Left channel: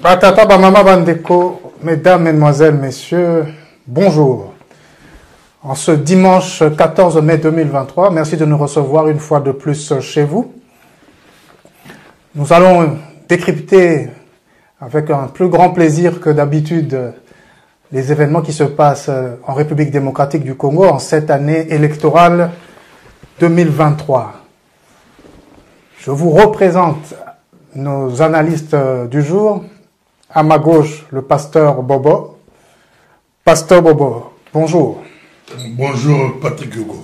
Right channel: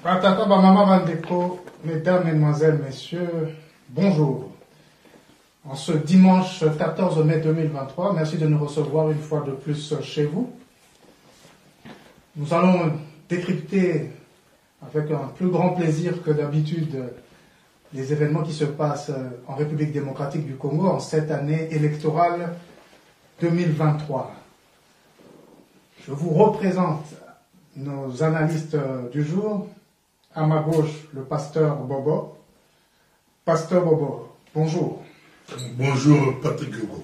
Batata Bamama Bandeko, mesdames, mesdemoiselles, messieurs, bonjour. En ce dimanche 14 mai 2023, merci de nous recevoir une fois de plus chez vous. Nous allons décrypter avec un plus grand plaisir que d'habitude les événements qui se passent en République démocratique du Congo en cette année électorale 2023. Je vous représente nos analystes du jour. À ma gauche, le pasteur Bobo. Pasteur Bobo, bonjour. Bonjour Patrick Hugo.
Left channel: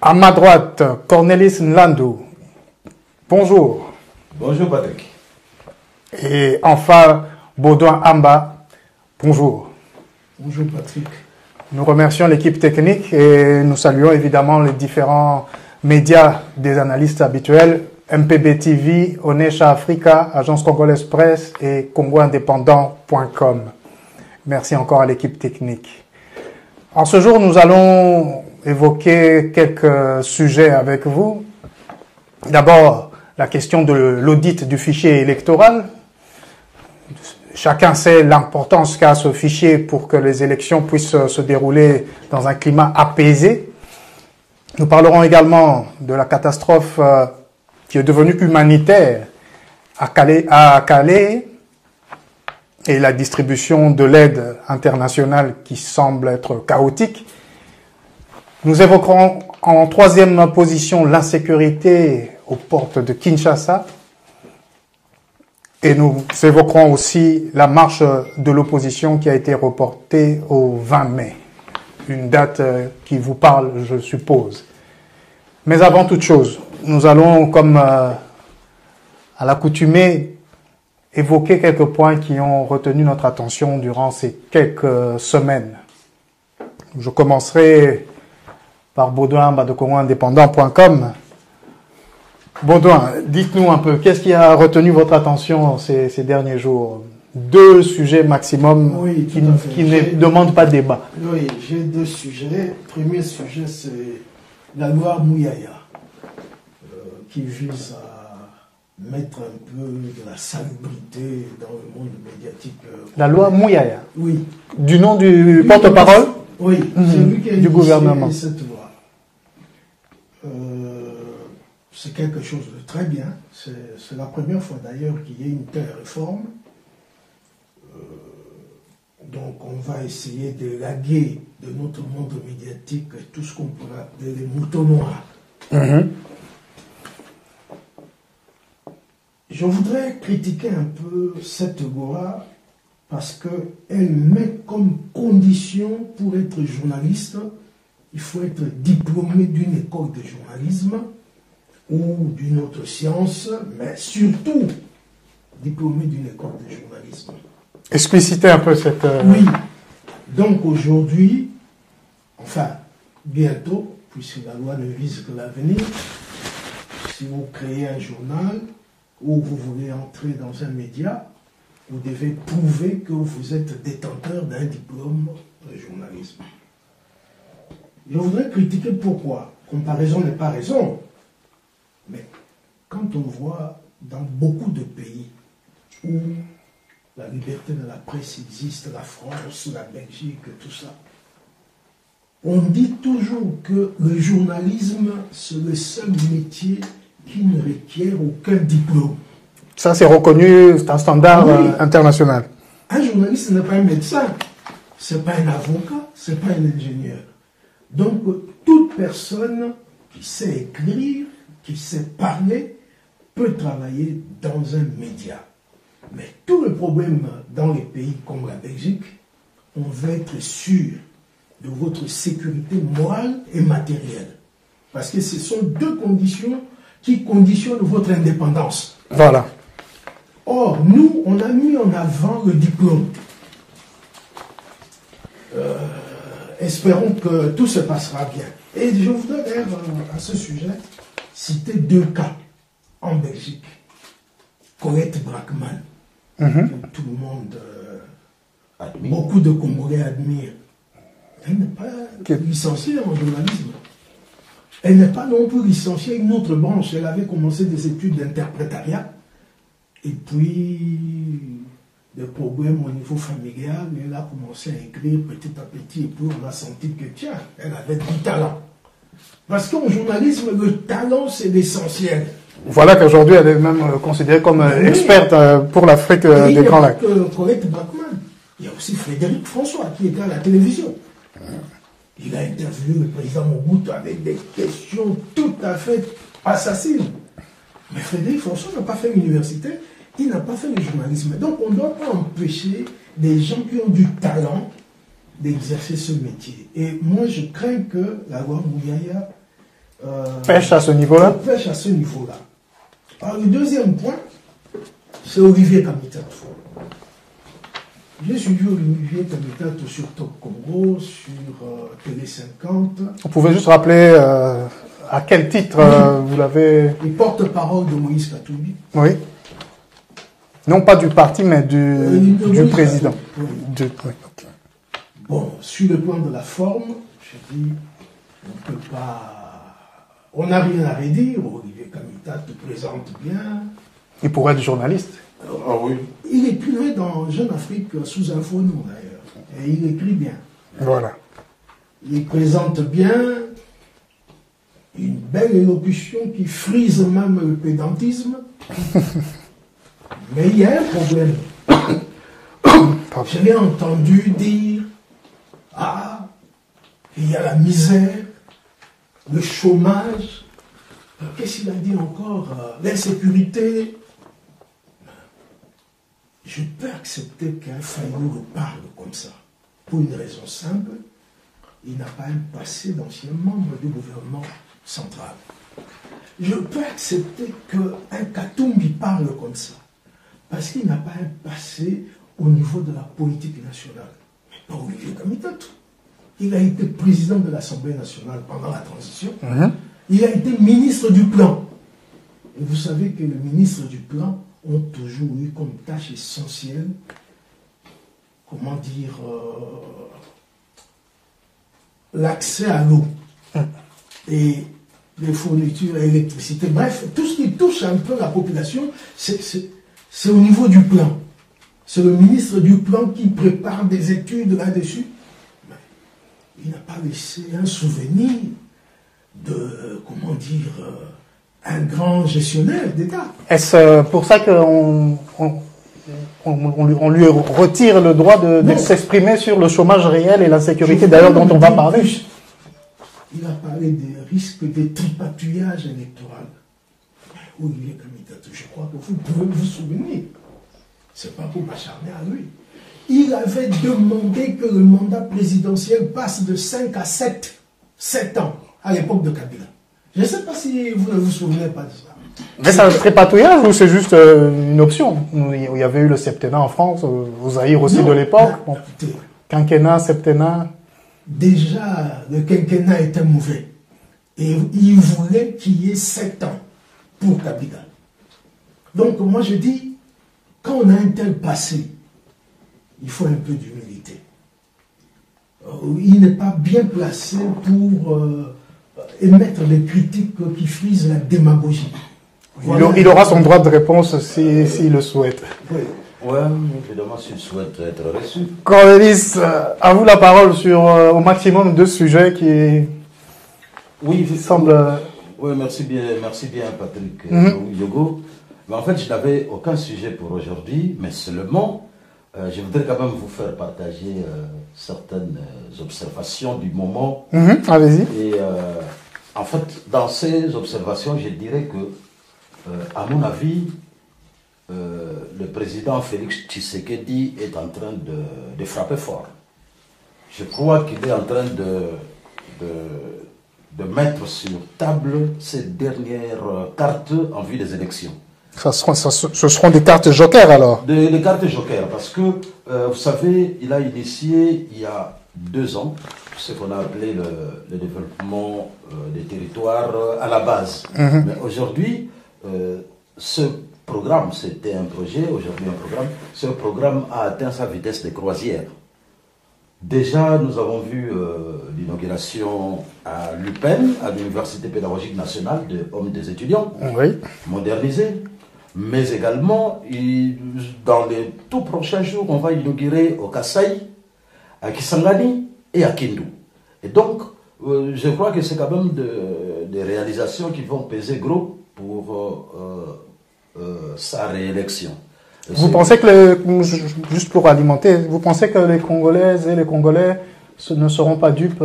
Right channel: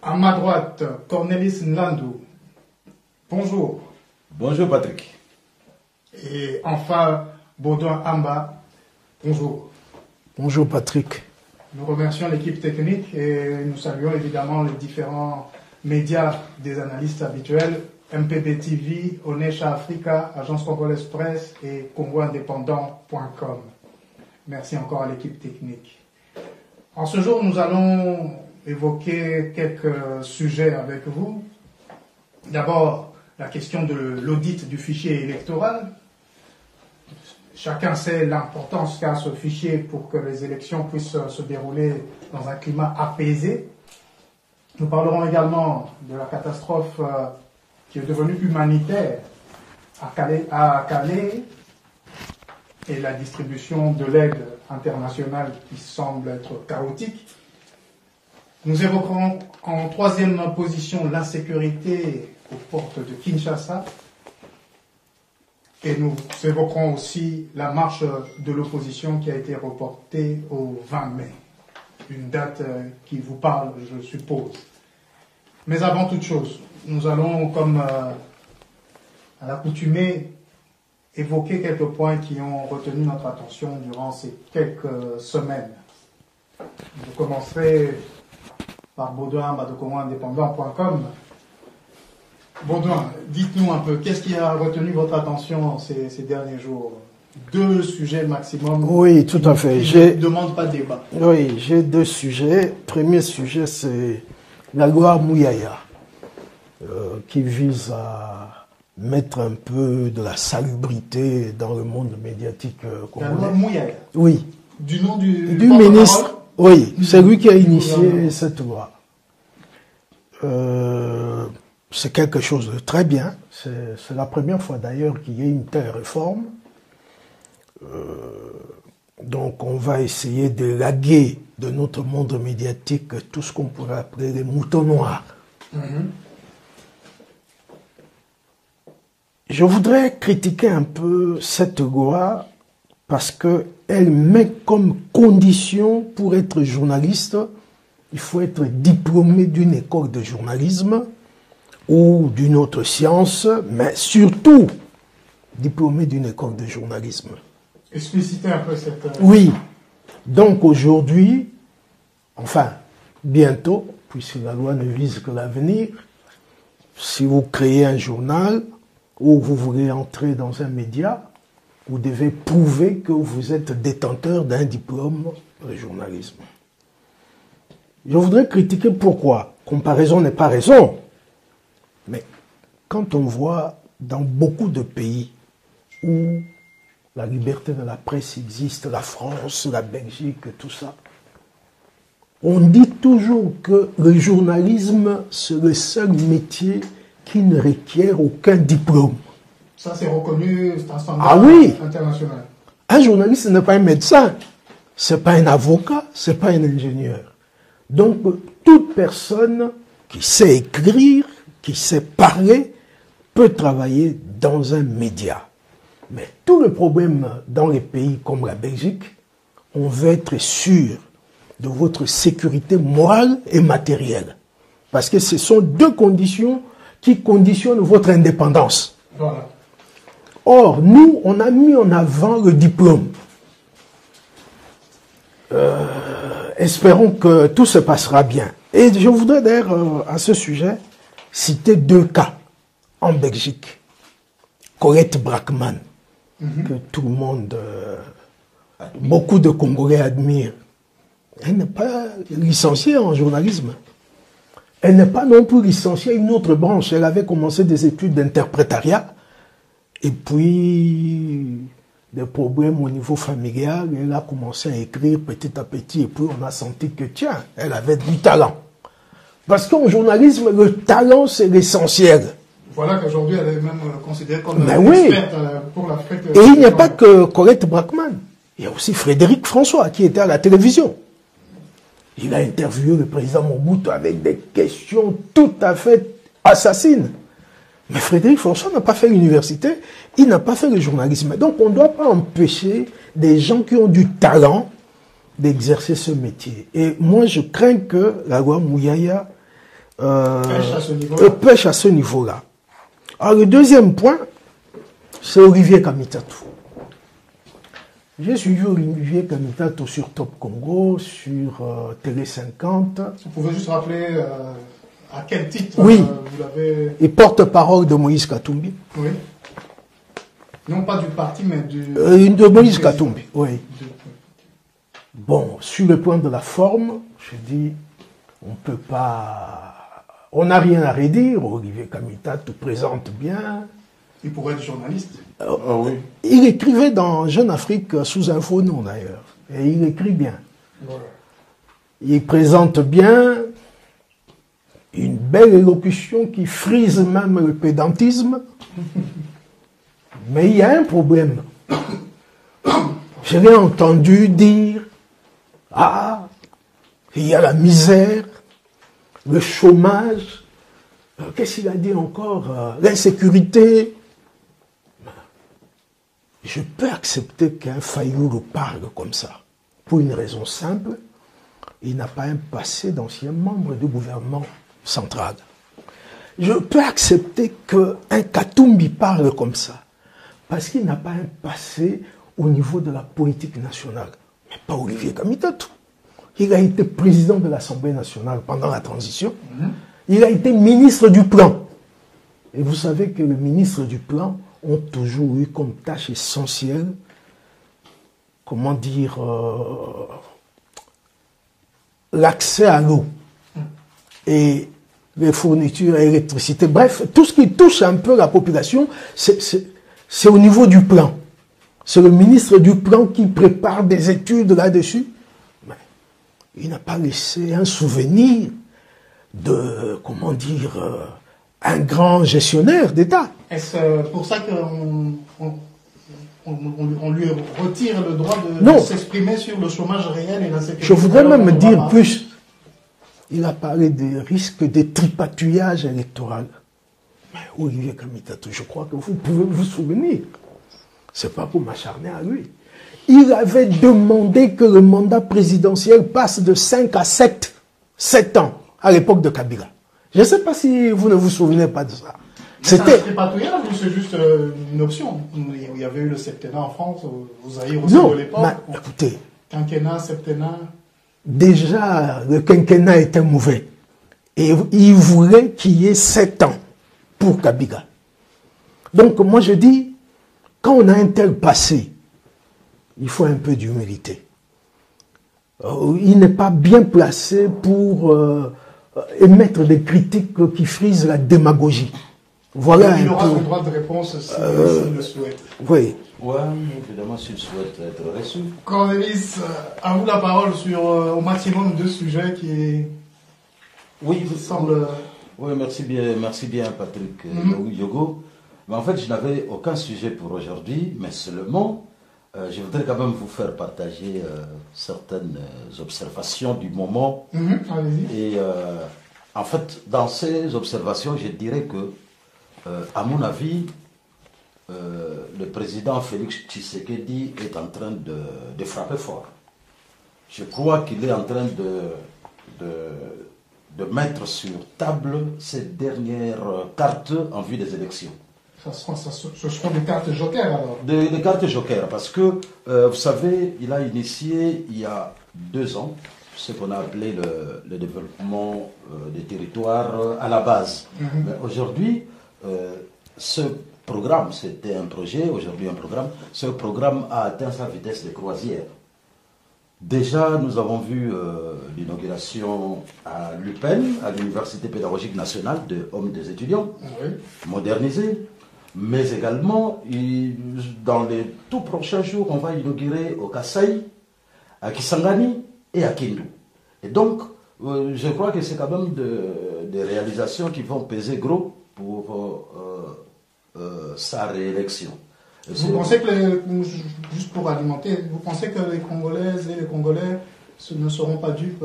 À ma droite, Cornelis Nlandou. Bonjour. Bonjour Patrick. Et enfin, Baudouin Amba. Bonjour. Bonjour Patrick. Nous remercions l'équipe technique et nous saluons évidemment les différents médias des analystes habituels. MPB TV, Onesha Africa, Agence Congolaise Presse et congoindépendant.com. Merci encore à l'équipe technique. En ce jour, nous allons évoquer quelques sujets avec vous. D'abord, la question de l'audit du fichier électoral. Chacun sait l'importance qu'a ce fichier pour que les élections puissent se dérouler dans un climat apaisé. Nous parlerons également de la catastrophe qui est devenue humanitaire à Calais et la distribution de l'aide internationale qui semble être chaotique. Nous évoquerons en troisième position l'insécurité aux portes de Kinshasa et nous évoquerons aussi la marche de l'opposition qui a été reportée au 20 mai, une date qui vous parle, je suppose. Mais avant toute chose, nous allons, comme à l'accoutumée, évoquer quelques points qui ont retenu notre attention durant ces quelques semaines. Je commencerai par Baudouin de congoindépendant.com. Baudouin, dites-nous un peu, qu'est-ce qui a retenu votre attention ces derniers jours? Deux sujets maximum. Oui, tout à fait. Qui ne demandent pas débat. Oui, j'ai deux sujets. Premier sujet, c'est la loi Mouyaya, qui vise à mettre un peu de la salubrité dans le monde médiatique. La loi Mouyaya? Oui. Du nom du porte-parole? Oui, c'est lui qui a du initié gouvernement. cette loi. C'est quelque chose de très bien. C'est la première fois d'ailleurs qu'il y ait une telle réforme. Donc on va essayer de laguer de notre monde médiatique tout ce qu'on pourrait appeler les moutons noirs. Je voudrais critiquer un peu cette loi parce qu'elle met comme condition pour être journaliste, il faut être diplômé d'une école de journalisme ou d'une autre science, mais surtout diplômé d'une école de journalisme. Explicitez un peu cette... Oui. Donc aujourd'hui, enfin, bientôt, puisque la loi ne vise que l'avenir, si vous créez un journal ou vous voulez entrer dans un média, vous devez prouver que vous êtes détenteur d'un diplôme de journalisme. Je voudrais critiquer pourquoi. Comparaison n'est pas raison. Mais quand on voit dans beaucoup de pays où la liberté de la presse existe, la France, la Belgique, tout ça, on dit toujours que le journalisme, c'est le seul métier qui ne requiert aucun diplôme. Ça, c'est reconnu, c'est un standard international. Un journaliste n'est pas un médecin, c'est pas un avocat, c'est pas un ingénieur. Donc, toute personne qui sait écrire, qui sait parler, peut travailler dans un média. Mais tout le problème dans les pays comme la Belgique, on veut être sûr de votre sécurité morale et matérielle. Parce que ce sont deux conditions qui conditionnent votre indépendance. Voilà. Or, nous, on a mis en avant le diplôme. Espérons que tout se passera bien. Et je voudrais d'ailleurs, à ce sujet, citer 2 cas en Belgique. Colette Brackman, que tout le monde, beaucoup de Congolais admirent. Elle n'est pas licenciée en journalisme. Elle n'est pas non plus licenciée à une autre branche. Elle avait commencé des études d'interprétariat. Et puis, des problèmes au niveau familial. Elle a commencé à écrire petit à petit. Et puis, on a senti que, tiens, elle avait du talent. Parce qu'en journalisme, le talent, c'est l'essentiel. Voilà qu'aujourd'hui, elle est même considérée comme experte pour l'Afrique. Et il n'y a pas que Colette Brackman. Il y a aussi Frédéric François qui était à la télévision. Il a interviewé le président Mobutu avec des questions tout à fait assassines. Mais Frédéric François n'a pas fait l'université, il n'a pas fait le journalisme. Donc on ne doit pas empêcher des gens qui ont du talent d'exercer ce métier. Et moi je crains que la loi Mouyaya pêche à ce niveau-là. Pêche à ce niveau-là. Alors le deuxième point, c'est Olivier Kamitatou. J'ai suivi Olivier Kamitatou sur Top Congo, sur Télé 50. Vous pouvez juste rappeler à quel titre vous l'avez... Et porte-parole de Moïse Katumbi. Oui. Non pas du parti, mais du Moïse président. Katumbi. Oui. Okay. Bon, sur le point de la forme, je dis, on peut pas... On n'a rien à redire. Olivier Kamitatou présente bien. Il pourrait être journaliste. Oui. Il écrivait dans Jeune Afrique sous Info Non d'ailleurs. Et il écrit bien. Voilà. Il présente bien une belle élocution qui frise même le pédantisme. Mais il y a un problème. Je l'ai entendu dire, ah, il y a la misère, le chômage, qu'est-ce qu'il a dit encore, l'insécurité. Je peux accepter qu'un Fayoulou parle comme ça, pour une raison simple, il n'a pas un passé d'ancien membre du gouvernement central. Je peux accepter qu'un Katumbi parle comme ça, parce qu'il n'a pas un passé au niveau de la politique nationale. Mais pas Olivier Kamitatou. Il a été président de l'Assemblée nationale pendant la transition. Il a été ministre du Plan. Et vous savez que le ministre du Plan ont toujours eu comme tâche essentielle, comment dire, l'accès à l'eau et les fournitures à l'électricité. Bref, tout ce qui touche un peu la population, c'est au niveau du plan. C'est le ministre du Plan qui prépare des études là-dessus. Il n'a pas laissé un souvenir de, comment dire, un grand gestionnaire d'État. Est-ce pour ça qu'on lui retire le droit de s'exprimer sur le chômage réel et l'insécurité d'ailleurs dont on va parler? Plus, il a parlé des risques de tripatouillage électoral. Mais Olivier Kamitatou, je crois que vous pouvez vous souvenir. C'est pas pour m'acharner à lui. Il avait demandé que le mandat présidentiel passe de 5 à 7 ans à l'époque de Kabila. Je ne sais pas si vous ne vous souvenez pas de ça. Mais c'est un tripatouillage ou c'est juste une option? Il y avait eu le septennat en France, au Zaïre aussi de l'époque. Bon, écoutez, quinquennat, septennat. Déjà, le quinquennat était mauvais. Et il voulait qu'il y ait 7 ans pour Kabila. Donc moi je dis, quand on a un tel passé, il faut un peu d'humilité. Il n'est pas bien placé pour émettre des critiques qui frisent la démagogie. Voilà, il aura son droit de réponse s'il le souhaite. Oui. Oui, évidemment, s'il souhaite être reçu. Cornelis, à vous la parole sur au maximum 2 sujets qui semblent... Oui, merci bien Patrick Yogo. Mais en fait, je n'avais aucun sujet pour aujourd'hui, mais seulement, je voudrais quand même vous faire partager certaines observations du moment. Allez-y. Et en fait, dans ces observations, je dirais que, à mon avis, le président Félix Tshisekedi est en train de frapper fort. Je crois qu'il est en train de mettre sur table ses dernières cartes en vue des élections. Ce seront des cartes jokers alors? Des cartes jokers, parce que, vous savez, il a initié il y a 2 ans, ce qu'on a appelé le développement des territoires à la base. Mais aujourd'hui, ce programme, c'était un projet, aujourd'hui un programme, ce programme a atteint sa vitesse de croisière. Déjà, nous avons vu l'inauguration à l'UPEN, à l'Université pédagogique nationale de Hommes des étudiants, modernisée. Mais également, dans les tout prochains jours, on va inaugurer au Kasaï, à Kisangani et à Kindu. Et donc, je crois que c'est quand même des réalisations qui vont peser gros pour sa réélection. Vous pensez que, juste pour alimenter, vous pensez que les Congolaises et les Congolais ne seront pas dupes?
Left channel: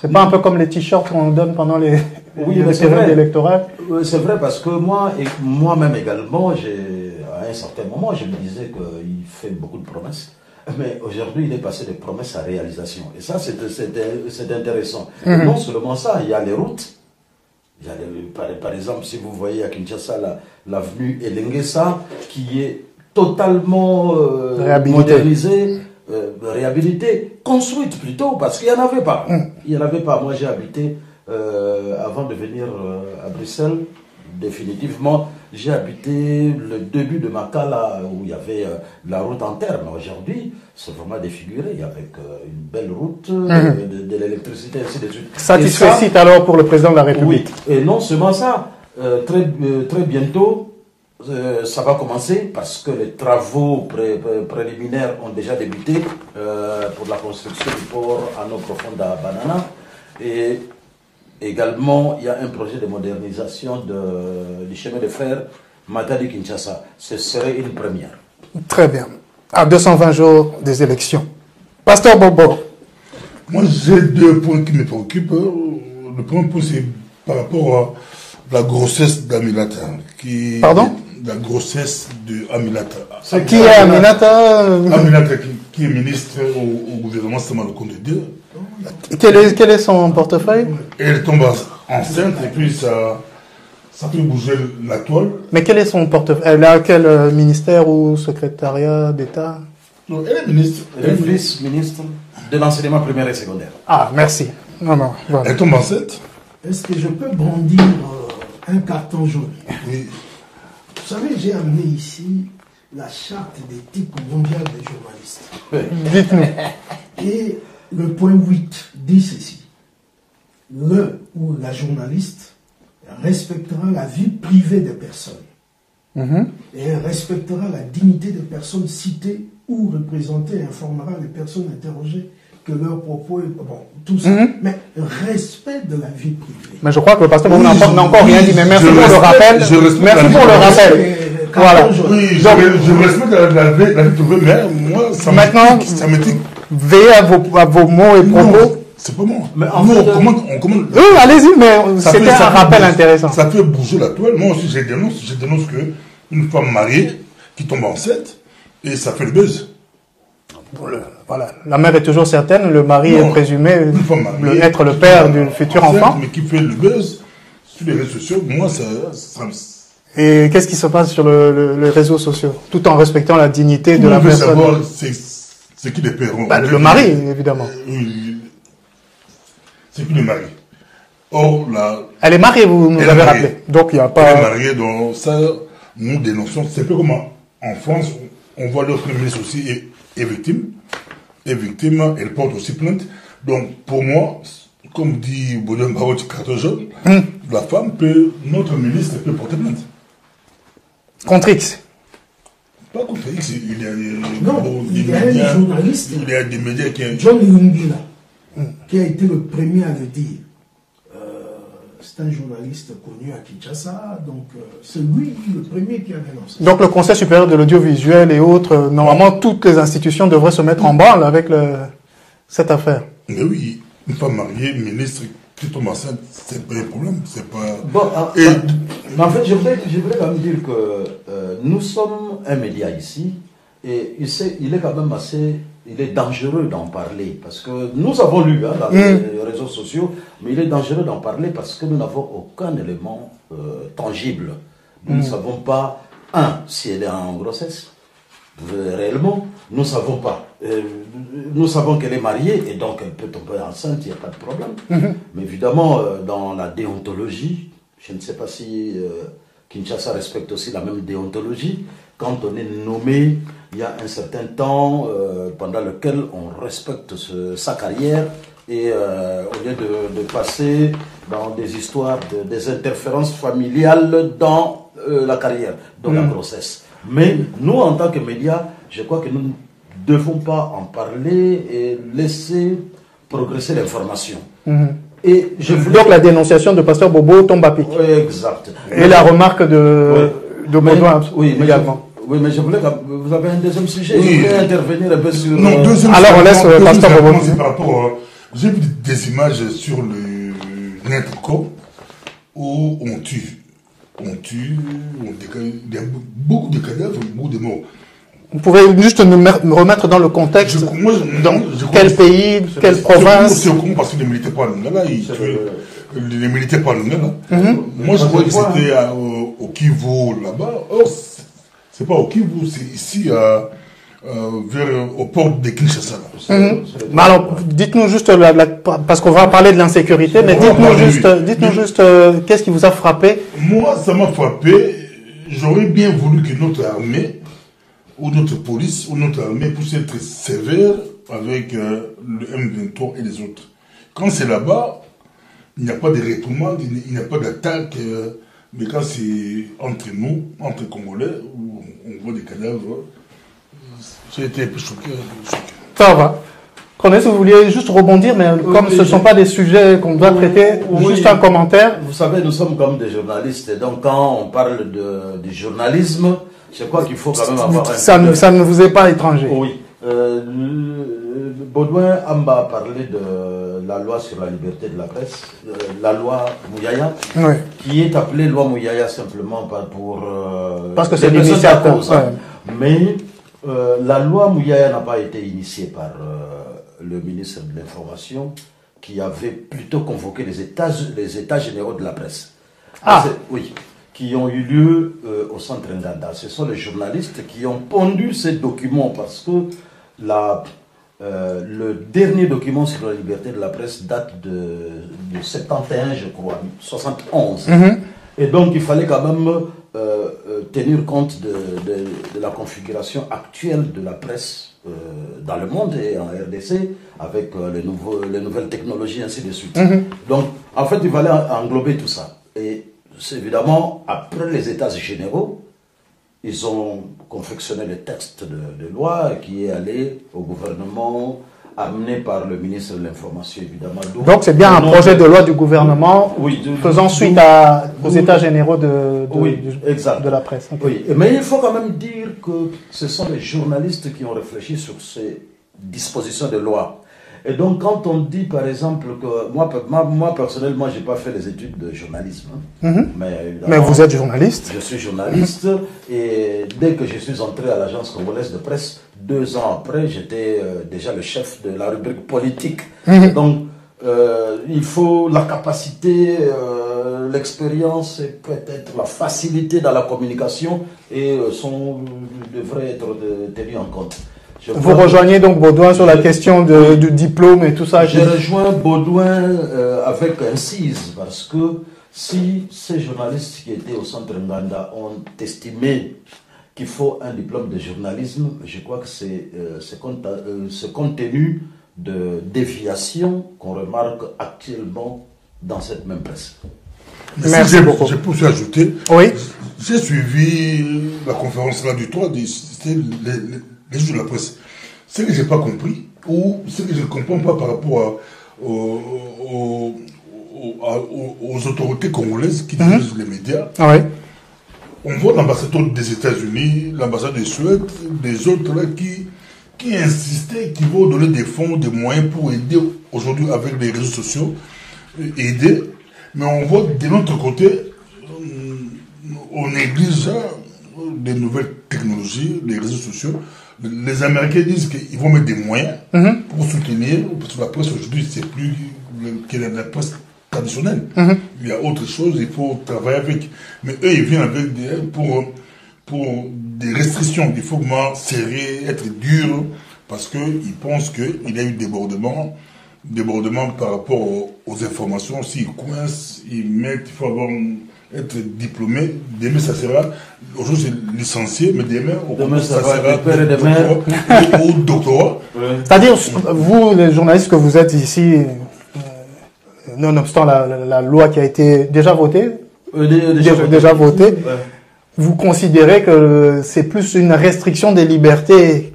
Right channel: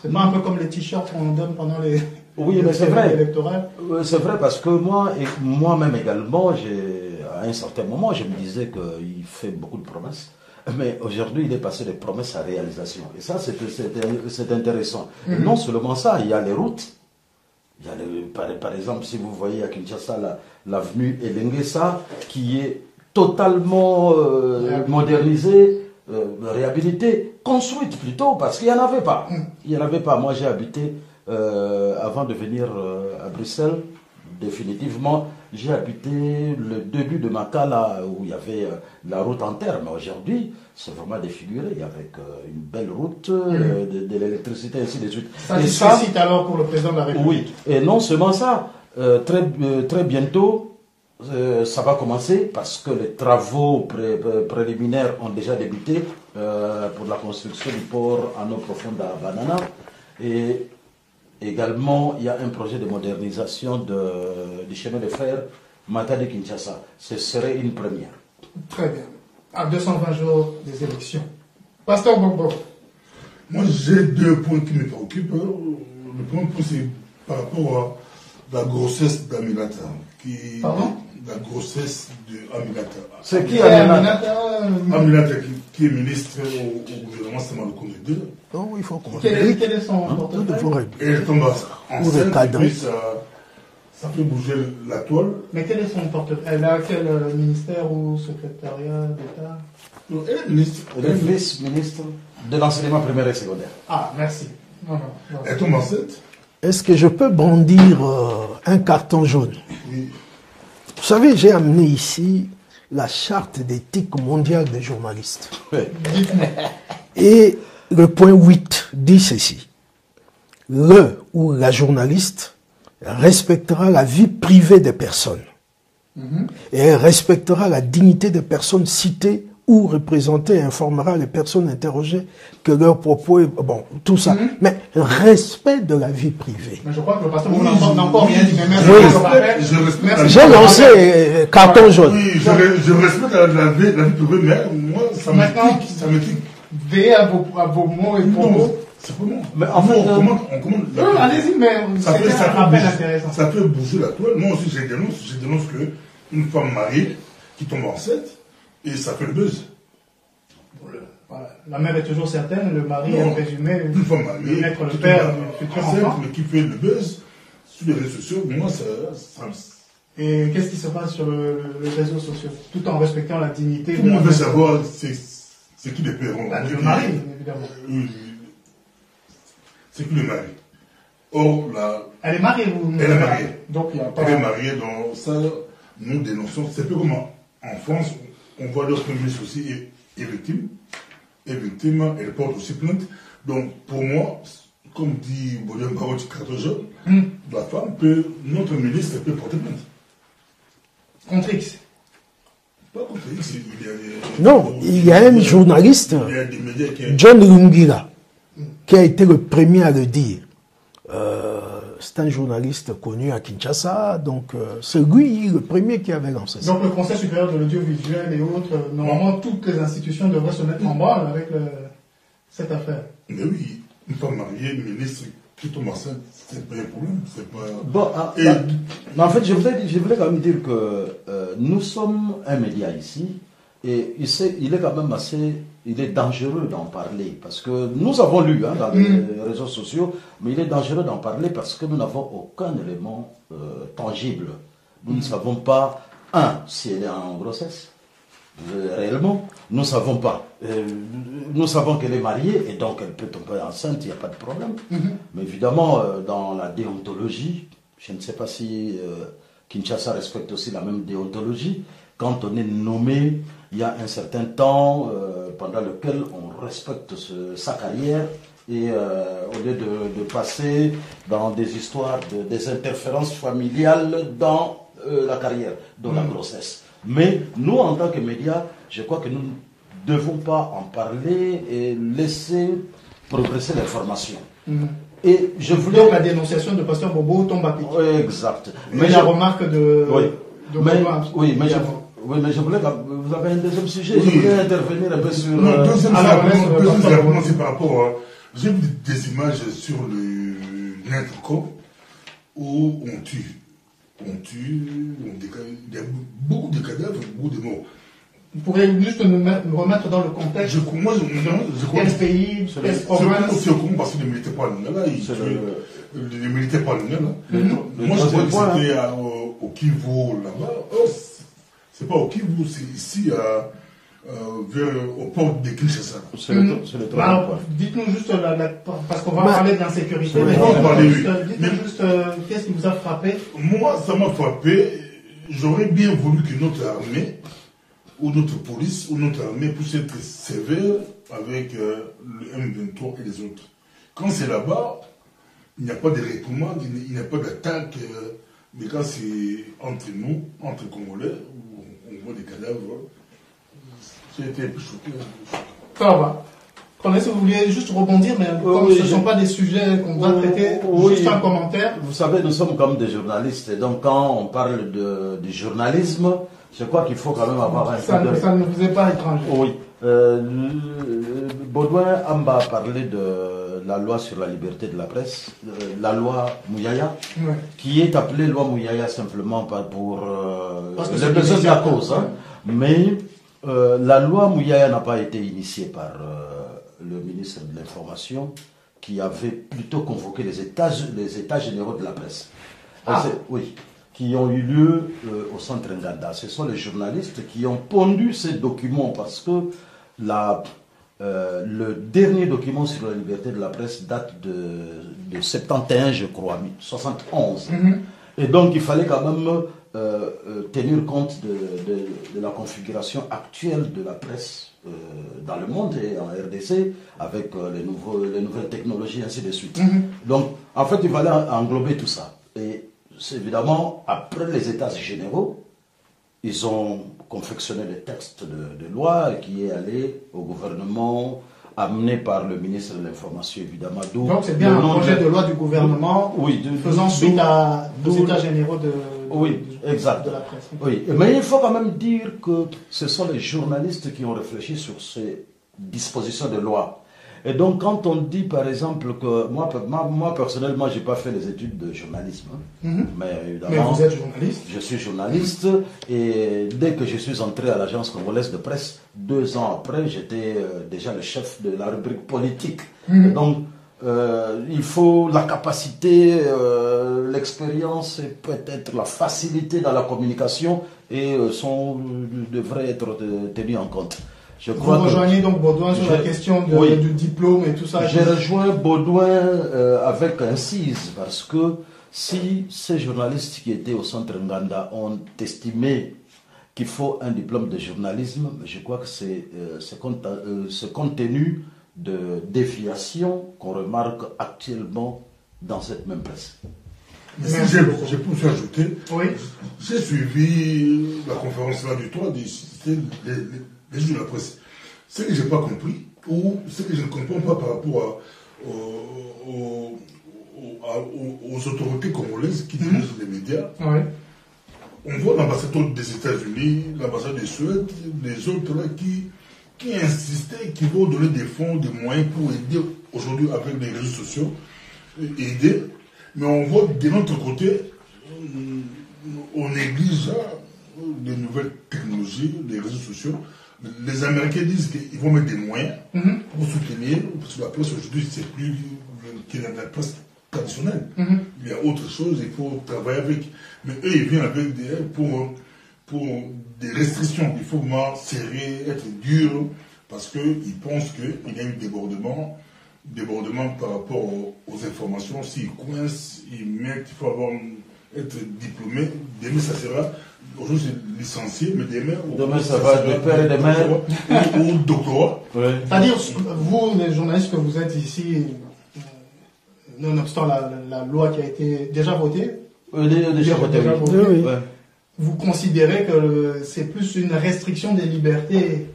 C'est pas un peu comme les t-shirts qu'on donne pendant les périodes électorales? C'est vrai, parce que moi-même également, à un certain moment, je me disais qu'il fait beaucoup de promesses. Mais aujourd'hui, il est passé de promesses à réalisation. Et ça, c'est intéressant. Et non seulement ça, il y a les routes. Par exemple, si vous voyez à Kinshasa l'avenue Elenguessa, qui est totalement modernisée, réhabilitée, construite plutôt, parce qu'il n'y en avait pas. Il n'y en avait pas. Moi, j'ai habité, avant de venir à Bruxelles, définitivement, j'ai habité le début de Makala, où il y avait la route en terre. Mais aujourd'hui, c'est vraiment défiguré, avec une belle route, de l'électricité, ainsi de suite. Satisfait alors pour le président de la République. Oui, et non seulement ça, très bientôt, ça va commencer parce que les travaux préliminaires ont déjà débuté pour la construction du port en eau profonde à Banana. Et également, il y a un projet de modernisation du chemin de fer Matadi-Kinshasa. Ce serait une première. Très bien. À 220 jours des élections. Pasteur Bobo. Moi, j'ai 2 points qui me préoccupent. Le premier point, c'est par rapport à la grossesse d'Aminata. Pardon? La grossesse d'Aminata. Qui est Aminata? Aminata, qui est ministre au gouvernement Samalou-Konde 2. Quel est son portefeuille? Elle tombe enceinte et puis ça fait bouger la toile. Mais quel est son portefeuille? Elle a quel ministère ou secrétariat d'État? Non, elle est ministre. Elle est ministre de l'enseignement primaire et secondaire. Ah, merci. Non, voilà. Elle tombe enceinte. Est-ce que je peux brandir un carton jaune? Oui. Vous savez, j'ai amené ici la charte d'éthique mondiale des journalistes. Dites-nous. Et le point 8 dit ceci. Le ou la journaliste respectera la vie privée des personnes. Et elle respectera la dignité des personnes citées ou représentées et informera les personnes interrogées que leur propos est... Bon, tout ça. Mais respect de la vie privée. Mais je crois que le pasteur n'a encore rien dit. Mais merci pour le rappel. Je respecte merci pour le rappel. Carton jaune. Oui, je respecte la vie privée, mais moi, ça me dit... Veillez à vos mots et propos. C'est pas moi. Mais nous, on commande. Allez-y, mais c'était un rappel intéressant. Ça fait bouger la toile. Moi aussi, je dénonce qu'une femme mariée qui tombe enceinte, et ça fait le buzz. Voilà. La mère est toujours certaine, le mari est présumé être le père du futur enfant. Mais qui fait le buzz sur les réseaux sociaux, moi, ça... Et qu'est-ce qui se passe sur les réseaux sociaux, tout en respectant la dignité de la personne? Savoir c'est qui les pères. Le mari, évidemment. C'est qui le mari. Or, elle est mariée, vous nous avez rappelé. Donc, il n'y a pas... Elle est mariée, donc ça, nous dénonçons. C'est peu comme en France, on voit le Premier ministre aussi est victime. Est victime, elle porte aussi plainte. Donc, pour moi, comme dit Boulen Barotti carton jaune, la femme notre ministre peut porter plainte. Contre X? Pas contre X, il y a un journaliste, il y a des médias John Lungira, qui a été le premier à le dire. C'est un journaliste connu à Kinshasa, donc c'est lui le premier qui avait lancé ça. Donc le Conseil supérieur de l'audiovisuel et autres, normalement toutes les institutions devraient se mettre en branle avec cette affaire. Mais oui, une femme mariée, ministre, qui tombe enceinte, c'est pas un problème. C'est pas... Bon, mais en fait, je voudrais quand même dire que nous sommes un média ici, et il est quand même il est dangereux d'en parler, parce que nous avons lu dans les réseaux sociaux, mais il est dangereux d'en parler parce que nous n'avons aucun élément tangible. Nous ne savons pas, si elle est en grossesse. réellement, nous ne savons pas. Nous savons qu'elle est mariée et donc elle peut tomber enceinte, il n'y a pas de problème. Mais évidemment, dans la déontologie, je ne sais pas si Kinshasa respecte aussi la même déontologie. Quand on est nommé, il y a un certain temps pendant lequel on respecte sa carrière et au lieu de passer dans des histoires, des interférences familiales dans la carrière, dans la grossesse. Mais nous, en tant que médias, je crois que nous ne devons pas en parler et laisser progresser l'information. Et donc la dénonciation de Pasteur Bobo tombe à pic. Exact. Et la remarque de Baudouin également. Oui, mais je voulais vous avez un deuxième sujet. Je voulais intervenir un peu sur. Non, deuxième alors on laisse Pasteur Bobo. C'est par rapport. J'ai vu des images sur le Netco où on tue. Il y a beaucoup de cadavres, beaucoup de morts. Vous pouvez juste nous remettre dans le contexte. Dans quel pays, quelle province? C'est au Congo parce qu'il ne militait pas là. Il ne militait pas là. Moi, je crois que c'était au Kivu là-bas. Or, c'est pas au Kivu, c'est ici au port de Kinshasa. Mais alors, dites-nous juste, parce qu'on va parler de l'insécurité, mais dites-nous juste qu'est-ce qui vous a frappé? Moi, ça m'a frappé. J'aurais bien voulu que notre armée, ou notre police, ou notre armée puisse être sévère avec le M23 et les autres. Quand c'est là-bas, il n'y a pas de réprimande, il n'y a pas d'attaque. Mais quand c'est entre nous, entre Congolais, où on voit des cadavres, j'ai été un peu choqué. Ça va. Corneille, si vous vouliez juste rebondir, mais comme ce ne sont pas des sujets qu'on doit traiter, juste un commentaire. Vous savez, nous sommes comme des journalistes, et donc quand on parle du journalisme, je crois qu'il faut quand même avoir un... Ça ne vous est pas étranger. Oui. Baudouin Amba a parlé de la loi sur la liberté de la presse, la loi Mouyaya, oui, qui est appelée loi Mouyaya simplement pour... parce que c'est l'initiateur. Mais la loi Mouyaya n'a pas été initiée par le ministre de l'Information, qui avait plutôt convoqué les états généraux de la presse. Oui, qui ont eu lieu au centre Nganda. Ce sont les journalistes qui ont pondu ces documents parce que le dernier document sur la liberté de la presse date de 71, je crois, 71. Et donc il fallait quand même tenir compte de la configuration actuelle de la presse dans le monde et en RDC avec les nouvelles technologies, ainsi de suite. Donc en fait il fallait englober tout ça. Et c'est évidemment, après les états généraux, ils ont confectionné le texte de loi qui est allé au gouvernement, amené par le ministre de l'Information, évidemment. Donc c'est bien un projet de loi du gouvernement faisant suite aux états généraux de la presse. Okay. Oui, mais il faut quand même dire que ce sont les journalistes qui ont réfléchi sur ces dispositions de loi. Et donc, quand on dit, par exemple, que moi personnellement, je n'ai pas fait les études de journalisme. Mais vous êtes journaliste? Je suis journaliste. Et dès que je suis entré à l'agence congolaise de presse, 2 ans après, j'étais déjà le chef de la rubrique politique. Donc, il faut la capacité, l'expérience et peut-être la facilité dans la communication et devraient être tenus en compte. Vous rejoignez donc Baudouin sur la question du diplôme et tout ça? J'ai rejoint Baudouin avec incise parce que si ces journalistes qui étaient au centre Nganda ont estimé qu'il faut un diplôme de journalisme, je crois que c'est ce contenu de déviation qu'on remarque actuellement dans cette même presse. Merci beaucoup. Je peux ajouter. Oui. J'ai suivi la conférence là du 3, c'était les jours de la presse. Ce que je n'ai pas compris, ou ce que je ne comprends pas par rapport aux autorités congolaises qui dirigent les médias, on voit l'ambassadeur des États-Unis, l'ambassadeur de Suède, des autres là qui insistaient, qui vont donner des fonds, des moyens pour aider aujourd'hui avec les réseaux sociaux, aider. Mais on voit de l'autre côté, on néglige des nouvelles technologies, les réseaux sociaux. Les Américains disent qu'ils vont mettre des moyens pour soutenir, parce que la presse aujourd'hui, c'est plus que la presse traditionnelle. Il y a autre chose, il faut travailler avec. Mais eux, ils viennent avec pour des restrictions, il faut vraiment serrer, être dur, parce qu'ils pensent qu'il y a eu débordement par rapport aux informations. S'ils coincent, ils mettent, il faut être diplômé. Demain, ça sera, aujourd'hui c'est licencié, mais demain ça sera père de mère ou doctorat. Ouais. C'est-à-dire, vous, les journalistes que vous êtes ici, nonobstant la loi qui a été déjà votée, déjà votée, ouais. Vous considérez que c'est plus une restriction des libertés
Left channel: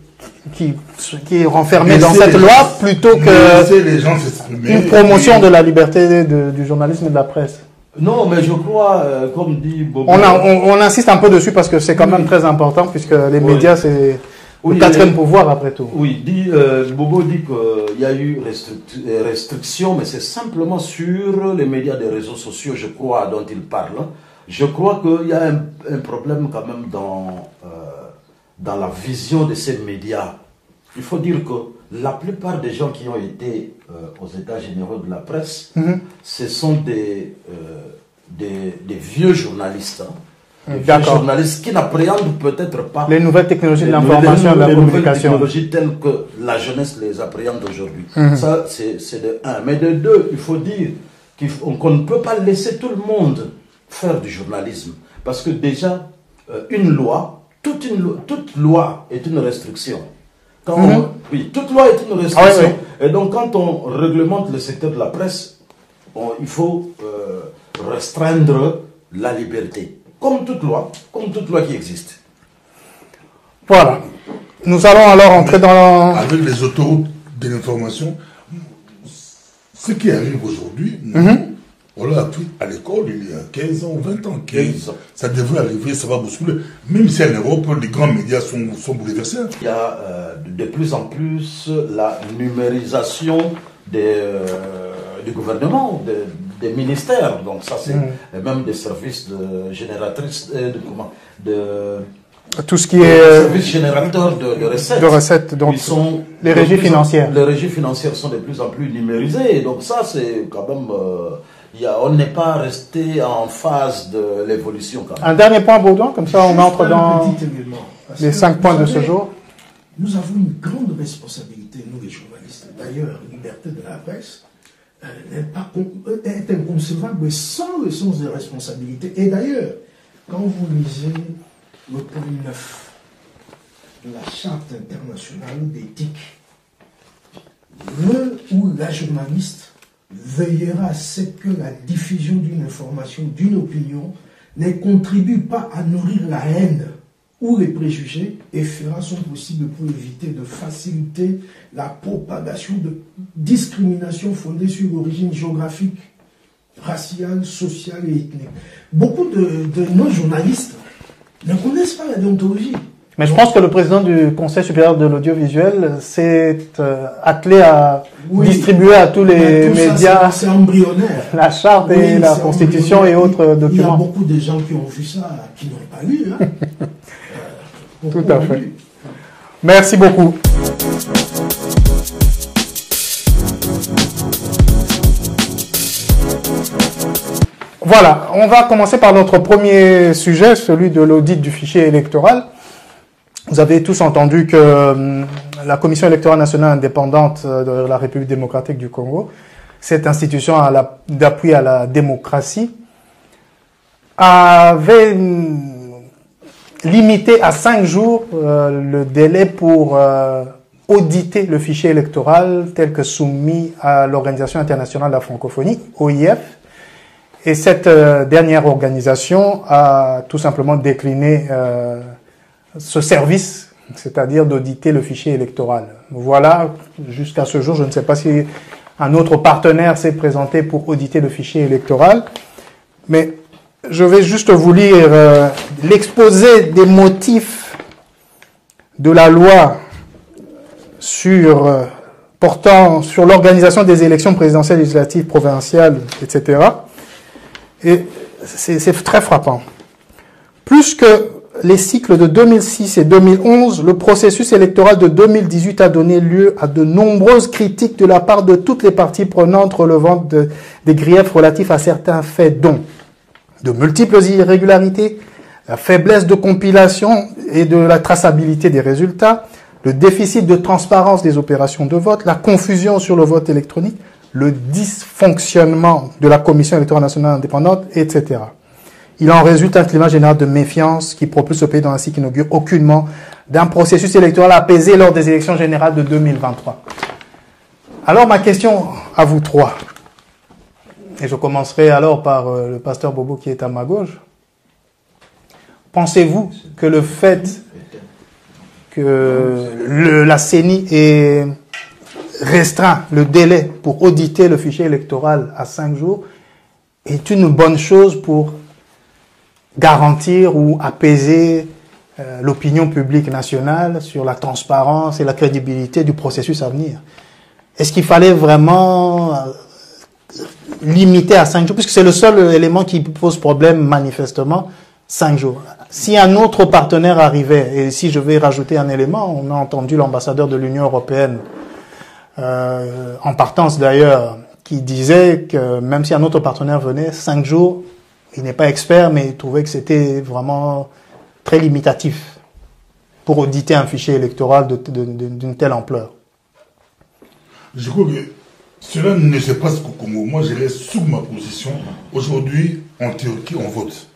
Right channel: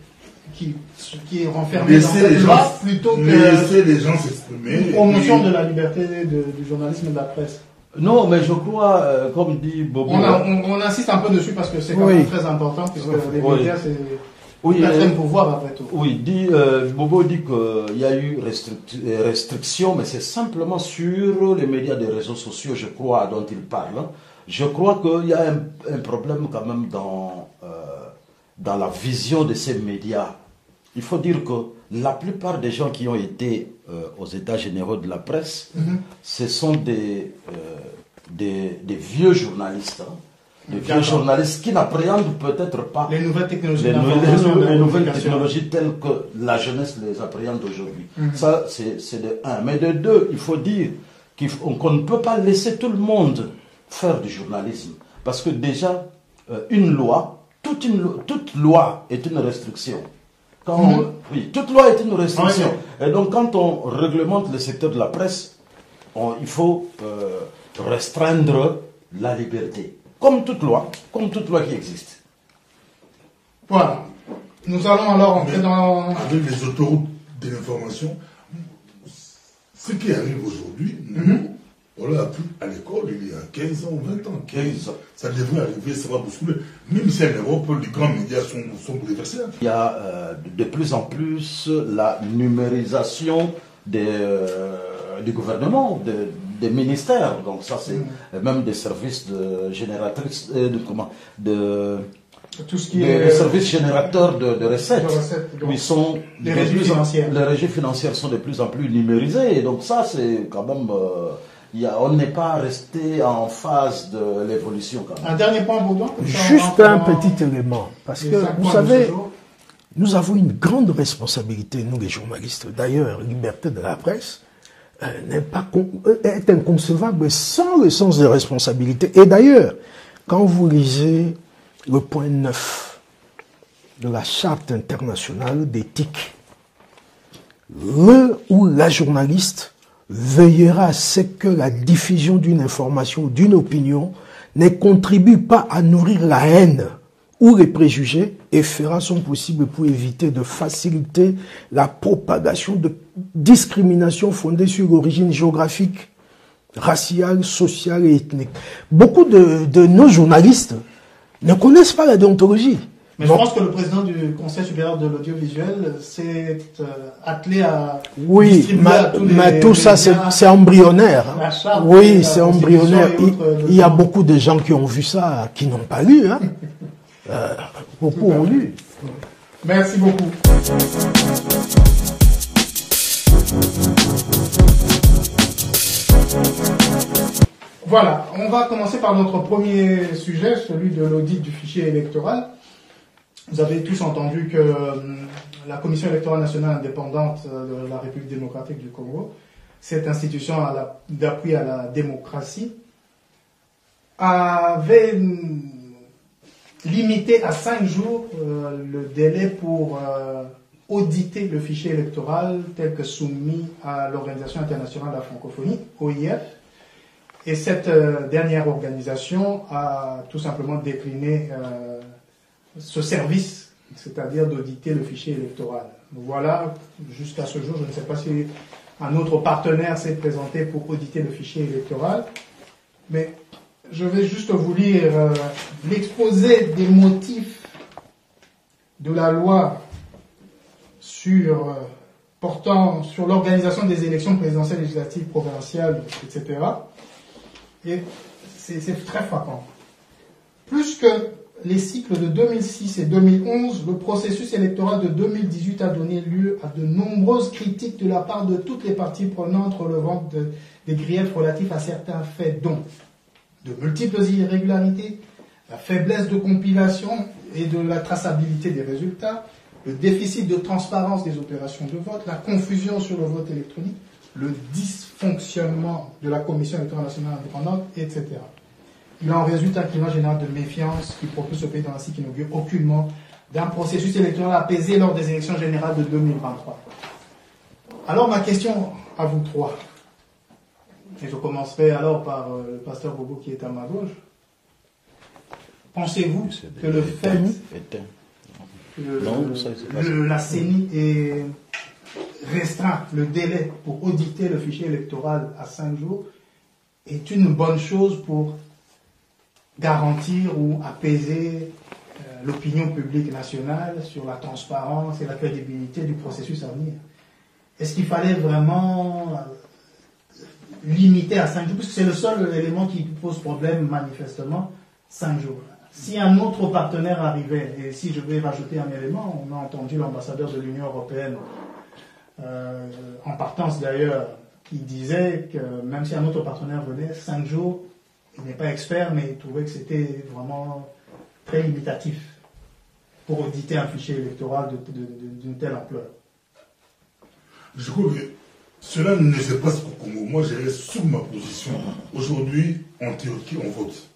qui est renfermée dans cette loi plutôt que une promotion de la liberté du journalisme et de la presse? Non, mais je crois, comme dit Bobo... On insiste un peu dessus parce que c'est quand même très important, puisque les médias, c'est le quatrième pouvoir après tout. Oui, Bobo dit qu'il y a eu restriction, mais c'est simplement sur les médias des réseaux sociaux, je crois, dont il parle. Je crois qu'il y a un problème quand même dans la vision de ces médias. Il faut dire que la plupart des gens qui ont été aux États généraux de la presse, ce sont des vieux journalistes. Des vieux journalistes qui n'appréhendent peut-être pas les nouvelles technologies de l'information et de la communication. Les nouvelles technologies telles que la jeunesse les appréhende aujourd'hui. Ça, c'est de un. Mais de deux, il faut dire qu'on ne peut pas laisser tout le monde faire du journalisme. Parce que déjà, une loi, toute loi est une restriction. Oui, toute loi est une restriction. Et donc, quand on réglemente le secteur de la presse, il faut restreindre la liberté. Comme toute loi qui existe. Voilà. Nous allons alors entrer dans... Avec les autoroutes de l'information, ce qui arrive aujourd'hui, on l'a appris à l'école il y a 15 ans ou 20 ans. 15 ans. Ça devrait arriver, ça va bousculer. Même si en Europe, les grands médias sont bouleversés. Il y a de plus en plus la numérisation du gouvernement, des ministères. Donc ça, c'est même des services de génératrices, tout ce qui est services générateurs de recettes. De recettes, donc les régies financières. Les régies financières sont de plus en plus numérisées. Et donc ça, c'est quand même... on n'est pas resté en phase de l'évolution. Un dernier point, Baudouin, comme ça on entre dans un petit élément. Parce les 5 points de ce jour. Nous avons une grande responsabilité, nous les journalistes. D'ailleurs, la liberté de la presse est inconcevable sans le sens de responsabilité. Et d'ailleurs, quand vous lisez le point 9 de la Charte internationale d'éthique, le ou la journaliste veillera à ce que la diffusion d'une information ou d'une opinion ne contribue pas à nourrir la haine ou les préjugés et fera son possible pour éviter de faciliter la propagation de discrimination fondée sur l'origine géographique, raciale, sociale et ethnique. Beaucoup de nos journalistes ne connaissent pas la déontologie. Mais je pense que le président du Conseil supérieur de l'audiovisuel s'est attelé à distribuer à tous les médias. C'est embryonnaire. La charte, la constitution et autres documents. Il y a beaucoup de gens qui ont vu ça, qui n'ont pas lu. Hein. Tout à fait. Merci beaucoup. Voilà, on va commencer par notre premier sujet, celui de l'audit du fichier électoral. Vous avez tous entendu que la Commission électorale nationale indépendante de la République démocratique du Congo, cette institution d'appui à la démocratie, avait limité à 5 jours le délai pour auditer le fichier électoral tel que soumis à l'Organisation internationale de la francophonie, OIF. Et cette dernière organisation a tout simplement décliné ce service, c'est-à-dire d'auditer le fichier électoral. Voilà, jusqu'à ce jour, je ne sais pas si un autre partenaire s'est présenté pour auditer le fichier électoral, mais je vais juste vous lire l'exposé des motifs de la loi portant sur l'organisation des élections présidentielles, législatives, provinciales, etc. Et c'est très frappant. Plus que les cycles de 2006 et 2011, le processus électoral de 2018 a donné lieu à de nombreuses critiques de la part de toutes les parties prenantes relevant des griefs relatifs à certains faits, dont de multiples irrégularités, la faiblesse de compilation et de la traçabilité des résultats, le déficit de transparence des opérations de vote, la confusion sur le vote électronique, le dysfonctionnement de la Commission électorale nationale indépendante, etc. Il en résulte un climat général de méfiance qui propulse le pays dans un cycle qui n'augure aucunement d'un processus électoral apaisé lors des élections générales de 2023. Alors ma question à vous trois, et je commencerai alors par le pasteur Bobo qui est à ma gauche. Pensez-vous que le fait que la CENI ait restreint le délai pour auditer le fichier électoral à 5 jours est une bonne chose pour garantir ou apaiser l'opinion publique nationale sur la transparence et la crédibilité du processus à venir? Est-ce qu'il fallait vraiment limiter à 5 jours? Puisque c'est le seul élément qui pose problème manifestement, 5 jours. Si un autre partenaire arrivait, et si je vais rajouter un élément, on a entendu l'ambassadeur de l'Union européenne, en partance d'ailleurs, qui disait que même si un autre partenaire venait, 5 jours, il n'est pas expert, mais il trouvait que c'était vraiment très limitatif pour auditer un fichier électoral d'une telle ampleur. Je crois que cela ne se passe qu'au Congo. Moi, je laisse sur ma position. Aujourd'hui, en Turquie, on vote.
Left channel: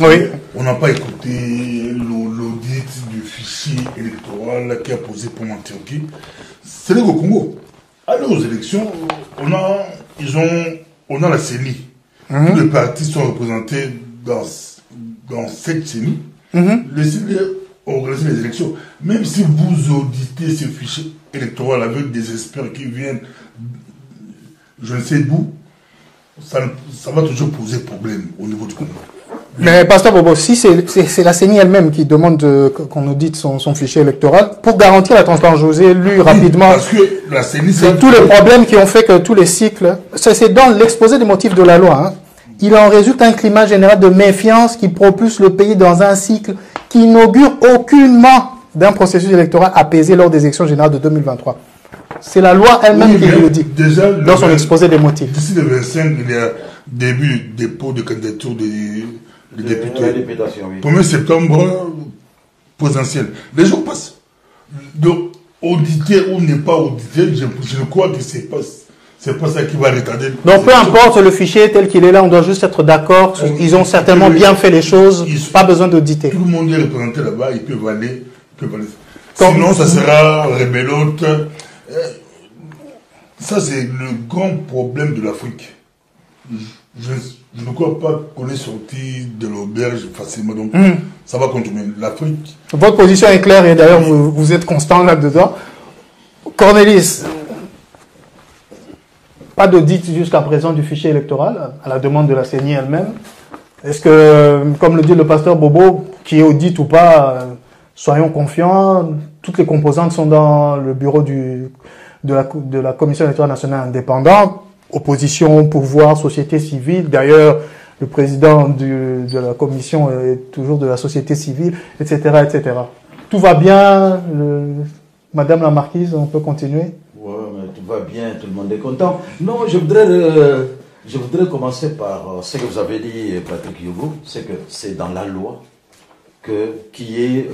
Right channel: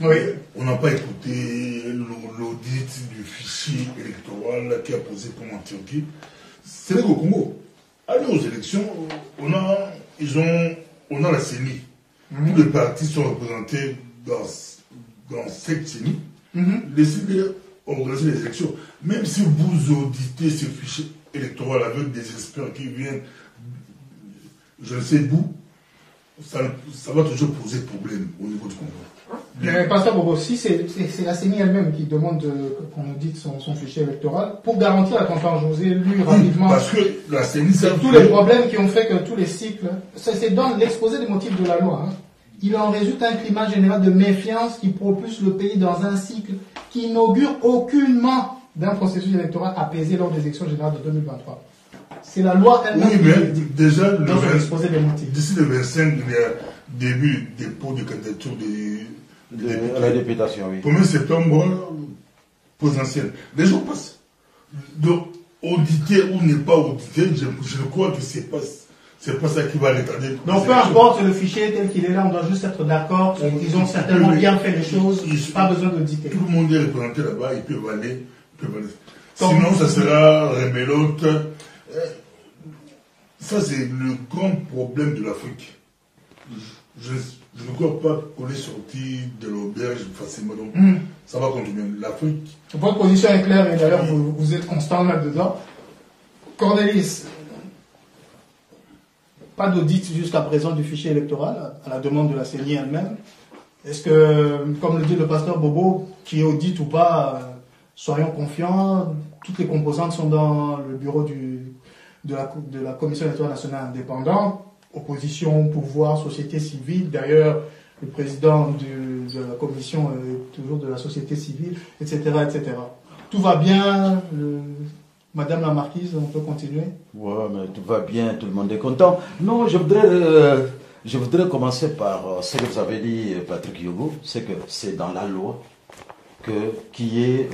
Oui. On n'a pas écouté l'audit du fichier électoral qui a posé pour en Turquie. C'est qu'au Congo. Allez aux élections, on a la CENI. Tous les partis sont représentés dans cette CENI. Laissez-les organiser les élections. Même si vous auditez ce fichier électoral avec des experts qui viennent, je ne sais d'où, ça va toujours poser problème au niveau du Congo. Mais Pasteur Bobo, si c'est la CENI elle-même qui demande qu'on audite son fichier électoral, pour garantir la transparence, je vous ai lu rapidement. Parce que la CENI, c'est tous les problèmes qui ont fait que tous les cycles, c'est dans l'exposé des motifs de la loi, hein. Il en résulte un climat général de méfiance qui propulse le pays dans un cycle qui n'augure aucunement d'un processus électoral apaisé lors des élections générales de 2023. C'est la loi elle-même qui le dit, déjà, dans son exposé des motifs. D'ici le 25, il y a début dépôt de candidature des députés. Oui. 1er septembre, potentiel. Les jours passent. Donc, auditer ou ne pas auditer, je crois que c'est pas ça qui va retarder. Donc, peu importe le fichier tel qu'il est là, on doit juste être d'accord. Ils ont certainement bien fait les choses, pas besoin d'auditer. Tout le monde est représenté là-bas, ils peuvent aller. Sinon, ça sera rebelote. Ça, c'est le grand problème de l'Afrique. Je ne crois pas qu'on est sorti de l'auberge facilement. Donc, ça va continuer. L'Afrique. Votre position est claire et d'ailleurs, vous êtes constant là-dedans. Cornelis, pas d'audit jusqu'à présent du fichier électoral, à la demande de la CENI elle-même. Est-ce que, comme le dit le pasteur Bobo, qui audite ou pas, soyons confiants, toutes les composantes sont dans le bureau de la Commission électorale nationale indépendante, opposition, pouvoir, société civile. D'ailleurs, le président de la commission est toujours de la société civile, etc., etc. Tout va bien, Madame la Marquise, on peut continuer? Ouais, mais tout va bien, tout le monde est content. Non, je voudrais commencer par ce que vous avez dit, Patrick Yogo, c'est que c'est dans la loi qui est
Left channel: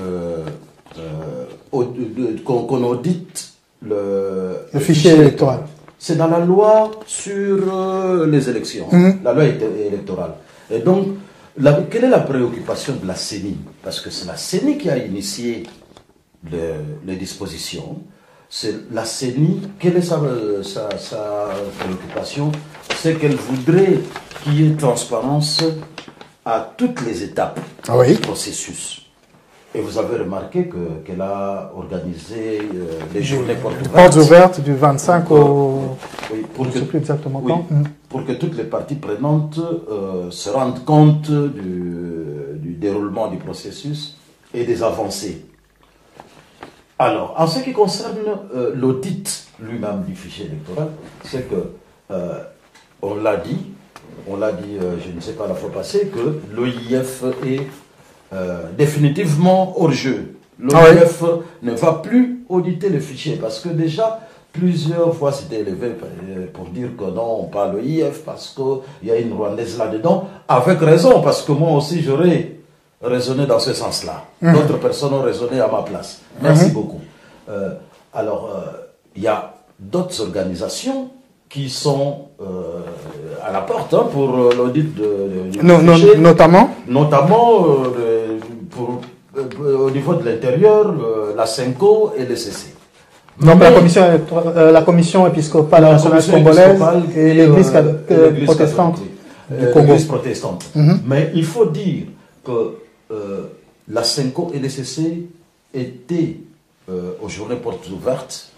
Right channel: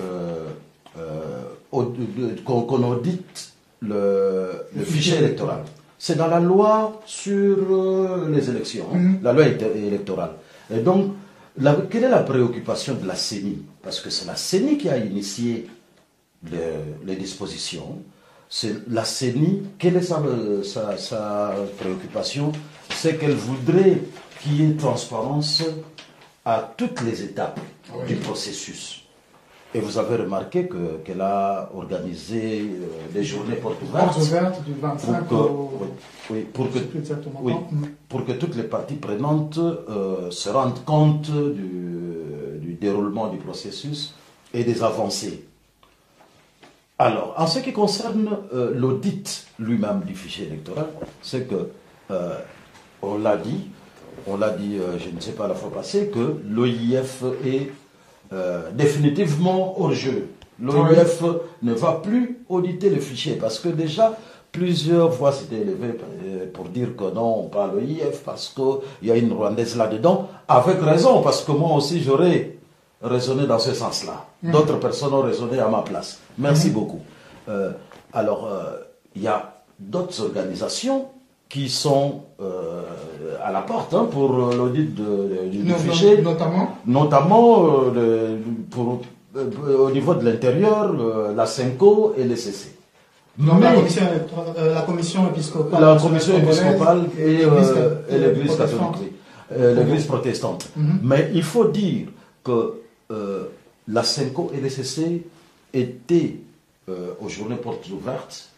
qu'on audite le fichier électoral. C'est dans la loi sur les élections, la loi électorale. Et donc, quelle est la préoccupation de la CENI? Parce que c'est la CENI qui a initié les dispositions. C'est la CENI, quelle est sa préoccupation? C'est qu'elle voudrait qu'il y ait transparence à toutes les étapes du processus. Et vous avez remarqué qu'elle a organisé les journées portes ouvertes du 25 au... Oui, je ne sais plus exactement quand. Pour que toutes les parties prenantes se rendent compte du déroulement du processus et des avancées. Alors, en ce qui concerne l'audit lui-même du fichier électoral, c'est que, on l'a dit, je ne sais pas la fois passée, que l'OIF est définitivement hors jeu. L'OIF ne va plus auditer le fichier parce que déjà plusieurs fois c'était élevé pour dire que non, on parle l'OIF parce qu'il y a une Rwandaise là-dedans, avec raison, parce que moi aussi j'aurais raisonné dans ce sens-là. D'autres personnes ont raisonné à ma place. Merci beaucoup. Il y a d'autres organisations qui sont à la porte pour l'audit du fichier. Notamment au niveau de l'intérieur, la CENCO et l'ECC. Donc la commission épiscopale nationale congolaise et l'église protestante. L'église protestante. Mais il faut dire que la CENCO et l'ECC étaient aux journées portes ouvertes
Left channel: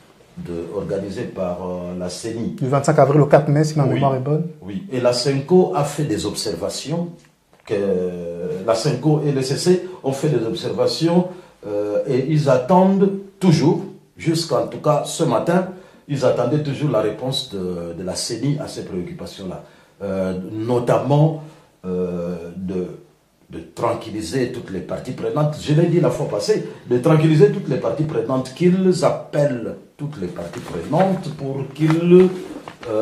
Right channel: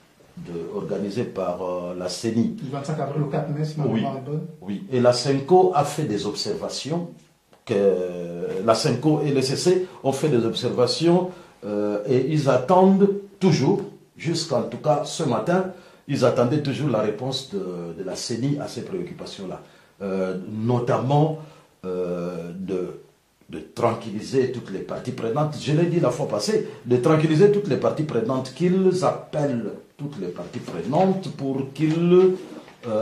organisées par la CENI. Du 25 avril au 4 mai, si ma mémoire est bonne. Oui, et la CENCO a fait des observations. La CENCO et l'ECC ont fait des observations et ils attendent toujours, jusqu'en tout cas ce matin, ils attendaient toujours la réponse de la CENI à ces préoccupations-là. Notamment de tranquilliser toutes les parties prenantes. Je l'ai dit la fois passée, de tranquilliser toutes les parties prenantes, qu'ils appellent toutes les parties prenantes pour qu'ils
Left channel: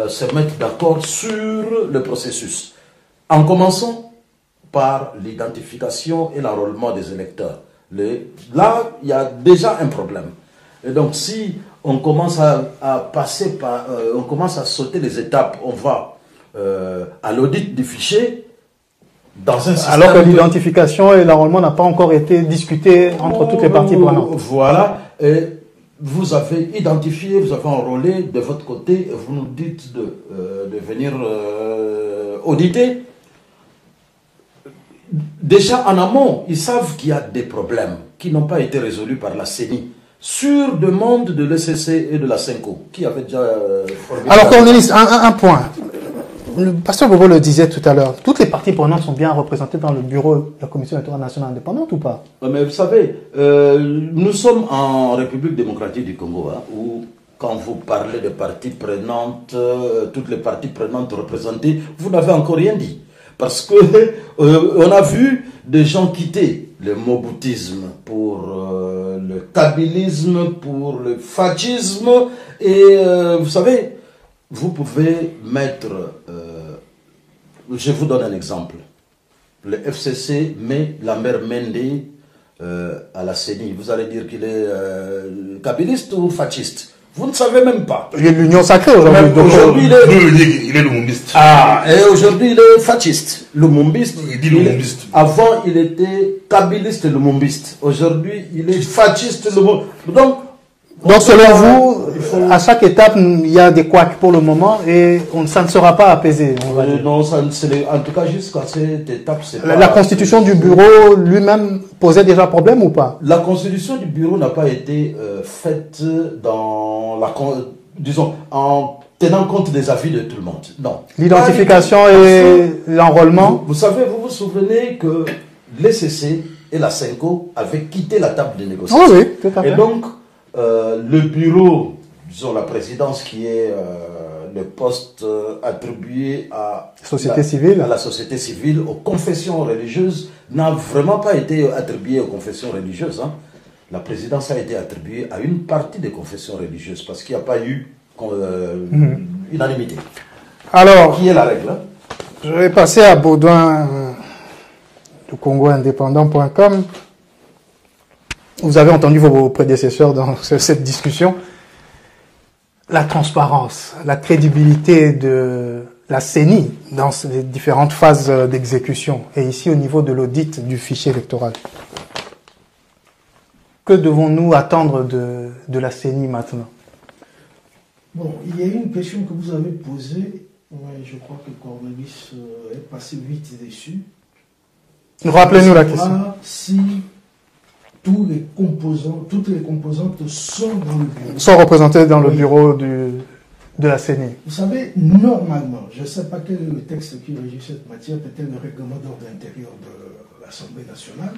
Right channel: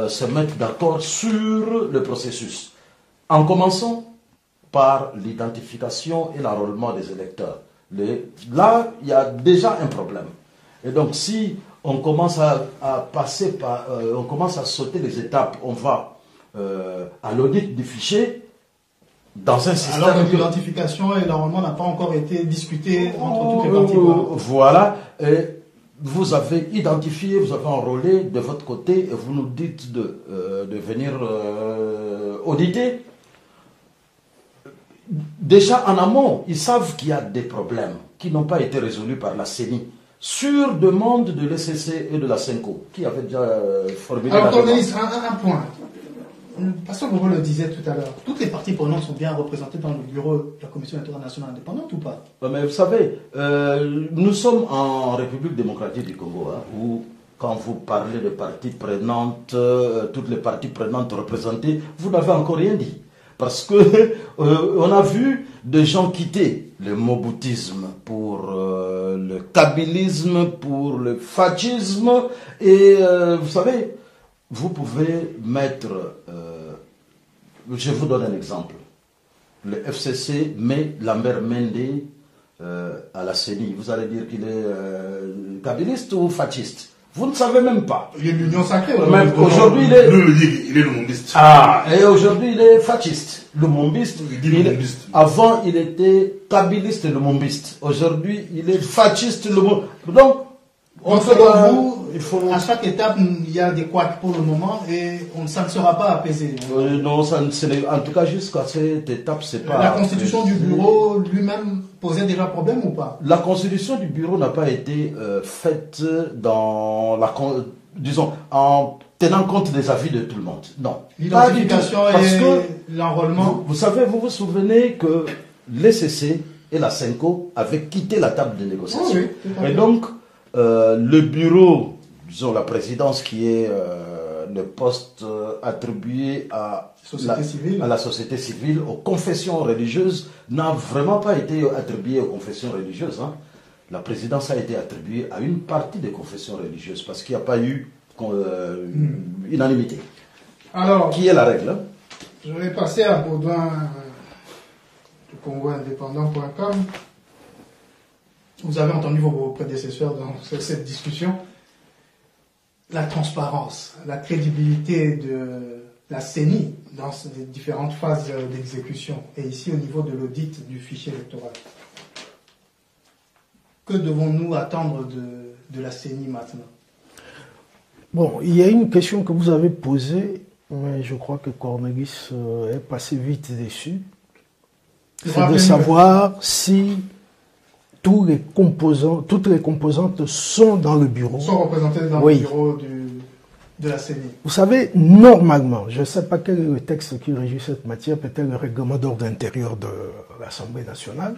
se mettent d'accord sur le processus. En commençant par l'identification et l'enrôlement des électeurs. Là, il y a déjà un problème. Et donc, si on commence à passer par, on commence à sauter les étapes, on va à l'audit du fichier, dans un système. Alors que l'identification et l'enrôlement n'ont pas encore été discutés entre toutes les parties prenantes. Voilà. Et vous avez identifié, vous avez enrôlé de votre côté, et vous nous dites de venir auditer. Déjà en amont, ils savent qu'il y a des problèmes qui n'ont pas été résolus par la CENI sur demande de l'ECC et de la CENCO, qui avait déjà formulé. Alors, Cornelis, un point. Le pasteur Bobo le disait tout à l'heure. Toutes les parties prenantes sont bien représentées dans le bureau de la Commission électorale nationale indépendante ou pas? Mais vous savez, nous sommes en République démocratique du Congo, où quand vous parlez de parties prenantes, toutes les parties prenantes représentées, vous n'avez encore rien dit. Parce que on a vu des gens quitter le moboutisme pour le kabylisme, pour le fascisme. Et vous savez, vous pouvez mettre... je vous donne un exemple. Le FCC met Lambert Mende à la CENI. Vous allez dire qu'il est kabyliste ou fasciste? Vous ne savez même pas. Il y a l'union sacrée aujourd'hui. Aujourd'hui, il est lumumbiste. Et aujourd'hui, il est fasciste. Lumumbiste. Il dit lumumbiste. Avant, il était kabyliste lumumbiste. Aujourd'hui, il est fasciste lumumbiste. Donc, selon vous, à chaque étape, il y a des couacs pour le moment et ça ne sera pas apaisé. Non, en tout cas, jusqu'à cette étape, c'est pas... La constitution du bureau lui-même posait déjà problème ou pas? La constitution du bureau n'a pas été faite disons, en tenant compte des avis de tout le monde. Non. L'identification et l'enrôlement. Vous savez, vous vous souvenez que l'ECC et la CENCO avaient quitté la table de négociation. Oh oui, tout à fait. Et donc, le bureau, disons la présidence qui est le poste attribué à la société civile, aux confessions religieuses, n'a vraiment pas été attribué aux confessions religieuses. La présidence a été attribuée à une partie des confessions religieuses parce qu'il n'y a pas eu unanimité. Alors, qui est la règle? Je vais passer à Baudouin du CongoIndépendant.com. Vous avez entendu vos prédécesseurs dans cette discussion. La transparence, la crédibilité de la CENI dans les différentes phases d'exécution et ici au niveau de l'audit du fichier électoral. Que devons-nous attendre de la CENI maintenant? Bon, il y a une question que vous avez posée, mais je crois que Cornelis est passé vite dessus. Rappelez-nous la question. Si toutes les composantes sont dans le bureau. Sont représentées dans le bureau de la CENI. Vous savez, normalement, je ne sais pas quel est le texte qui régit cette matière, peut-être le règlement d'ordre intérieur de l'Assemblée nationale.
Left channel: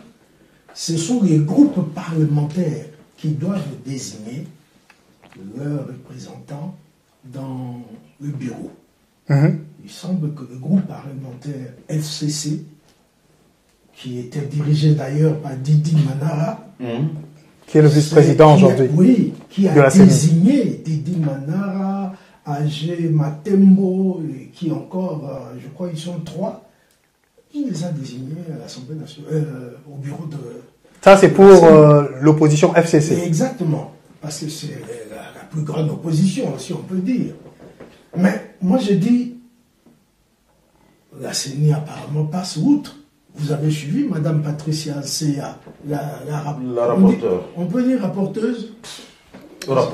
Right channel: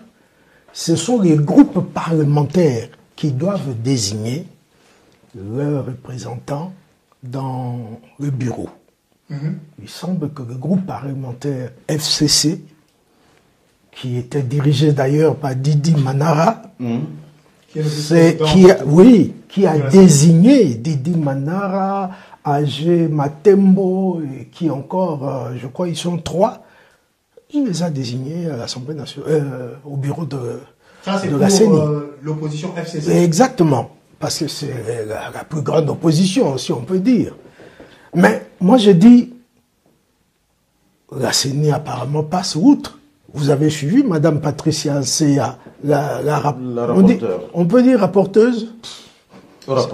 Ce sont les groupes parlementaires qui doivent désigner leurs représentants dans le bureau. Il semble que le groupe parlementaire FCC, qui était dirigé d'ailleurs par Didi Manara, qui est le vice-président qui a désigné Didi Manara, Agé Matembo, et qui encore, je crois, ils sont 3. Il les a désignés à l'Assemblée nationale, au bureau de... Ça, c'est de pour la CENI. l'opposition FCC. Exactement, parce que c'est la plus grande opposition, si on peut dire. Mais moi, je dis, la CENI apparemment passe outre. Vous avez suivi Madame Patricia Nsea, La rapporteure. on peut dire rapporteuse.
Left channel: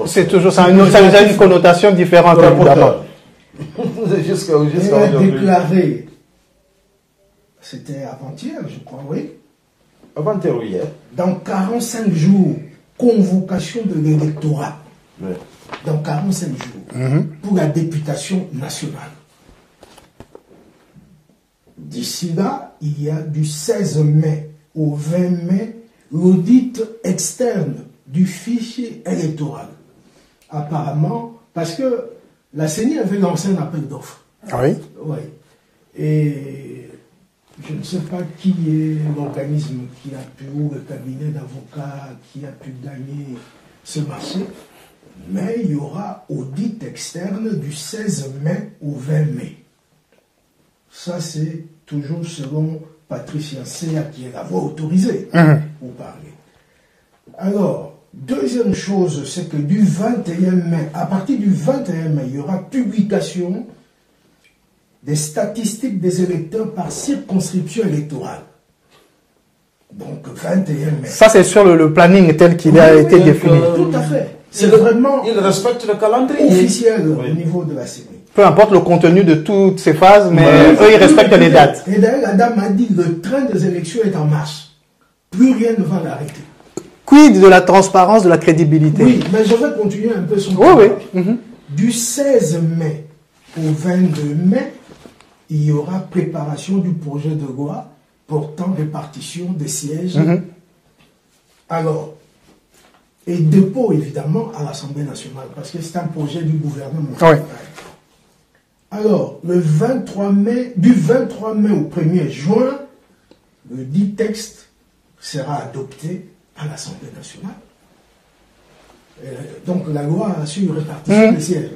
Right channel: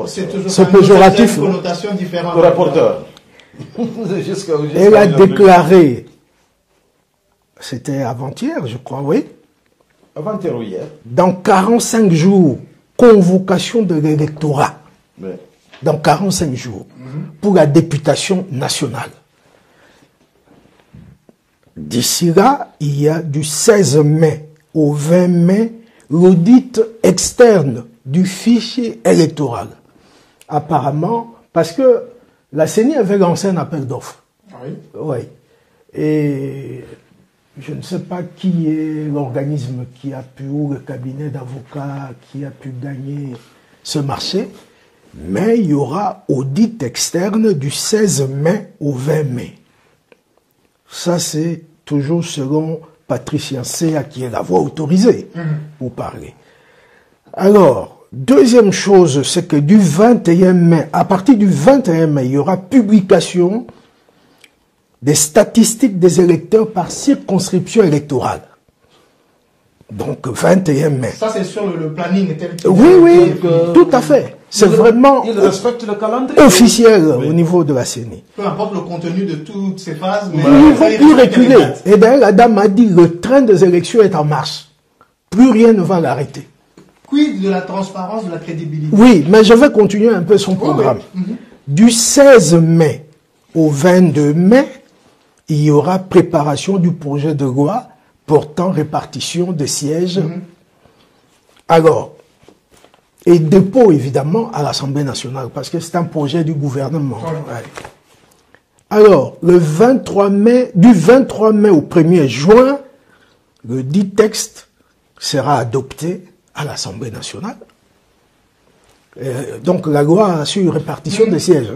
C'est toujours ça, C'est ça a péjoratif, une connotation différente. évidemment. Elle a déclaré, c'était avant-hier, je crois, oui, Avant-hier ou hier. dans 45 jours, convocation de l'électorat. Oui. Dans 45 jours, pour la députation nationale. D'ici là, il y a du 16 mai au 20 mai l'audit externe du fichier électoral. Apparemment, parce que la CENI avait lancé un appel d'offres. Oui. Oui. Et je ne sais pas qui est l'organisme qui a pu, ou le cabinet d'avocats qui a pu gagner ce marché, mais il y aura audit externe du 16 mai au 20 mai. Ça, c'est toujours selon Patricia Nsea, qui est la voix autorisée pour parler. Alors, deuxième chose, c'est que du 21 mai, à partir du 21 mai, il y aura publication des statistiques des électeurs par circonscription électorale. Donc, 21 mai. Ça, c'est sur le planning tel qu'il a été défini. Tout à fait. C'est vraiment Il respecte le calendrier. officiel au niveau de la CENI. Peu importe le contenu de toutes ces phases, mais eux, ils respectent les dates. Et d'ailleurs, la dame a dit le train des élections est en marche. Plus rien ne va l'arrêter. Quid de la transparence, de la crédibilité? Oui, mais je vais continuer un peu son programme. oui. Du 16 mai au 22 mai, il y aura préparation du projet de loi portant répartition des sièges. Alors, et dépôt évidemment à l'Assemblée nationale, parce que c'est un projet du gouvernement. Oui. Ouais. Alors, le 23 mai, du 23 mai au 1er juin, le dit texte sera adopté à l'Assemblée nationale. Donc la loi sur répartition des sièges.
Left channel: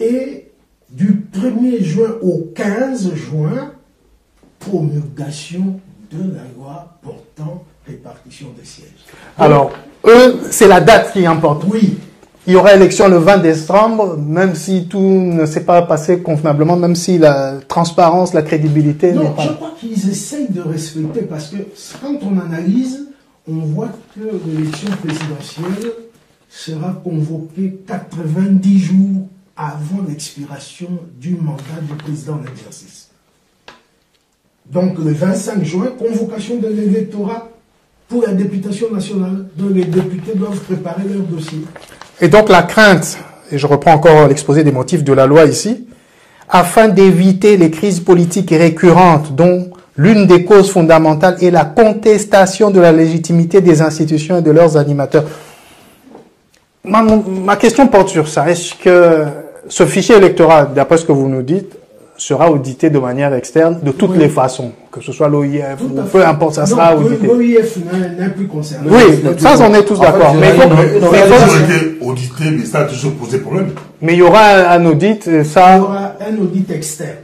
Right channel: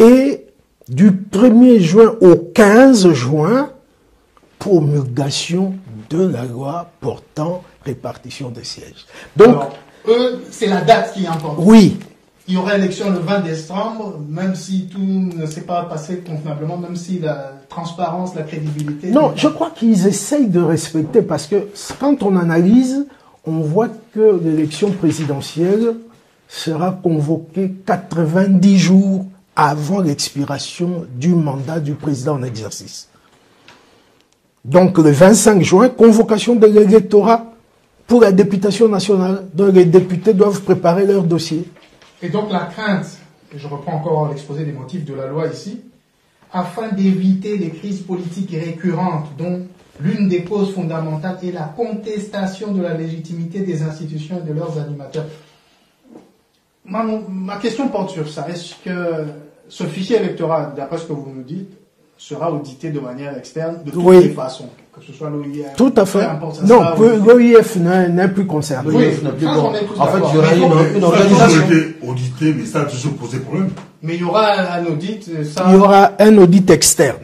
Et du 1er juin au 15 juin, promulgation de la loi portant répartition des sièges. Donc, Alors, eux, c'est la date qui importe. oui, Il y aura élection le 20 décembre, même si tout ne s'est pas passé convenablement, même si la transparence, la crédibilité... non, n'est pas- je crois qu'ils essayent de respecter, parce que quand on analyse, on voit que l'élection présidentielle sera convoquée 90 jours avant l'expiration du mandat du président en exercice. Donc le 25 juin, convocation de l'électorat pour la députation nationale. Donc les députés doivent préparer leur dossier. Et donc la crainte, et je reprends encore l'exposé des motifs de la loi ici, afin d'éviter les crises politiques récurrentes dont l'une des causes fondamentales est la contestation de la légitimité des institutions et de leurs animateurs. Ma question porte sur ça. Est-ce que ce fichier électoral, d'après ce que vous nous dites, sera audité de manière externe de toutes Oui. les façons, que ce soit l'OIF, Tout à fait. peu importe, ça non, sera que audité. l'OIF n'est plus concerné. Oui, ça, on est tous En fait, d'accord. il y Mais, aura il une Ça a organisation. toujours été audité, mais ça a toujours posé problème. il y aura un audit, Il y ça... aura un audit externe.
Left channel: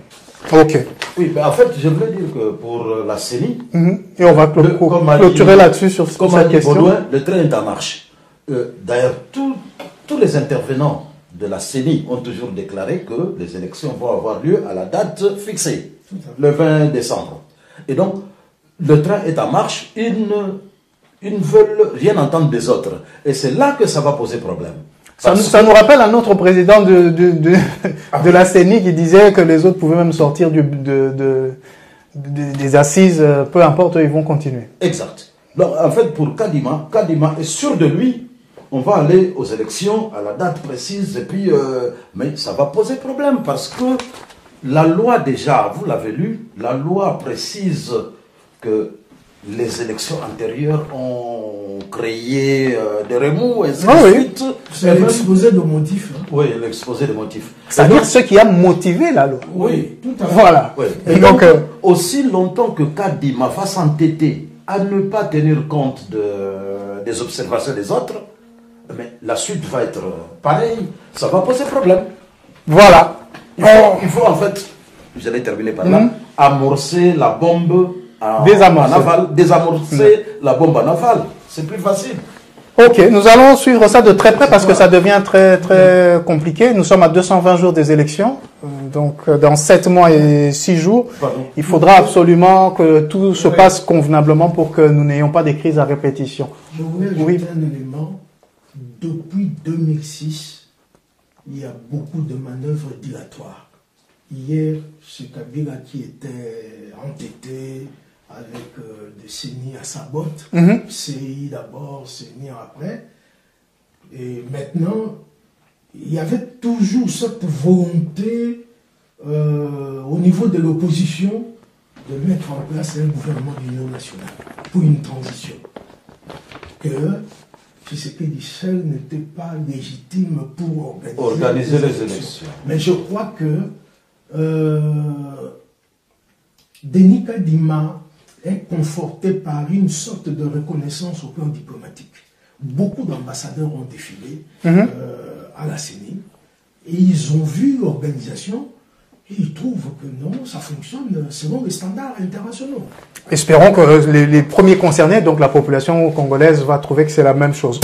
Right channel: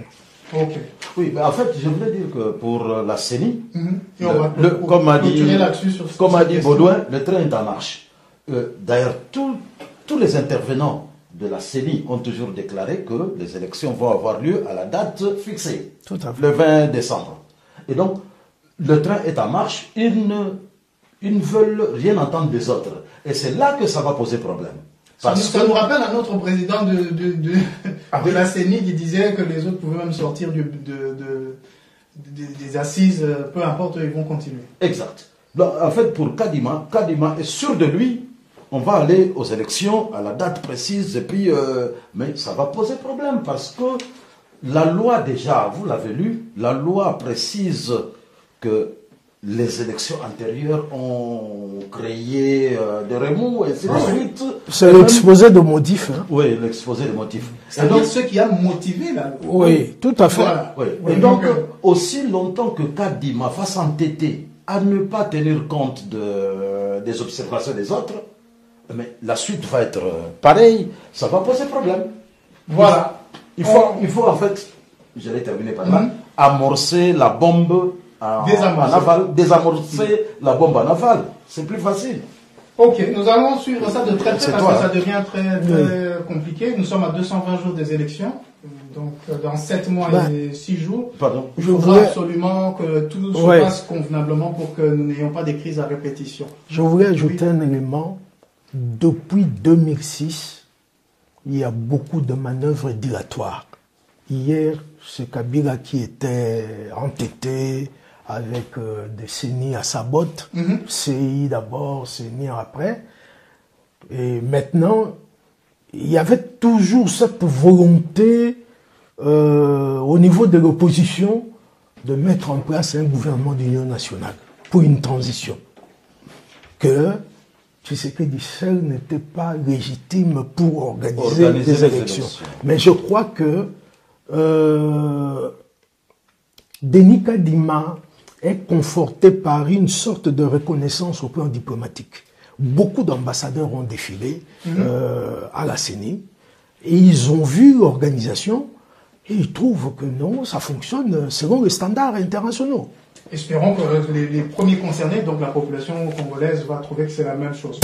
Ok. Oui, mais en fait, je voulais dire que pour la CENI, Et on va comme a dit- clôturer là-dessus sur comme a cette dit question. Baudouin, le train est en marche. D'ailleurs, tous les intervenants de la CENI ont toujours déclaré que les élections vont avoir lieu à la date fixée, Tout à fait. le 20 décembre. Et donc, le train est en marche, ils ne veulent rien entendre des autres. Et c'est là que ça va poser problème. Ça nous rappelle un autre président de la CENI qui disait que les autres pouvaient même sortir des assises, peu importe, ils vont continuer. Exact. Donc, en fait, pour Kadima est sûr de lui. On va aller aux élections à la date précise, et puis, mais ça va poser problème parce que la loi déjà, vous l'avez lu, la loi précise que les élections antérieures ont créé des remous et ainsi de oui. suite. C'est l'exposé de motifs. Hein. Oui, l'exposé des motifs. C'est-à-dire ce qui a motivé la loi. Oui, tout à fait. Voilà. Oui. Et Et donc, donc, aussi longtemps que Kadima va s'entêter à ne pas tenir compte des observations des autres, mais la suite va être pareille, ça va poser problème. voilà. Il faut en fait j'allais terminer par là, amorcer la bombe en aval, désamorcer la bombe en aval. C'est plus facile. Ok, nous allons suivre ça de très près parce que ça devient très compliqué. Nous sommes à 220 jours des élections, donc dans 7 mois et 6 jours, il faudra absolument que tout se passe convenablement pour que nous n'ayons pas des crises à répétition. Je voulais ajouter un élément. Depuis 2006, il y a beaucoup de manœuvres dilatoires. Hier, c'est Kabila qui était entêté avec des CENI à sa botte, CI d'abord, CENI après. Et maintenant, il y avait toujours cette volonté au niveau de l'opposition de mettre en place un gouvernement d'union nationale pour une transition. Que Tshisekedi seul n'était pas légitime pour organiser des élections. Mais je crois que Denis Kadima est conforté par une sorte de reconnaissance au plan diplomatique. Beaucoup d'ambassadeurs ont défilé à la CENI et ils ont vu l'organisation et ils trouvent que non, ça fonctionne selon les standards internationaux. Espérons que les premiers concernés, donc la population congolaise, va trouver que c'est la même chose.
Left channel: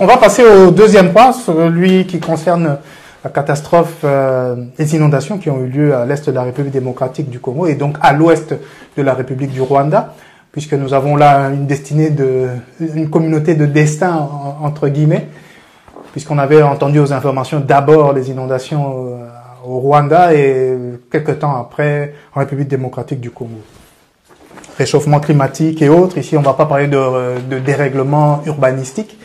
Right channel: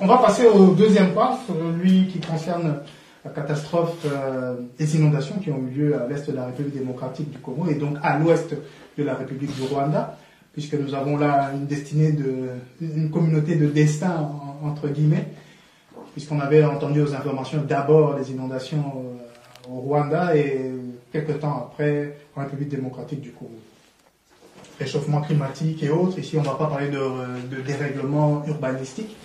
On va passer au deuxième point, celui qui concerne la catastrophe des inondations qui ont eu lieu à l'est de la République démocratique du Congo et donc à l'ouest de la République du Rwanda, puisque nous avons là une communauté de destin, entre guillemets, puisqu'on avait entendu aux informations d'abord les inondations au Rwanda et quelques temps après en République démocratique du Congo. Réchauffement climatique et autres, ici on ne va pas parler de dérèglement urbanistique,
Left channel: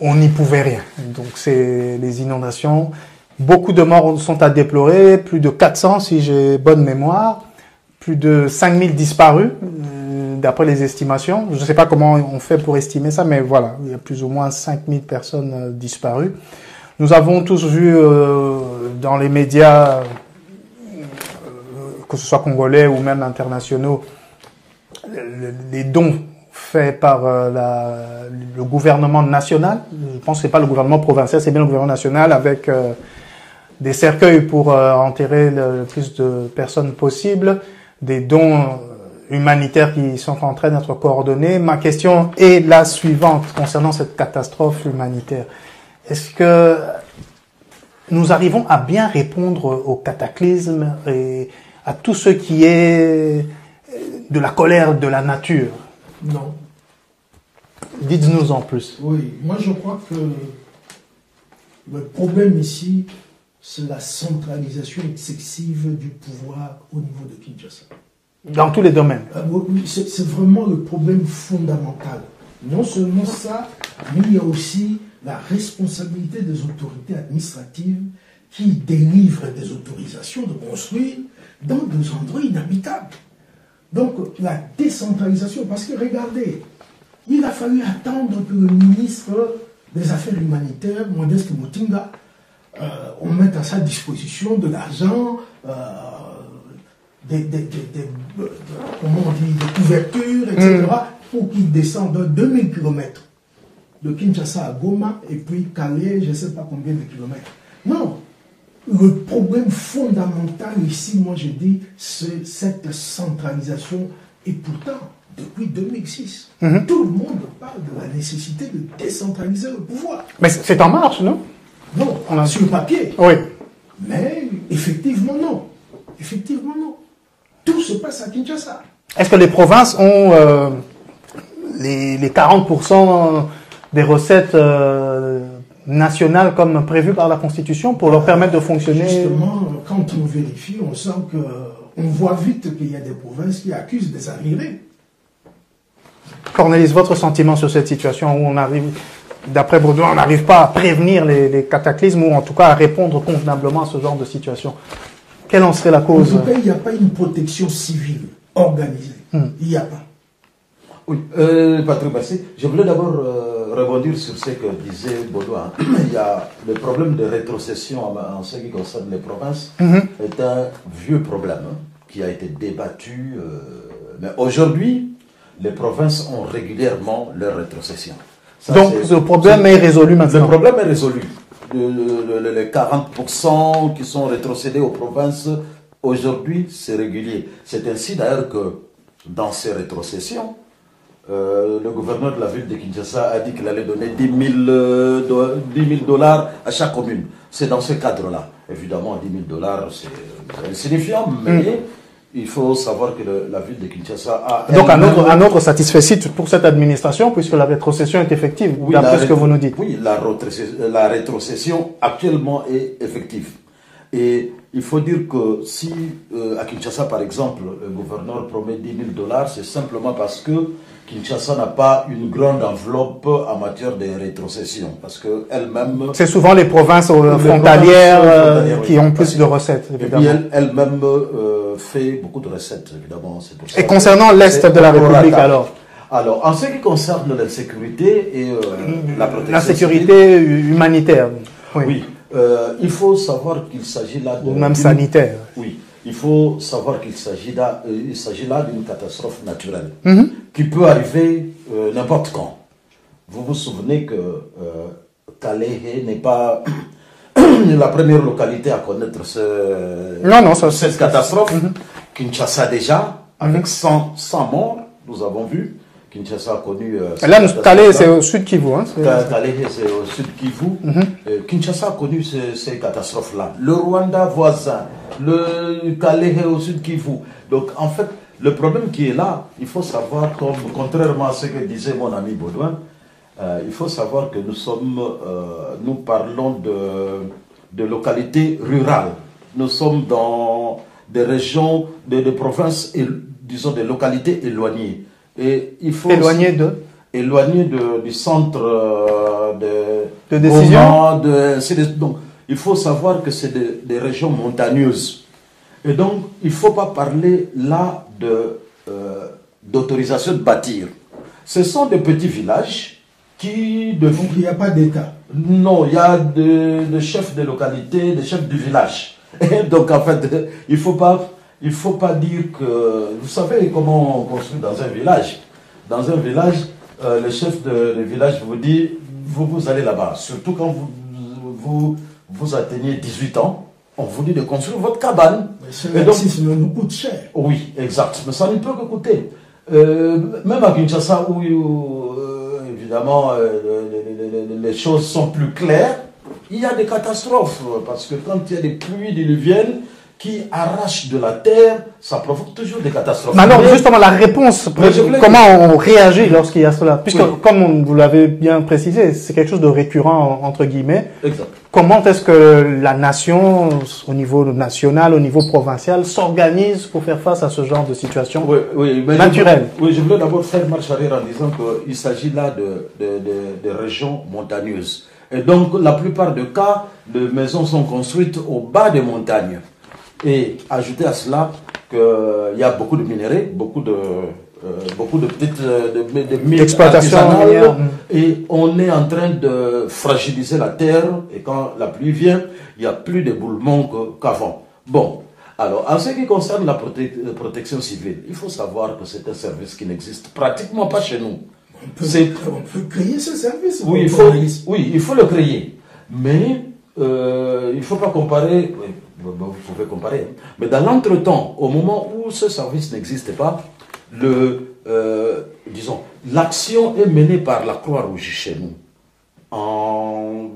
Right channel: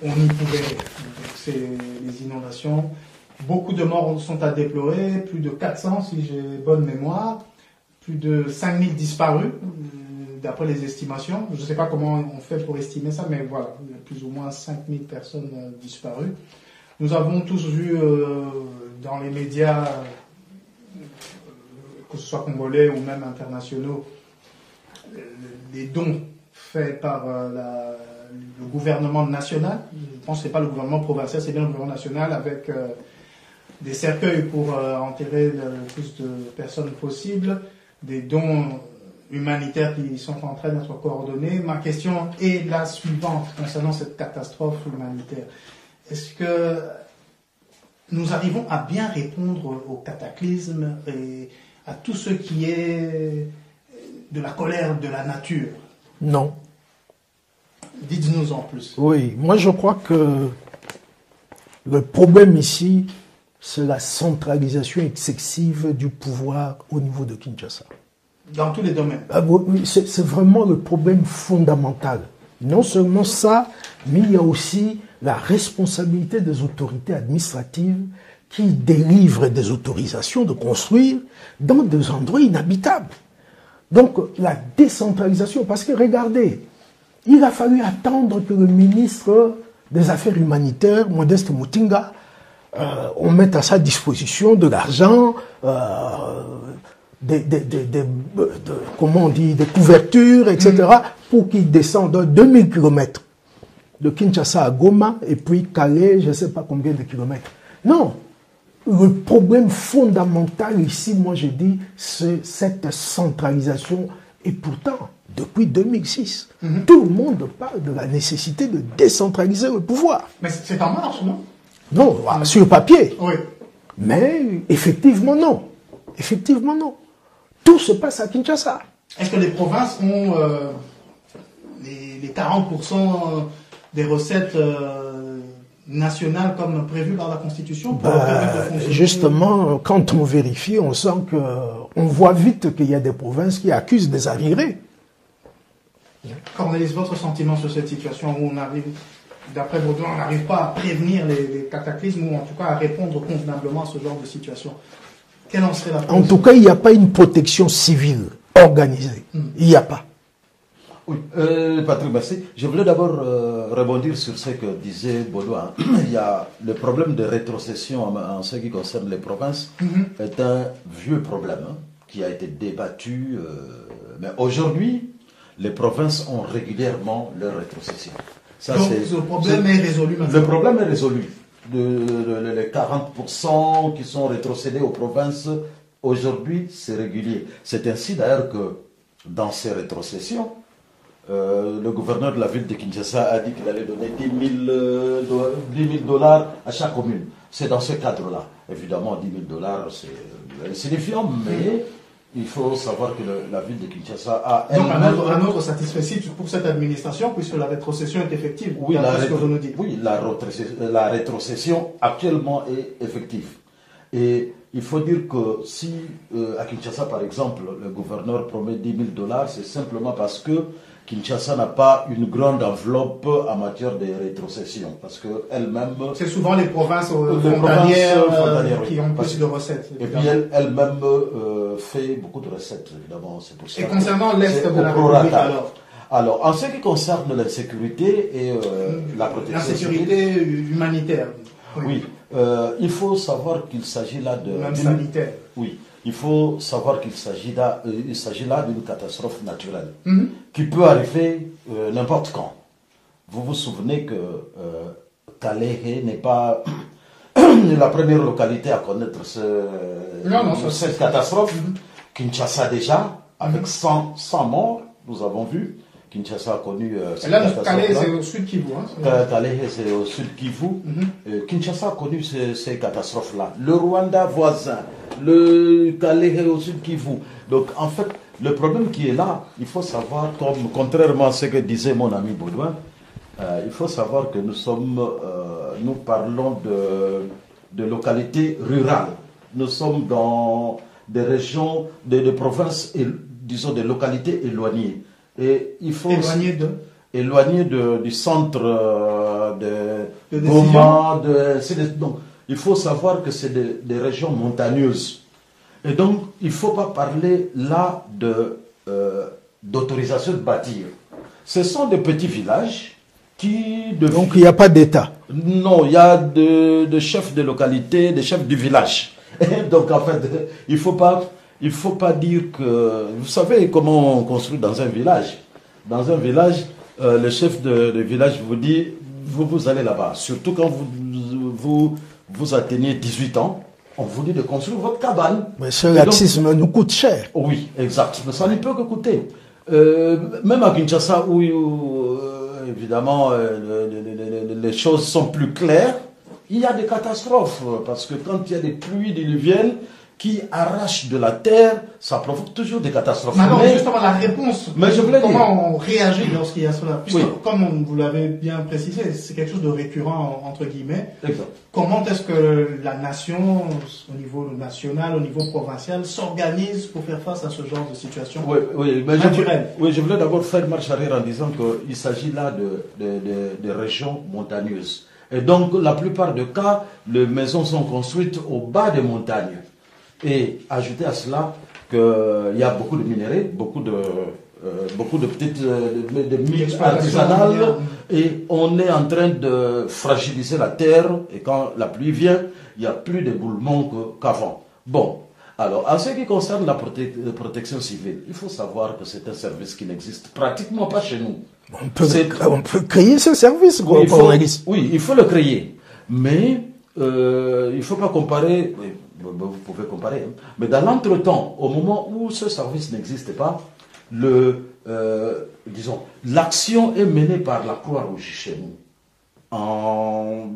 on n'y pouvait rien. Donc c'est les inondations. Beaucoup de morts sont à déplorer, plus de 400 si j'ai bonne mémoire, plus de 5000 disparus d'après les estimations. Je ne sais pas comment on fait pour estimer ça, mais voilà, il y a plus ou moins 5000 personnes disparues. Nous avons tous vu dans les médias, que ce soit congolais ou même internationaux, les dons faits par le gouvernement national. Je pense que ce n'est pas le gouvernement provincial, c'est bien le gouvernement national avec des cercueils pour enterrer le plus de personnes possible, des dons humanitaires qui sont en train d'être coordonnés. Ma question est la suivante concernant cette catastrophe humanitaire. Est-ce que nous arrivons à bien répondre au cataclysme et à tout ce qui est de la colère de la nature? Non. Dites-nous en plus. Oui, moi je crois que le problème ici, c'est la centralisation excessive du pouvoir au niveau de Kinshasa. Dans tous les domaines. C'est vraiment le problème fondamental. Non seulement ça, mais il y a aussi la responsabilité des autorités administratives qui délivrent des autorisations de construire dans des endroits inhabitables. Donc la décentralisation, parce que regardez, il a fallu attendre que le ministre des Affaires humanitaires, Modeste Mutinga, on mette à sa disposition de l'argent, comment on dit, des couvertures, etc., pour qu'il descende 2000 km de Kinshasa à Goma, et puis Calais, je ne sais pas combien de kilomètres. Non, le problème fondamental ici, moi je dis, c'est cette centralisation, et pourtant, depuis 2006, tout le monde parle de la nécessité de décentraliser le pouvoir. Mais c'est en marche, non? Non, sur le papier. Oui. Mais effectivement, non. Effectivement, non. Tout se passe à Kinshasa. Est-ce que les provinces ont les 40% des recettes nationales comme prévues par la Constitution pour leur permettre de fonctionner? Justement, quand on vérifie, on sent que on voit vite qu'il y a des provinces qui accusent des arriérés. Cornelis, votre sentiment sur cette situation où on arrive, d'après Baudouin, on n'arrive pas à prévenir les cataclysmes ou en tout cas à répondre convenablement à ce genre de situation? Quelle en serait la cause? En tout cas, il n'y a pas une protection civile organisée. Il n'y a pas. Oui, Patrick, merci. Je voulais d'abord rebondir sur ce que disait Baudouin. Il y a le problème de rétrocession en ce qui concerne les provinces est un vieux problème qui a été débattu. Mais aujourd'hui, les provinces ont régulièrement leur rétrocession. Donc ce problème est résolu maintenant. Le problème est résolu. Les 40% qui sont rétrocédés aux provinces, aujourd'hui, c'est régulier. C'est ainsi d'ailleurs que dans ces rétrocessions, le gouverneur de la ville de Kinshasa a dit qu'il allait donner 10 000 dollars à chaque commune. C'est dans ce cadre-là. Évidemment, 10 000 dollars, c'est insignifiant, mais il faut savoir que la ville de Kinshasa a... Donc un autre satisfait pour cette administration, puisque la rétrocession est effective, oui, d'après ce que vous nous dites. Oui, la rétrocession actuellement est effective. Et il faut dire que si à Kinshasa, par exemple, le gouverneur promet 10 000 dollars, c'est simplement parce que Kinshasa n'a pas une grande enveloppe en matière de rétrocession. Parce qu'elle-même... C'est souvent les provinces frontalières qui ont plus de recettes, évidemment. Et puis elle-même fait beaucoup de recettes, évidemment. Pour ça. Et concernant l'Est de la République, alors en ce qui concerne la sécurité et la protection... La sécurité humanitaire. Oui. Il faut savoir qu'il s'agit là de... Ou même sanitaire. Oui. Il faut savoir qu'il s'agit là d'une catastrophe naturelle qui peut arriver n'importe quand. Vous vous souvenez que Kalehe n'est pas la première localité à connaître cette catastrophe. Kinshasa déjà, avec 100 morts, nous avons vu. Kinshasa a connu... là, Calais, c'est au sud Kivu. Hein, Calais, c'est au sud Kivu. Kinshasa a connu ces catastrophes-là. Le Rwanda voisin, le Calais au sud Kivu. Donc, en fait, le problème qui est là, il faut savoir, contrairement à ce que disait mon ami Baudouin, il faut savoir que nous parlons de localités rurales. Nous sommes dans des régions, des provinces, disons des localités éloignées. Et il faut éloigné du centre de décision. Donc, il faut savoir que c'est des régions montagneuses. Et donc, il ne faut pas parler là d'autorisation de bâtir. Ce sont des petits villages qui... Donc, il n'y a pas d'État. Non, il y a des chefs de localité, des chefs du village. Et donc, en fait, il ne faut pas dire que... Vous savez comment on construit dans un village. Dans un village, le chef de village vous dit, vous allez là-bas. Surtout quand vous atteignez 18 ans, on vous dit de construire votre cabane. Mais ce laxisme nous coûte cher. Oui, exact. Mais ça ne peut que coûter. Même à Kinshasa, où évidemment les choses sont plus claires, il y a des catastrophes. Parce que quand il y a des pluies diluviennes qui arrachent de la terre, ça provoque toujours des catastrophes. Mais alors, justement, la réponse, comment on réagit lorsqu'il y a cela? Puisque, comme vous l'avez bien précisé, c'est quelque chose de récurrent, entre guillemets. Exact. Comment est-ce que la nation, au niveau national, au niveau provincial, s'organise pour faire face à ce genre de situation naturelle? Je voulais d'abord faire marche arrière en disant qu'il s'agit là de régions montagneuses. Et donc, la plupart des cas, les maisons sont construites au bas des montagnes. Et ajouter à cela qu'il y a beaucoup de minerais, beaucoup de petites mines artisanales, et on est en train de fragiliser la terre, et quand la pluie vient, il n'y a plus d'éboulements qu'avant. Bon, alors en ce qui concerne la protection civile, il faut savoir que c'est un service qui n'existe pratiquement pas chez nous. On peut créer ce service. Oui, il faut le créer, mais il ne faut pas comparer... Vous pouvez comparer. Mais dans l'entretemps, au moment où ce service n'existe pas, l'action est menée par la Croix-Rouge chez nous. En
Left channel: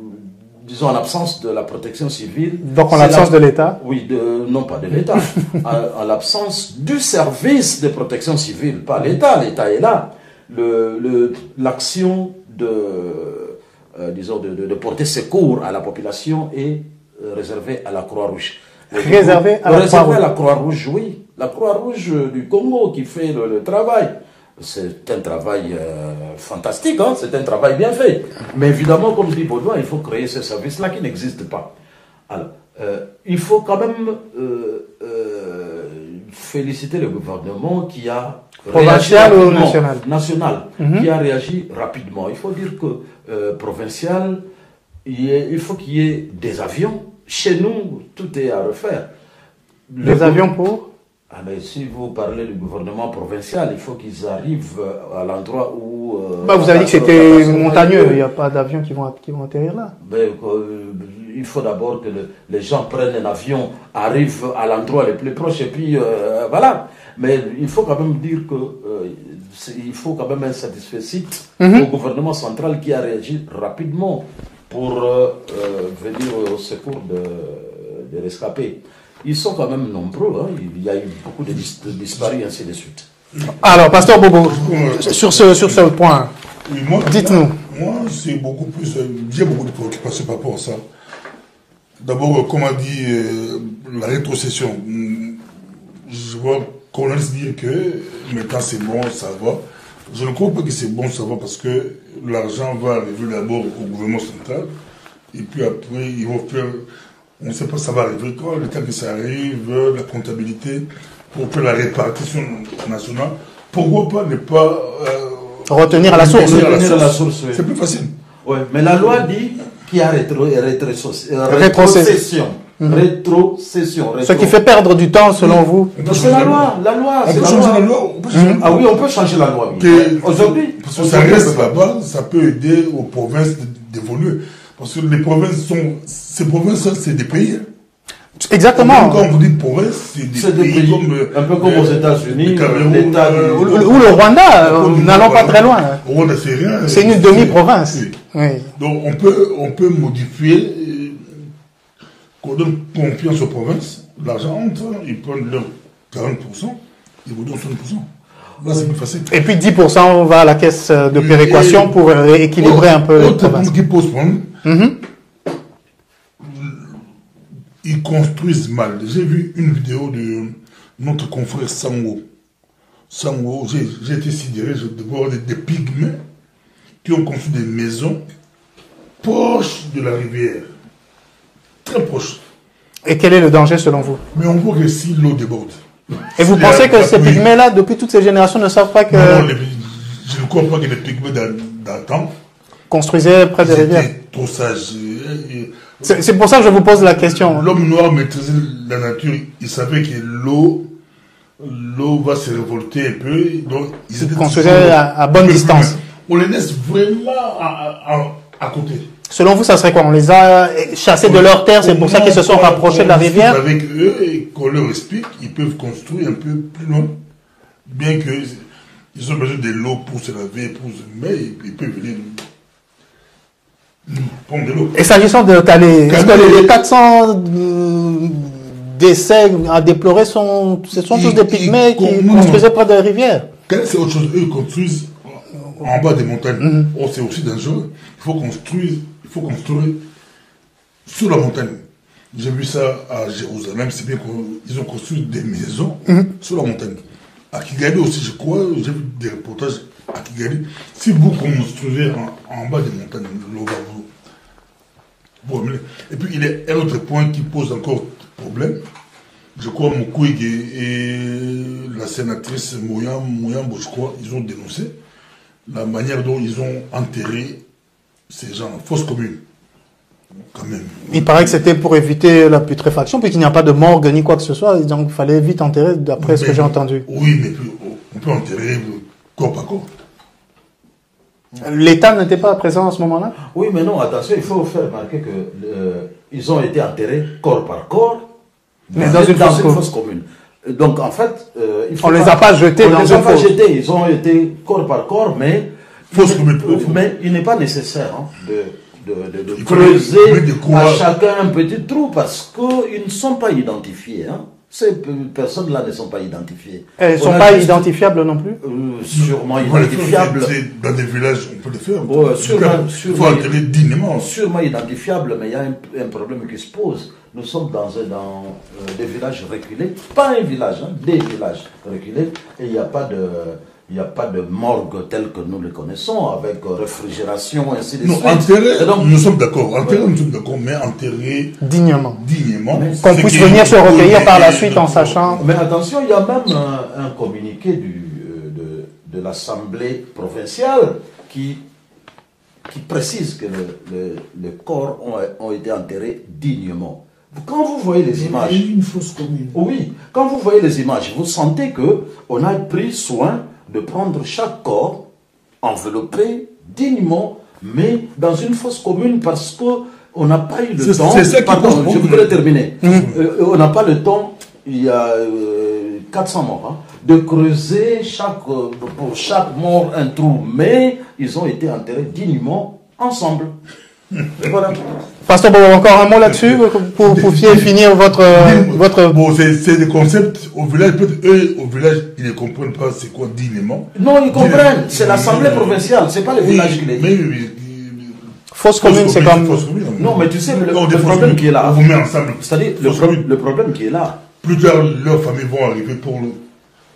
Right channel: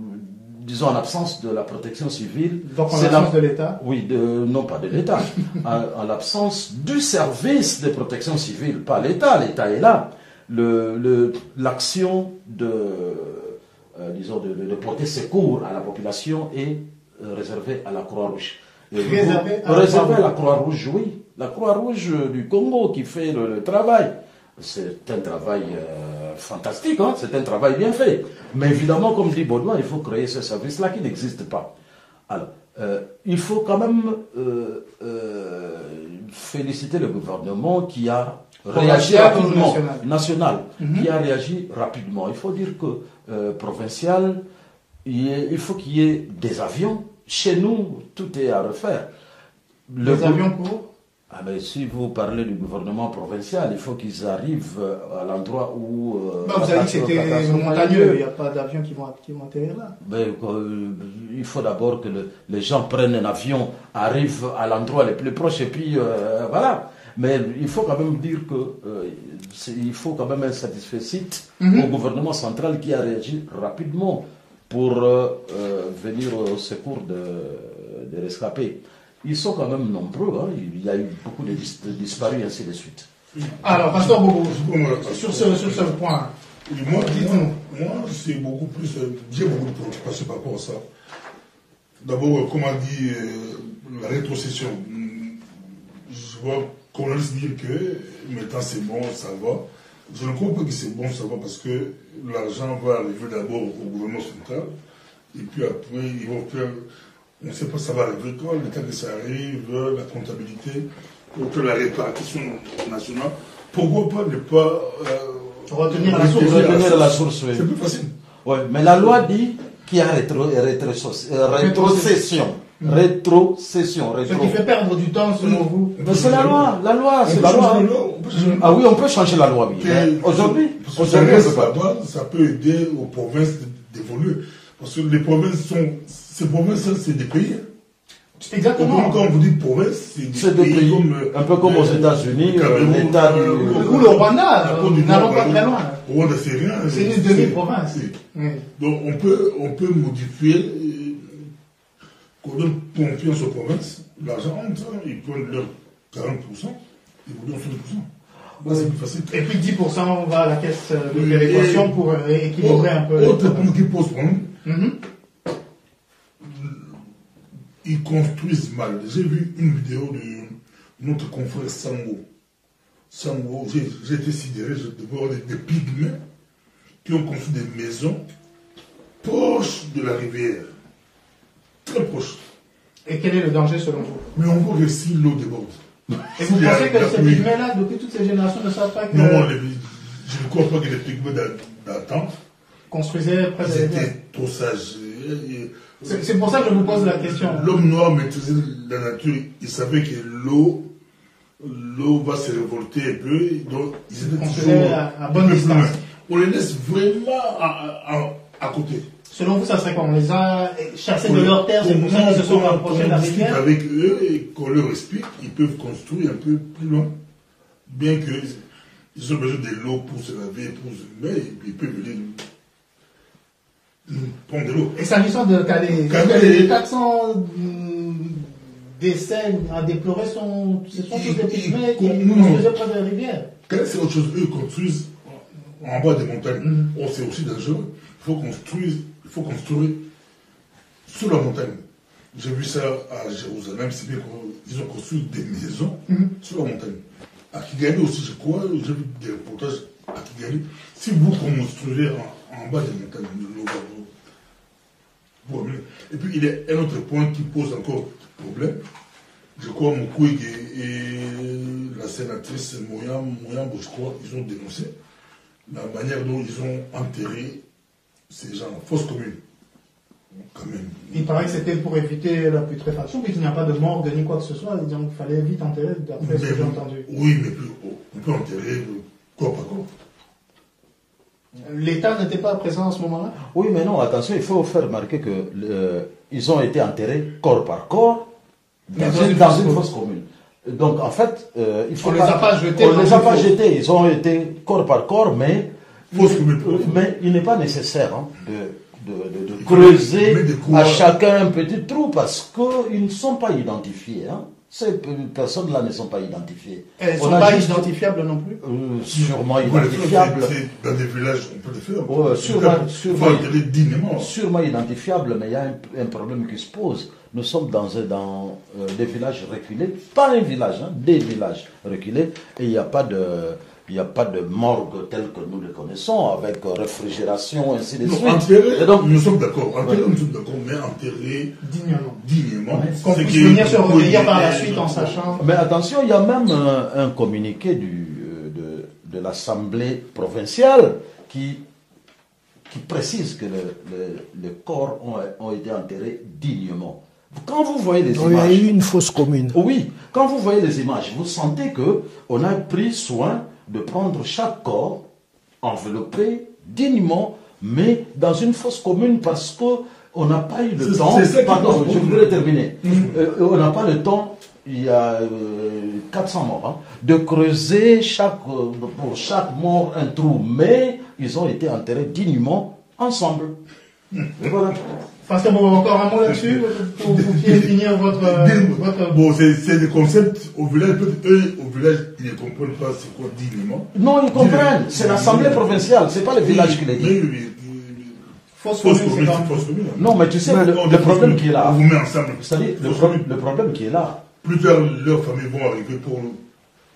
l'absence de la protection civile. Donc en l'absence de l'État? Oui, non pas de l'État. en l'absence du service de protection civile, pas l'État. L'État est là. L'action de porter secours à la population est réservé à la Croix-Rouge. Réservé à la Croix-Rouge, oui. La Croix-Rouge du Congo qui fait le travail. C'est un travail fantastique, hein? C'est un travail bien fait. Mais évidemment, comme dit Baudouin, il faut créer ce service-là qui n'existe pas. Alors, il faut quand même féliciter le gouvernement qui a réagi rapidement. National. Qui a réagi rapidement. Il faut dire que provincial, il faut qu'il y ait des avions. Chez nous, tout est à refaire. Des avions pour Ah, mais si vous parlez du gouvernement provincial, il faut qu'ils arrivent à l'endroit où... vous avez dit que c'était montagneux, il n'y a pas d'avions qui vont atterrir là. Mais, il faut d'abord que les gens prennent un avion, arrivent à l'endroit le plus proche, et puis voilà. Mais il faut quand même dire que il faut quand même un satisfait au gouvernement central qui a réagi rapidement pour venir au secours des rescapés. Ils sont quand même nombreux, hein. Il y a eu beaucoup de disparus, et ainsi de suite. Alors, Pasteur Bobo, sur ce point, oui, dites-nous. Moi, c'est beaucoup plus. J'ai beaucoup de préoccupations par rapport à ça. D'abord, comme a dit la rétrocession, je vois qu'on laisse dire que maintenant c'est bon, ça va. Je ne crois pas que c'est bon, ça va, parce que l'argent va arriver d'abord au gouvernement central, et puis après, ils vont faire. On ne sait pas ça va arriver quand, le temps que ça arrive, la comptabilité, pour faire la répartition nationale. Pourquoi pas ne pas retenir à la source. C'est plus facile. Ouais, mais la loi dit qu'il y a rétrocession. Rétrocession. Ce qui fait perdre du temps, selon vous. C'est la loi. La loi, c'est la loi. Ah oui, on peut changer la loi. Aujourd'hui, parce que ça reste là-bas, ça peut aider aux provinces d'évoluer. Parce que les provinces ces provinces, c'est des pays. Exactement. Quand vous dites province, c'est des pays comme, un peu comme aux États-Unis, l'État ou le Rwanda, n'allons pas très loin. Au Rwanda, c'est rien. C'est une demi-province. Oui. Oui. Donc on peut modifier, qu'on donne confiance aux provinces, l'argent entre, ils prennent leur 40%, ils vous donnent 60%. Là, c'est plus facile. Et puis 10% va à la caisse de péréquation pour équilibrer un peu les provinces. Qui pose problème, ils construisent mal. J'ai vu une vidéo de notre confrère Sango. Sango, j'ai été sidéré de voir des pygmées qui ont construit des maisons proches de la rivière. Très proches. Et quel est le danger selon vous? Mais on voit que si l'eau déborde. Et vous pensez que ces pygmées-là, depuis toutes ces générations, ne savent pas que... Non, je ne crois pas que les pygmées d'antan construisaient près des rivières. Trop sages. C'est pour ça que je vous pose la question. L'homme noir maîtrisait la nature. Il savait que l'eau va se révolter un peu. Donc, ils construisaient à bonne distance. On les laisse vraiment à côté. Selon vous, ça serait quoi? On les a chassés de leur terre, c'est pour ça qu'ils se sont rapprochés de la rivière? Avec eux et qu'on leur explique, ils peuvent construire un peu plus loin. Bien qu'ils ont besoin de l'eau pour se laver, mais ils peuvent venir prendre de l'eau. Et s'agissant de Calais, est-ce que les 400 décès à déplorer ce sont tous des pygmées qui construisaient près des rivières? Calais, c'est autre chose. Eux, ils construisent en bas des montagnes. Oh, c'est aussi dangereux. Il faut construire sur la montagne. J'ai vu ça à Jérusalem, c'est bien qu'ils ont construit des maisons sur la montagne. À Kigali aussi, je crois, j'ai vu des reportages à Kigali. Si vous construisez en bas des montagnes, l'eau va vous amener. Et puis, il y a un autre point qui pose encore problème. Je crois Mukwege et la sénatrice Mouyambo, je crois, ils ont dénoncé la manière dont ils ont enterré ces gens, fausse commune. Quand même. Il paraît que c'était pour éviter la putréfaction, puisqu'il n'y a pas de morgue ni quoi que ce soit, donc il fallait vite enterrer, d'après ce que j'ai entendu. Oui, mais on peut enterrer corps par corps. L'État n'était pas présent à ce moment-là? Oui, mais non, attention, il faut faire remarquer qu'ils ont été enterrés corps par corps, mais dans une fosse commune. Donc, en fait, on ne les a pas jetés dans une fosse. On ne les a pas jetés, ils ont été corps par corps, mais il n'est pas nécessaire de creuser à chacun un petit trou, parce qu'ils ne sont pas identifiés. Hein. Ces personnes-là ne sont pas identifiées. Elles ne sont pas identifiables non plus? Sûrement identifiables. Dans des villages, on peut le faire. Il faut enterrer dignement. Sûrement identifiables, mais il y a un problème qui se pose. Nous sommes dans des villages reculés, pas un village, des villages reculés, et il n'y a pas de morgue tel que nous le connaissons, avec réfrigération, et ainsi de suite. Enterrer, donc, nous sommes d'accord, mais enterrer dignement. Qu'on puisse venir se recueillir par la suite en sachant... Mais attention, il y a même un communiqué de l'Assemblée provinciale qui précise que les corps ont été enterrés dignement. Quand vous voyez les Il y a images... eu une fausse commune. Oui, quand vous voyez les images, vous sentez qu'on a pris soin de prendre chaque corps, enveloppé dignement, mais dans une fosse commune parce qu'on n'a pas eu le temps... C'est ça qui Pardon, pose je problème. voudrais terminer. On n'a pas le temps, il y a 400 morts, hein, de creuser pour chaque mort un trou, mais ils ont été enterrés dignement ensemble. Et voilà. Pasteur Bobo, encore un mot là-dessus pour finir votre... Bon, c'est des concepts au village, peut-être eux, au village, ils ne comprennent pas c'est quoi dignement. Non, ils comprennent, c'est l'Assemblée provinciale, c'est pas le village qui les dit. Fausse commune, c'est comme... Non, mais tu sais, le Non, des fausses problème communes, qui est là, on vous met ensemble. c'est-à-dire Fausse commune. le problème qui est là, Plus tard, leurs familles vont arriver pour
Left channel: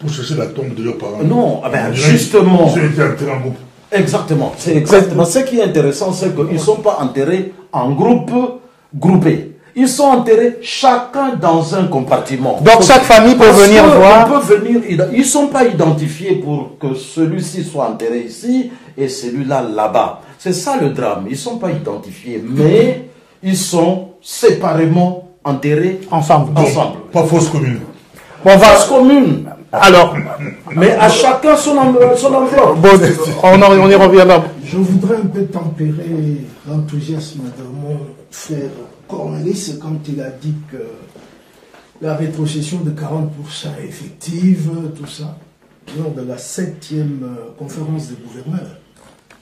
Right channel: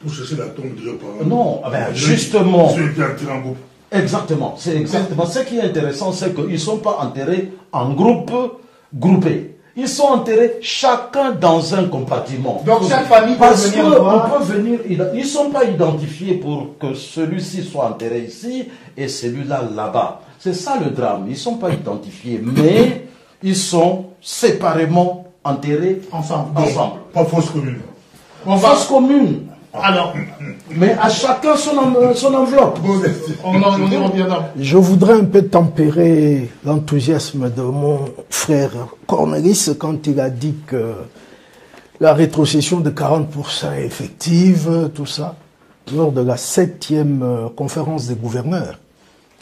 chercher la tombe de leurs parents. non, ah ben, justement, Ils ont été enterrés en groupe. exactement, c'est exactement, ce qui est intéressant, c'est qu'ils ne sont pas enterrés en groupe, groupés. Ils sont enterrés chacun dans un compartiment. Donc chaque famille peut Parce venir que voir... on peut venir, ils ne sont pas identifiés pour que celui-ci soit enterré ici et celui-là là-bas. C'est ça le drame. Ils ne sont pas identifiés, mais ils sont séparément enterrés Ensemble. Pas fausse commune. Bon, Fosse commune. alors, Mais à chacun son enveloppe. bon, on y revient là. Je voudrais un peu tempérer l'enthousiasme de mon frère Cornelis quand il a dit que la rétrocession de 40% est effective, tout ça, lors de la 7e conférence des gouverneurs.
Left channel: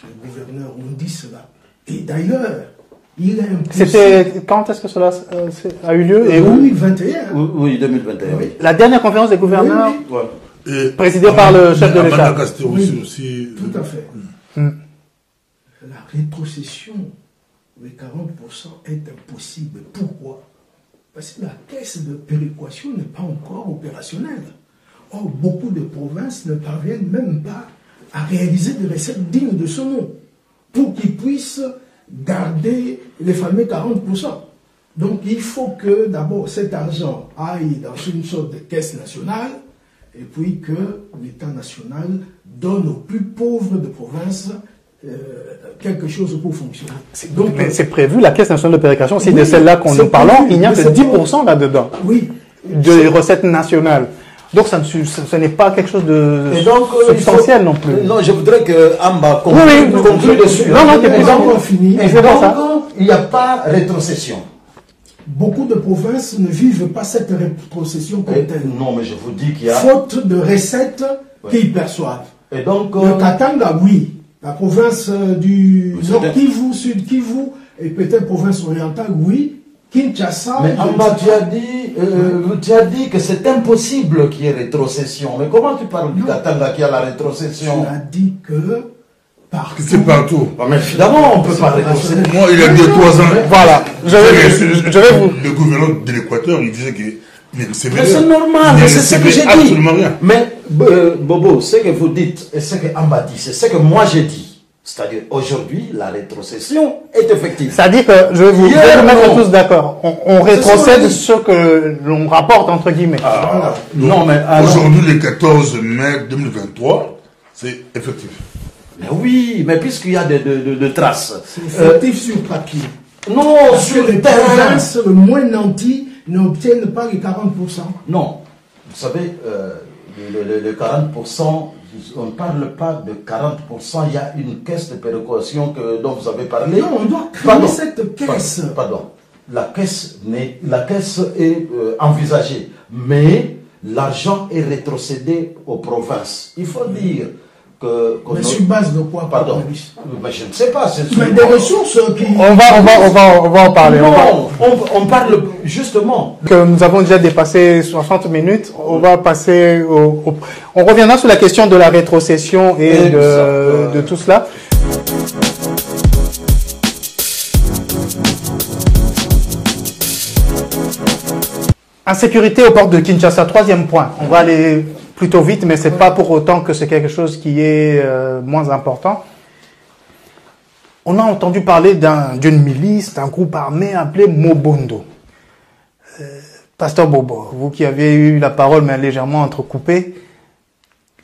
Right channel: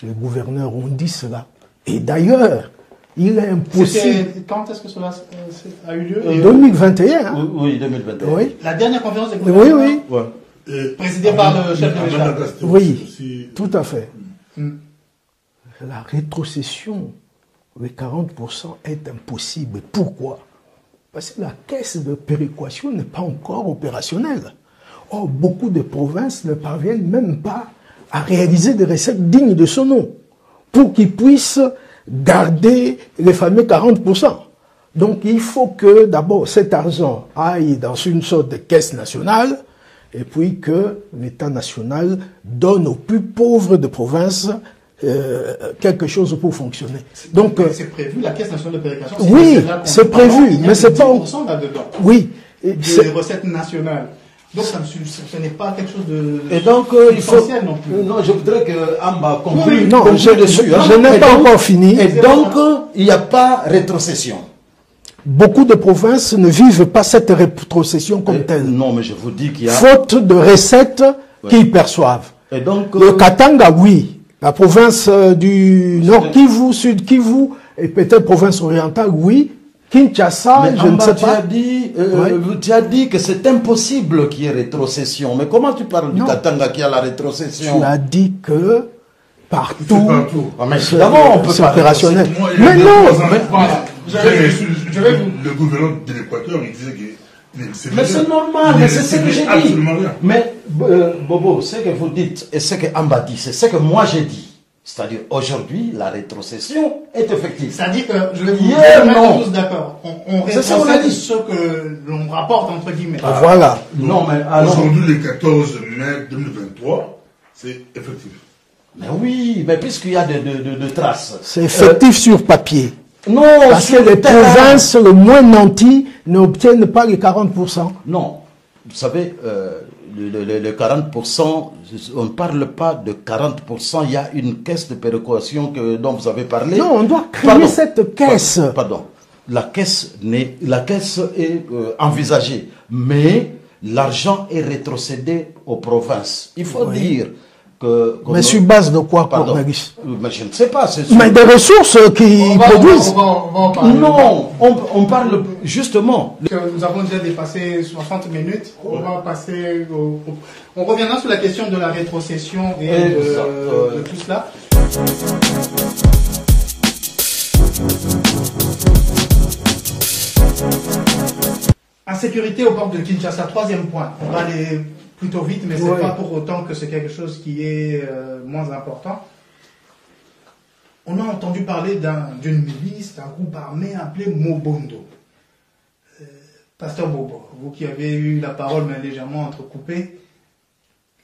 Les gouverneurs ont dit cela. Et d'ailleurs, il est impossible... Quand est-ce que cela a eu lieu? En 2021. Hein. Oui, 2021. Oui. La dernière conférence des gouverneurs, Oui, oui. Ouais. Et présidée par le chef de l'État. Madagascar Oui, aussi. tout à fait. La rétrocession de 40% est impossible. Pourquoi? Parce que la caisse de péréquation n'est pas encore opérationnelle. Or, beaucoup de provinces ne parviennent même pas à réaliser des recettes dignes de ce nom pour qu'ils puissent garder les fameux 40%. Donc, il faut que d'abord cet argent aille dans une sorte de caisse nationale et puis que l'État national donne aux plus pauvres de province quelque chose pour fonctionner. Donc c'est prévu, la Caisse nationale de péréquation, c'est Oui, de celle-là qu'on c'est nous parlons, prévu, il n'y a mais que c'est 10% là-dedans Oui. des recettes nationales. Donc ce n'est pas quelque chose de Et donc, substantiel non plus. Non, je voudrais que Amba conclue, Oui, non, conclue je- dessus. non, hein. je n'ai Et pas donc- encore fini. Et C'est donc, ça. il n'y a pas rétrocession. Beaucoup de provinces ne vivent pas cette rétrocession comme telle. Non, mais je vous dis qu'il y a... Faute de recettes qu'ils perçoivent. Et donc, Le Katanga, oui. La province du C'est Nord bien. Kivu, Sud Kivu, et peut-être province orientale, oui. Kinshasa, mais je ne Amba, sais tu pas. tu as dit que c'est impossible qu'il y ait rétrocession. Mais comment tu parles du Non. Katanga qui a la rétrocession? Tu as dit que partout, C'est partout. Mais évidemment, on peut c'est pas opérationnel. Moi, il y a Mais 2-3 non. ans, Voilà, je vais vous... le gouverneur de l'Équateur, il disait qu'il ne recevait Mais rien. c'est normal, Il mais ne c'est ce que recevait j'ai dit. absolument rien. Mais Bobo, ce que vous dites et ce que Amba dit, c'est ce que moi j'ai dit. C'est-à-dire, aujourd'hui, la rétrocession est effective. C'est-à-dire que je vais vous Hier, mettre non. tous d'accord. On C'est ce qu'on a rétrocède dit. ce que l'on rapporte entre guillemets. Voilà. Non, mais alors... Aujourd'hui, le 14 mai 2023, c'est effectif. Mais oui, mais puisqu'il y a de traces. C'est effectif sur papier. Non, Parce sur que les le terrain. provinces le moins nantis n'obtiennent pas les 40%. Non. Vous savez, le 40%, on ne parle pas de 40%, il y a une caisse de péréquation dont vous avez parlé. Non, on doit créer Pardon. cette caisse. Pardon. La caisse est envisagée, mais l'argent est rétrocédé aux provinces. Il faut dire que... Mais sur base de quoi, Pardon. Cornelis? Mais je ne sais pas. Mais des ressources qui On va en parler. Non, on parle justement. Que nous avons déjà dépassé 60 minutes, on va passer on reviendra sur la question de la rétrocession et de tout cela. Insécurité aux portes de Kinshasa, troisième point. On va aller plutôt vite, mais c'est pas pour autant que c'est quelque chose qui est moins important. On a entendu parler d'une milice, d'un groupe armé appelé Mobondo. Pasteur Bobo, vous qui avez eu la parole mais légèrement entrecoupée,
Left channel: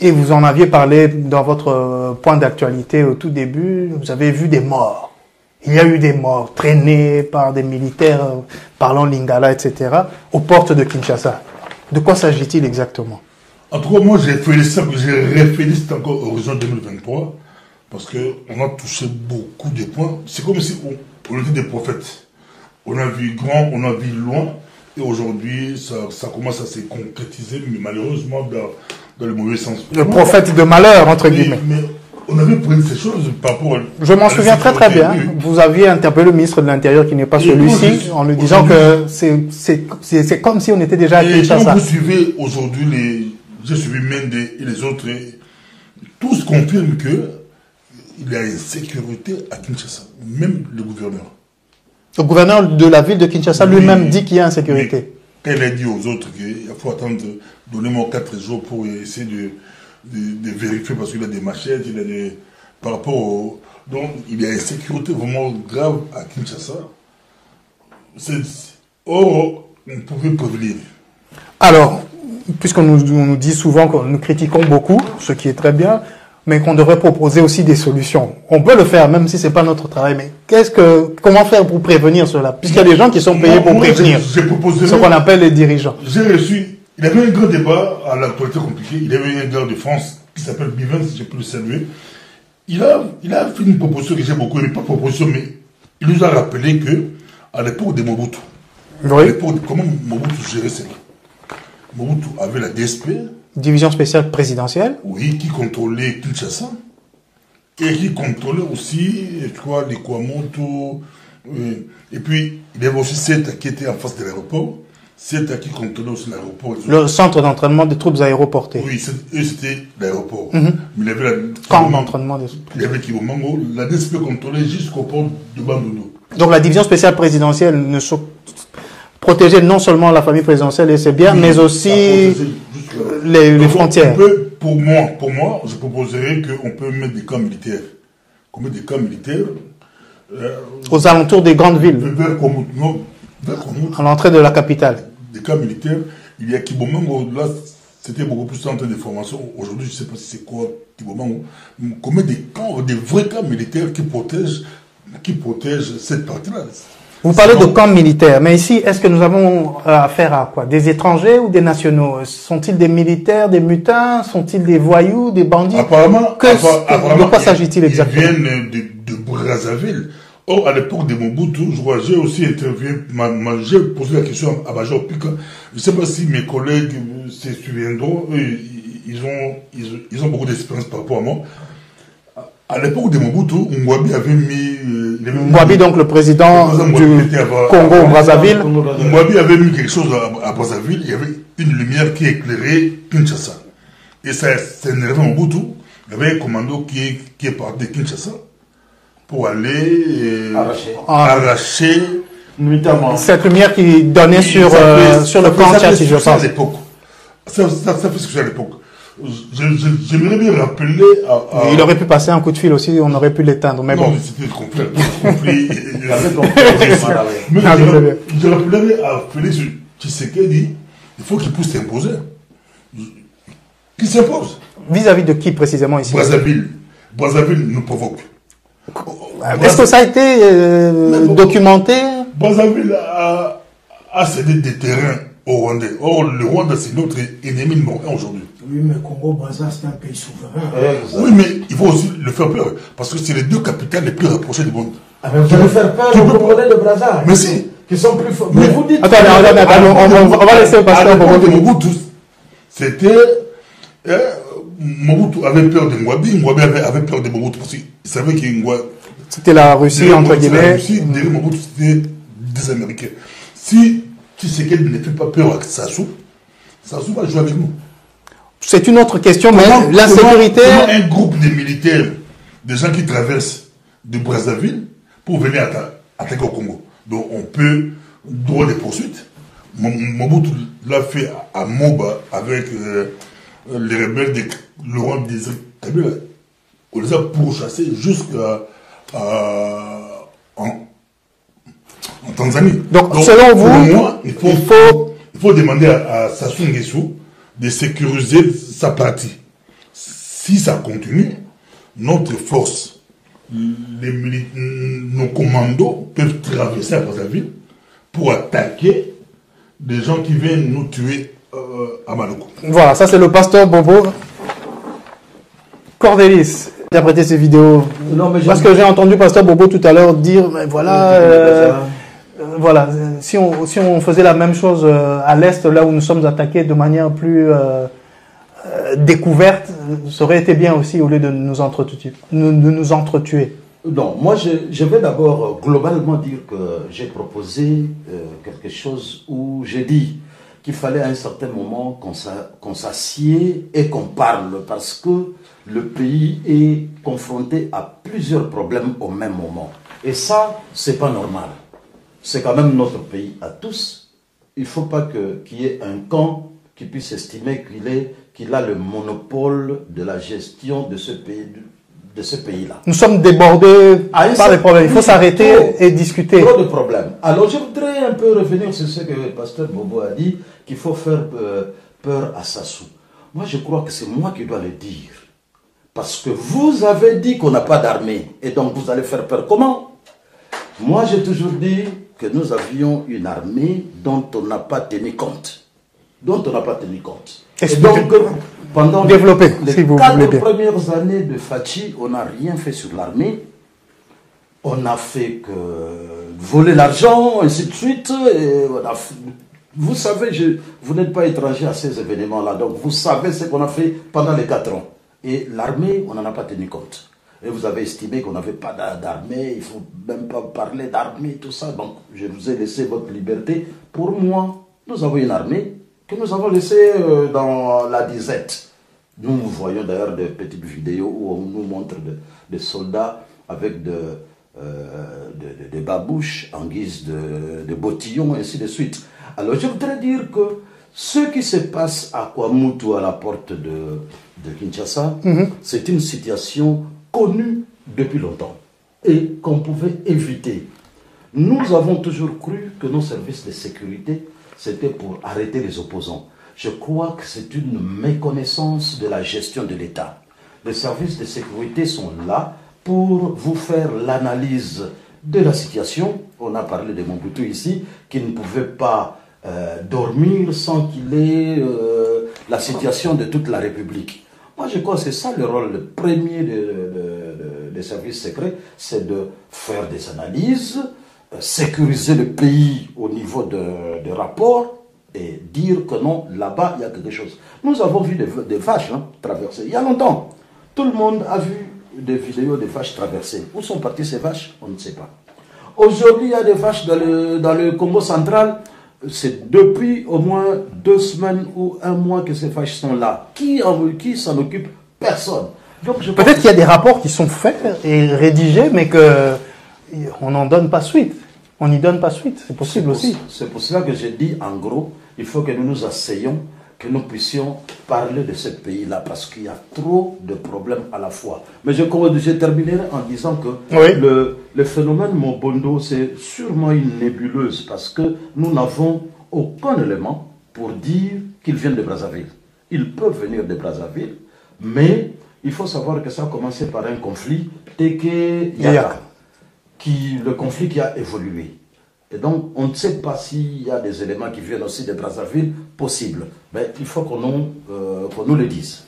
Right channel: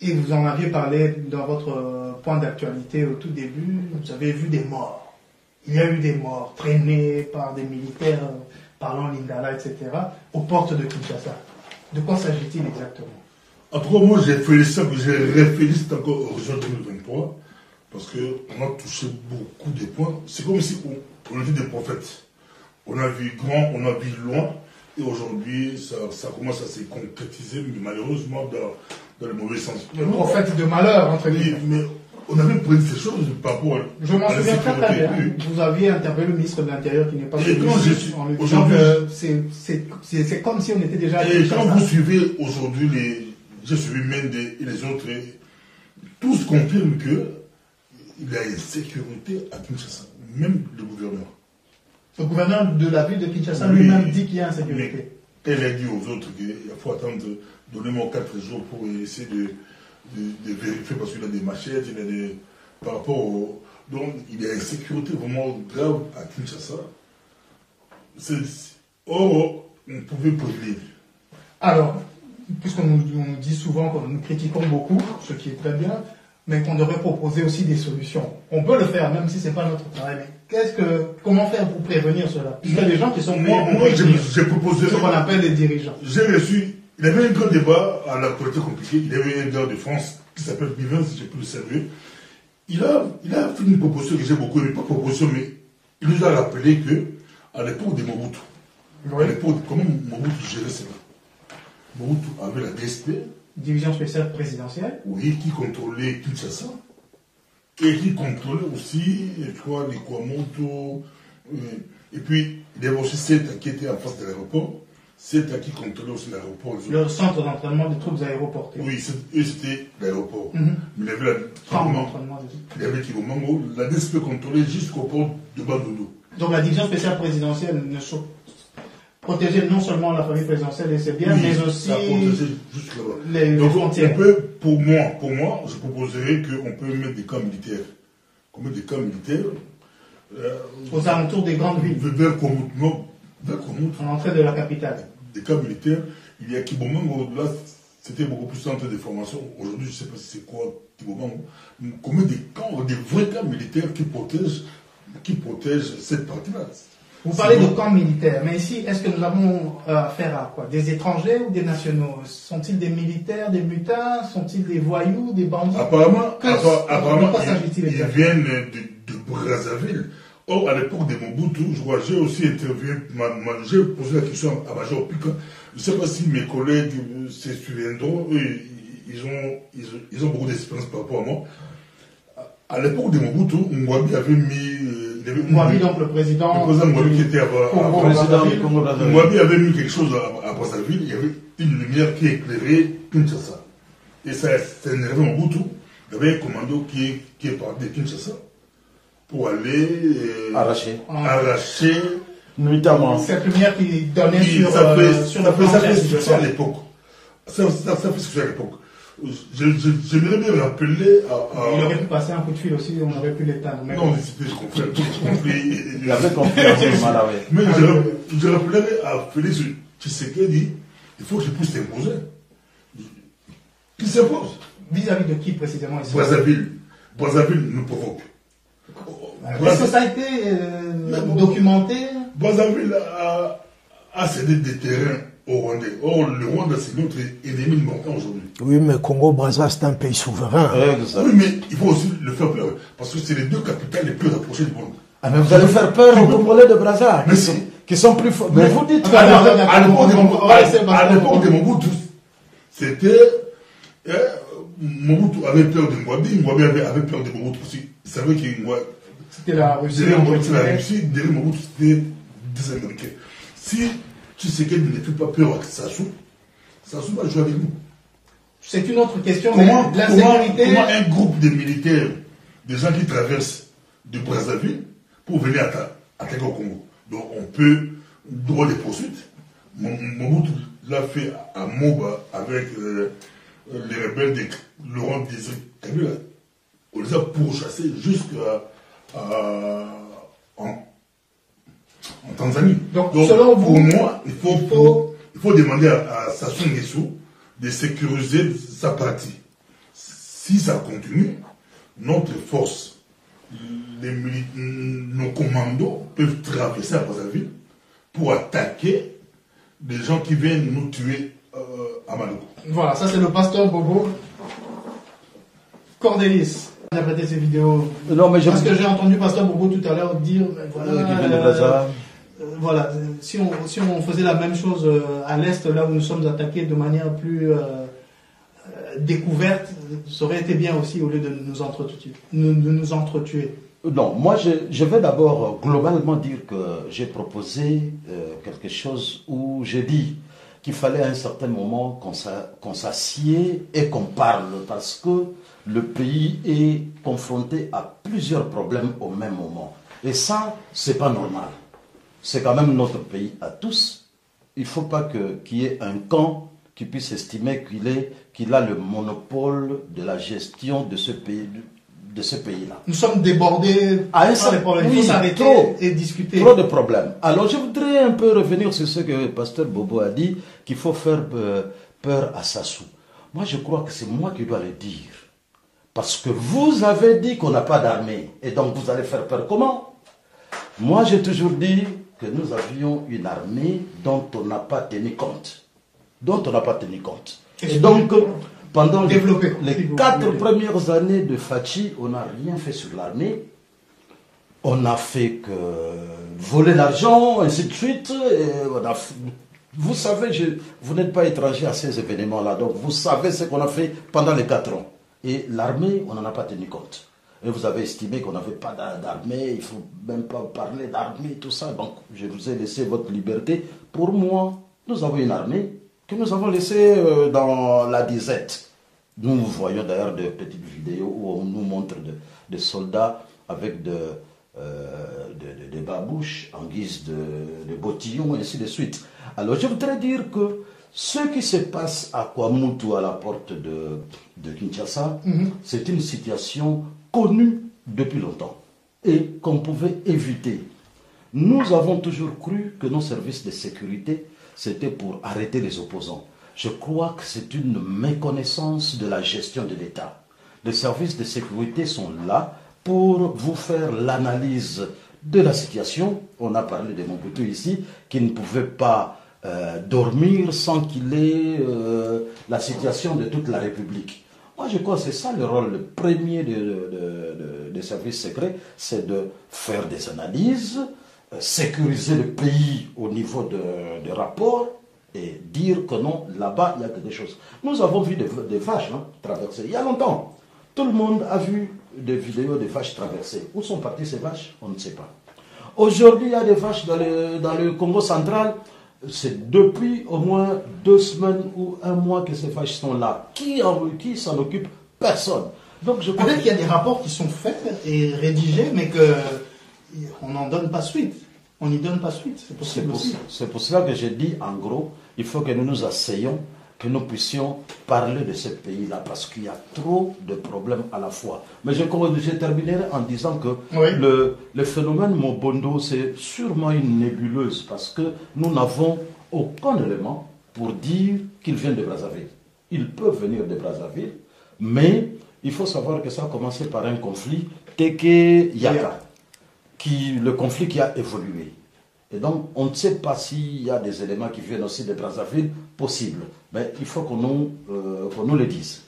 et vous en aviez parlé dans votre point d'actualité au tout début, vous avez vu des morts. Il y a eu des morts traînées par des militaires parlant lingala, etc., aux portes de Kinshasa. De quoi s'agit-il exactement? En tout cas, moi, j'ai réfléchi encore Horizon 2023 parce qu'on a touché beaucoup de points. C'est comme si on était des prophètes. On a vu grand, on a vu loin, et aujourd'hui, ça commence à se concrétiser, mais malheureusement, dans le mauvais sens. Le prophète de malheur, entre guillemets. Mais on avait pris ces choses par rapport à... Je m'en souviens très très bien. Vous aviez interpellé le ministre de l'Intérieur, qui n'est pas celui-ci, en lui disant que c'est comme si on était déjà à Kinshasa. Quand vous suivez aujourd'hui, j'ai suivi Mende et les autres, tous confirment qu'il y a une sécurité à Kinshasa, même le gouverneur. Le gouverneur de la ville de Kinshasa lui-même dit qu'il y a insécurité. Quand il a dit aux autres qu'il faut attendre, donnez-moi 4 jours pour essayer de vérifier parce qu'il a des machettes, il a des... Par rapport au... Donc, il y a une insécurité vraiment grave à Kinshasa. Or, on pouvait prévenir. Alors, puisqu'on nous dit souvent que nous critiquons beaucoup, ce qui est très bien, mais qu'on devrait proposer aussi des solutions. On peut le faire, même si ce n'est pas notre travail, mais comment faire pour prévenir cela? Puisqu'il y a des gens qui sont payés pour prévenir, ce qu'on appelle les dirigeants. J'ai reçu, il y avait un grand débat à l'actualité compliquée, il y avait un gars de France qui s'appelle Bivens, j'ai pu le saluer. Il a fait une proposition que j'ai beaucoup aimé, pas proposition, mais il nous a rappelé que à l'époque de Mobutu, comment Mobutu gérait cela? Mobutu avait la DSP, Division spéciale présidentielle. Oui, qui contrôlait Kinshasa. Et qui contrôlait aussi, je crois, les Kwamoto. Et puis, il y avait aussi CETA qui était en face de l'aéroport. CETA qui contrôlait aussi l'aéroport. Le centre d'entraînement des troupes aéroportées. Oui, c'était l'aéroport. Mais il y avait la... Camp d'entraînement des troupes. Il y avait Kibomango. La DSP contrôlait jusqu'au port de Bandundu. Donc la division spéciale présidentielle protégeait non seulement la famille présidentielle et ses biens, mais aussi les frontières. Pour moi, je proposerais qu'on peut mettre des camps militaires. Qu'on mette des camps militaires aux alentours des grandes villes. Vers Komut, à l'entrée de la capitale. Des camps militaires. Il y a Kibomango, là, c'était beaucoup plus centre de formation. Aujourd'hui, je ne sais pas si c'est quoi Kibomango. Qu'on mette des vrais camps militaires qui protègent cette partie-là. Vous parlez de camps militaires, mais ici, est-ce que nous avons affaire à quoi? Des étrangers ou des nationaux? Sont-ils des militaires, des mutins? Sont-ils des voyous, des bandits? Apparemment, de quoi s'agit-il exactement? Ils viennent de Brazzaville. Or, à l'époque de Mobutu, j'ai aussi interviewé, j'ai posé la question à Major Pika. Je ne sais pas si mes collègues se souviendront, ils ont beaucoup d'expérience par rapport à moi. À l'époque de Mobutu, Mwabi avait mis... Mwabi, donc le président du Congo-Brazzaville. Mwabi avait mis quelque chose à Brazzaville, il y avait une lumière qui éclairait Kinshasa. Et ça énervait Mobutu. Il y avait un commando qui est parti de Kinshasa pour aller arracher notamment cette lumière qui donnait sur le camp Tchati, je pense. Ça fait ce que à l'époque. J'aimerais bien rappeler Il aurait pu passer un coup de fil aussi, on aurait pu l'éteindre, mais non, bon. c'était le conflit. Mais je rappellerais à Félix Tshisekedi, il faut qu'il puisse s'imposer. Qu'il s'impose. Vis-à-vis de qui précisément ici? Brazzaville nous provoque. Est-ce que ça a été documenté? Brazzaville a cédé des terrains au Rwandais. Or, le Rwanda, c'est notre ennemi numéro 1 aujourd'hui. Oui, mais Congo-Brazza, c'est un pays souverain. Oui, mais il faut aussi le faire peur. Parce que c'est les deux capitales les plus rapprochées du monde. Ah, mais vous allez faire peur aux Congolais de Brazza. Mais si. Qui sont plus forts. Mais vous dites... Attends, on va laisser passer à Mobutu. C'était... Mobutu avait peur de Mwabi. Mwabi avait peur de Mobutu. Parce qu'il savait qu'il... C'était la Russie, entre guillemets. La Russie, derrière Mobutu, c'était des Américains. Si Tshisekedi ne fait pas peur à Sassou va jouer avec nous. C'est une autre question, mais l'insécurité... Comment un groupe de militaires, des gens qui traversent de Brazzaville pour venir attaquer au Congo. Donc on peut droit des poursuites. Mobutu l'a fait à Moba avec les rebelles de Laurent Désiré Kabila. On les a pourchassés jusqu'à en Tanzanie. Donc selon vous, moi, il faut demander à Sassou Nguesso de sécuriser sa partie. Si ça continue, notre force nos commandos peuvent traverser à Brazzaville pour attaquer des gens qui viennent nous tuer à Maloko. Voilà, ça c'est le pasteur Bobo. Cordélis, interpréter ces vidéos. Non, mais parce que j'ai entendu pasteur Bobo tout à l'heure dire, mais voilà, voilà, si on faisait la même chose à l'Est, là où nous sommes attaqués de manière plus découverte, ça aurait été bien aussi au lieu de nous entretuer. Non, moi je vais d'abord globalement dire que j'ai proposé quelque chose où j'ai dit qu'il fallait à un certain moment qu'on s'assied et qu'on parle parce que le pays est confronté à plusieurs problèmes au même moment. Et ça, c'est pas normal. C'est quand même notre pays à tous. Il ne faut pas qu'il y ait un camp qui puisse estimer qu'il a le monopole de la gestion de ce pays-là. Nous sommes débordés par les problèmes. Il faut s'arrêter et discuter. Trop de problèmes. Alors je voudrais un peu revenir sur ce que le pasteur Bobo a dit, qu'il faut faire peur à Sassou. Moi je crois que c'est moi qui dois le dire. Parce que vous avez dit qu'on n'a pas d'armée. Et donc vous allez faire peur comment? Moi j'ai toujours dit que nous avions une armée dont on n'a pas tenu compte. Et donc, pendant les 4 premières années de Fachi, on n'a rien fait sur l'armée. On n'a fait que voler l'argent, ainsi de suite. Et vous savez, vous n'êtes pas étranger à ces événements-là. Donc, vous savez ce qu'on a fait pendant les 4 ans. Et l'armée, on n'en a pas tenu compte. Et vous avez estimé qu'on n'avait pas d'armée, il ne faut même pas parler d'armée, tout ça. Donc, je vous ai laissé votre liberté. Pour moi, nous avons une armée que nous avons laissée dans la disette. Nous voyons d'ailleurs des petites vidéos où on nous montre des soldats avec des babouches en guise de bottillons, et ainsi de suite. Alors, je voudrais dire que ce qui se passe à Kwamutu, à la porte de Kinshasa, c'est une situation connue depuis longtemps et qu'on pouvait éviter. Nous avons toujours cru que nos services de sécurité, c'était pour arrêter les opposants. Je crois que c'est une méconnaissance de la gestion de l'État. Les services de sécurité sont là pour vous faire l'analyse de la situation. On a parlé de Mobutu ici, qui ne pouvait pas dormir sans qu'il ait la situation de toute la République. Moi, je crois que c'est ça le rôle premier des services secrets, c'est de faire des analyses, sécuriser le pays au niveau des rapports et dire que non, là-bas, il y a quelque chose. Nous avons vu des vaches traverser. Il y a longtemps, tout le monde a vu des vidéos de vaches traverser. Où sont parties ces vaches? On ne sait pas. Aujourd'hui, il y a des vaches dans le Congo central. C'est depuis au moins 2 semaines ou 1 mois que ces vaches sont là. Qui s'en occupe? Personne. Peut-être qu'il y a des rapports qui sont faits et rédigés, mais qu'on n'en donne pas suite. On n'y donne pas suite. C'est possible aussi. C'est pour cela que j'ai dit, en gros, il faut que nous nous asseyons, que nous puissions parler de ce pays-là, parce qu'il y a trop de problèmes à la fois. Mais je terminerai en disant que le phénomène Mobondo, c'est sûrement une nébuleuse, parce que nous n'avons aucun élément pour dire qu'ils viennent de Brazzaville. Ils peuvent venir de Brazzaville, mais il faut savoir que ça a commencé par un conflit Teke-Yaka, le conflit qui a évolué. Et donc, on ne sait pas s'il y a des éléments qui viennent aussi de Brazzaville, possible. Mais il faut qu'on nous le dise.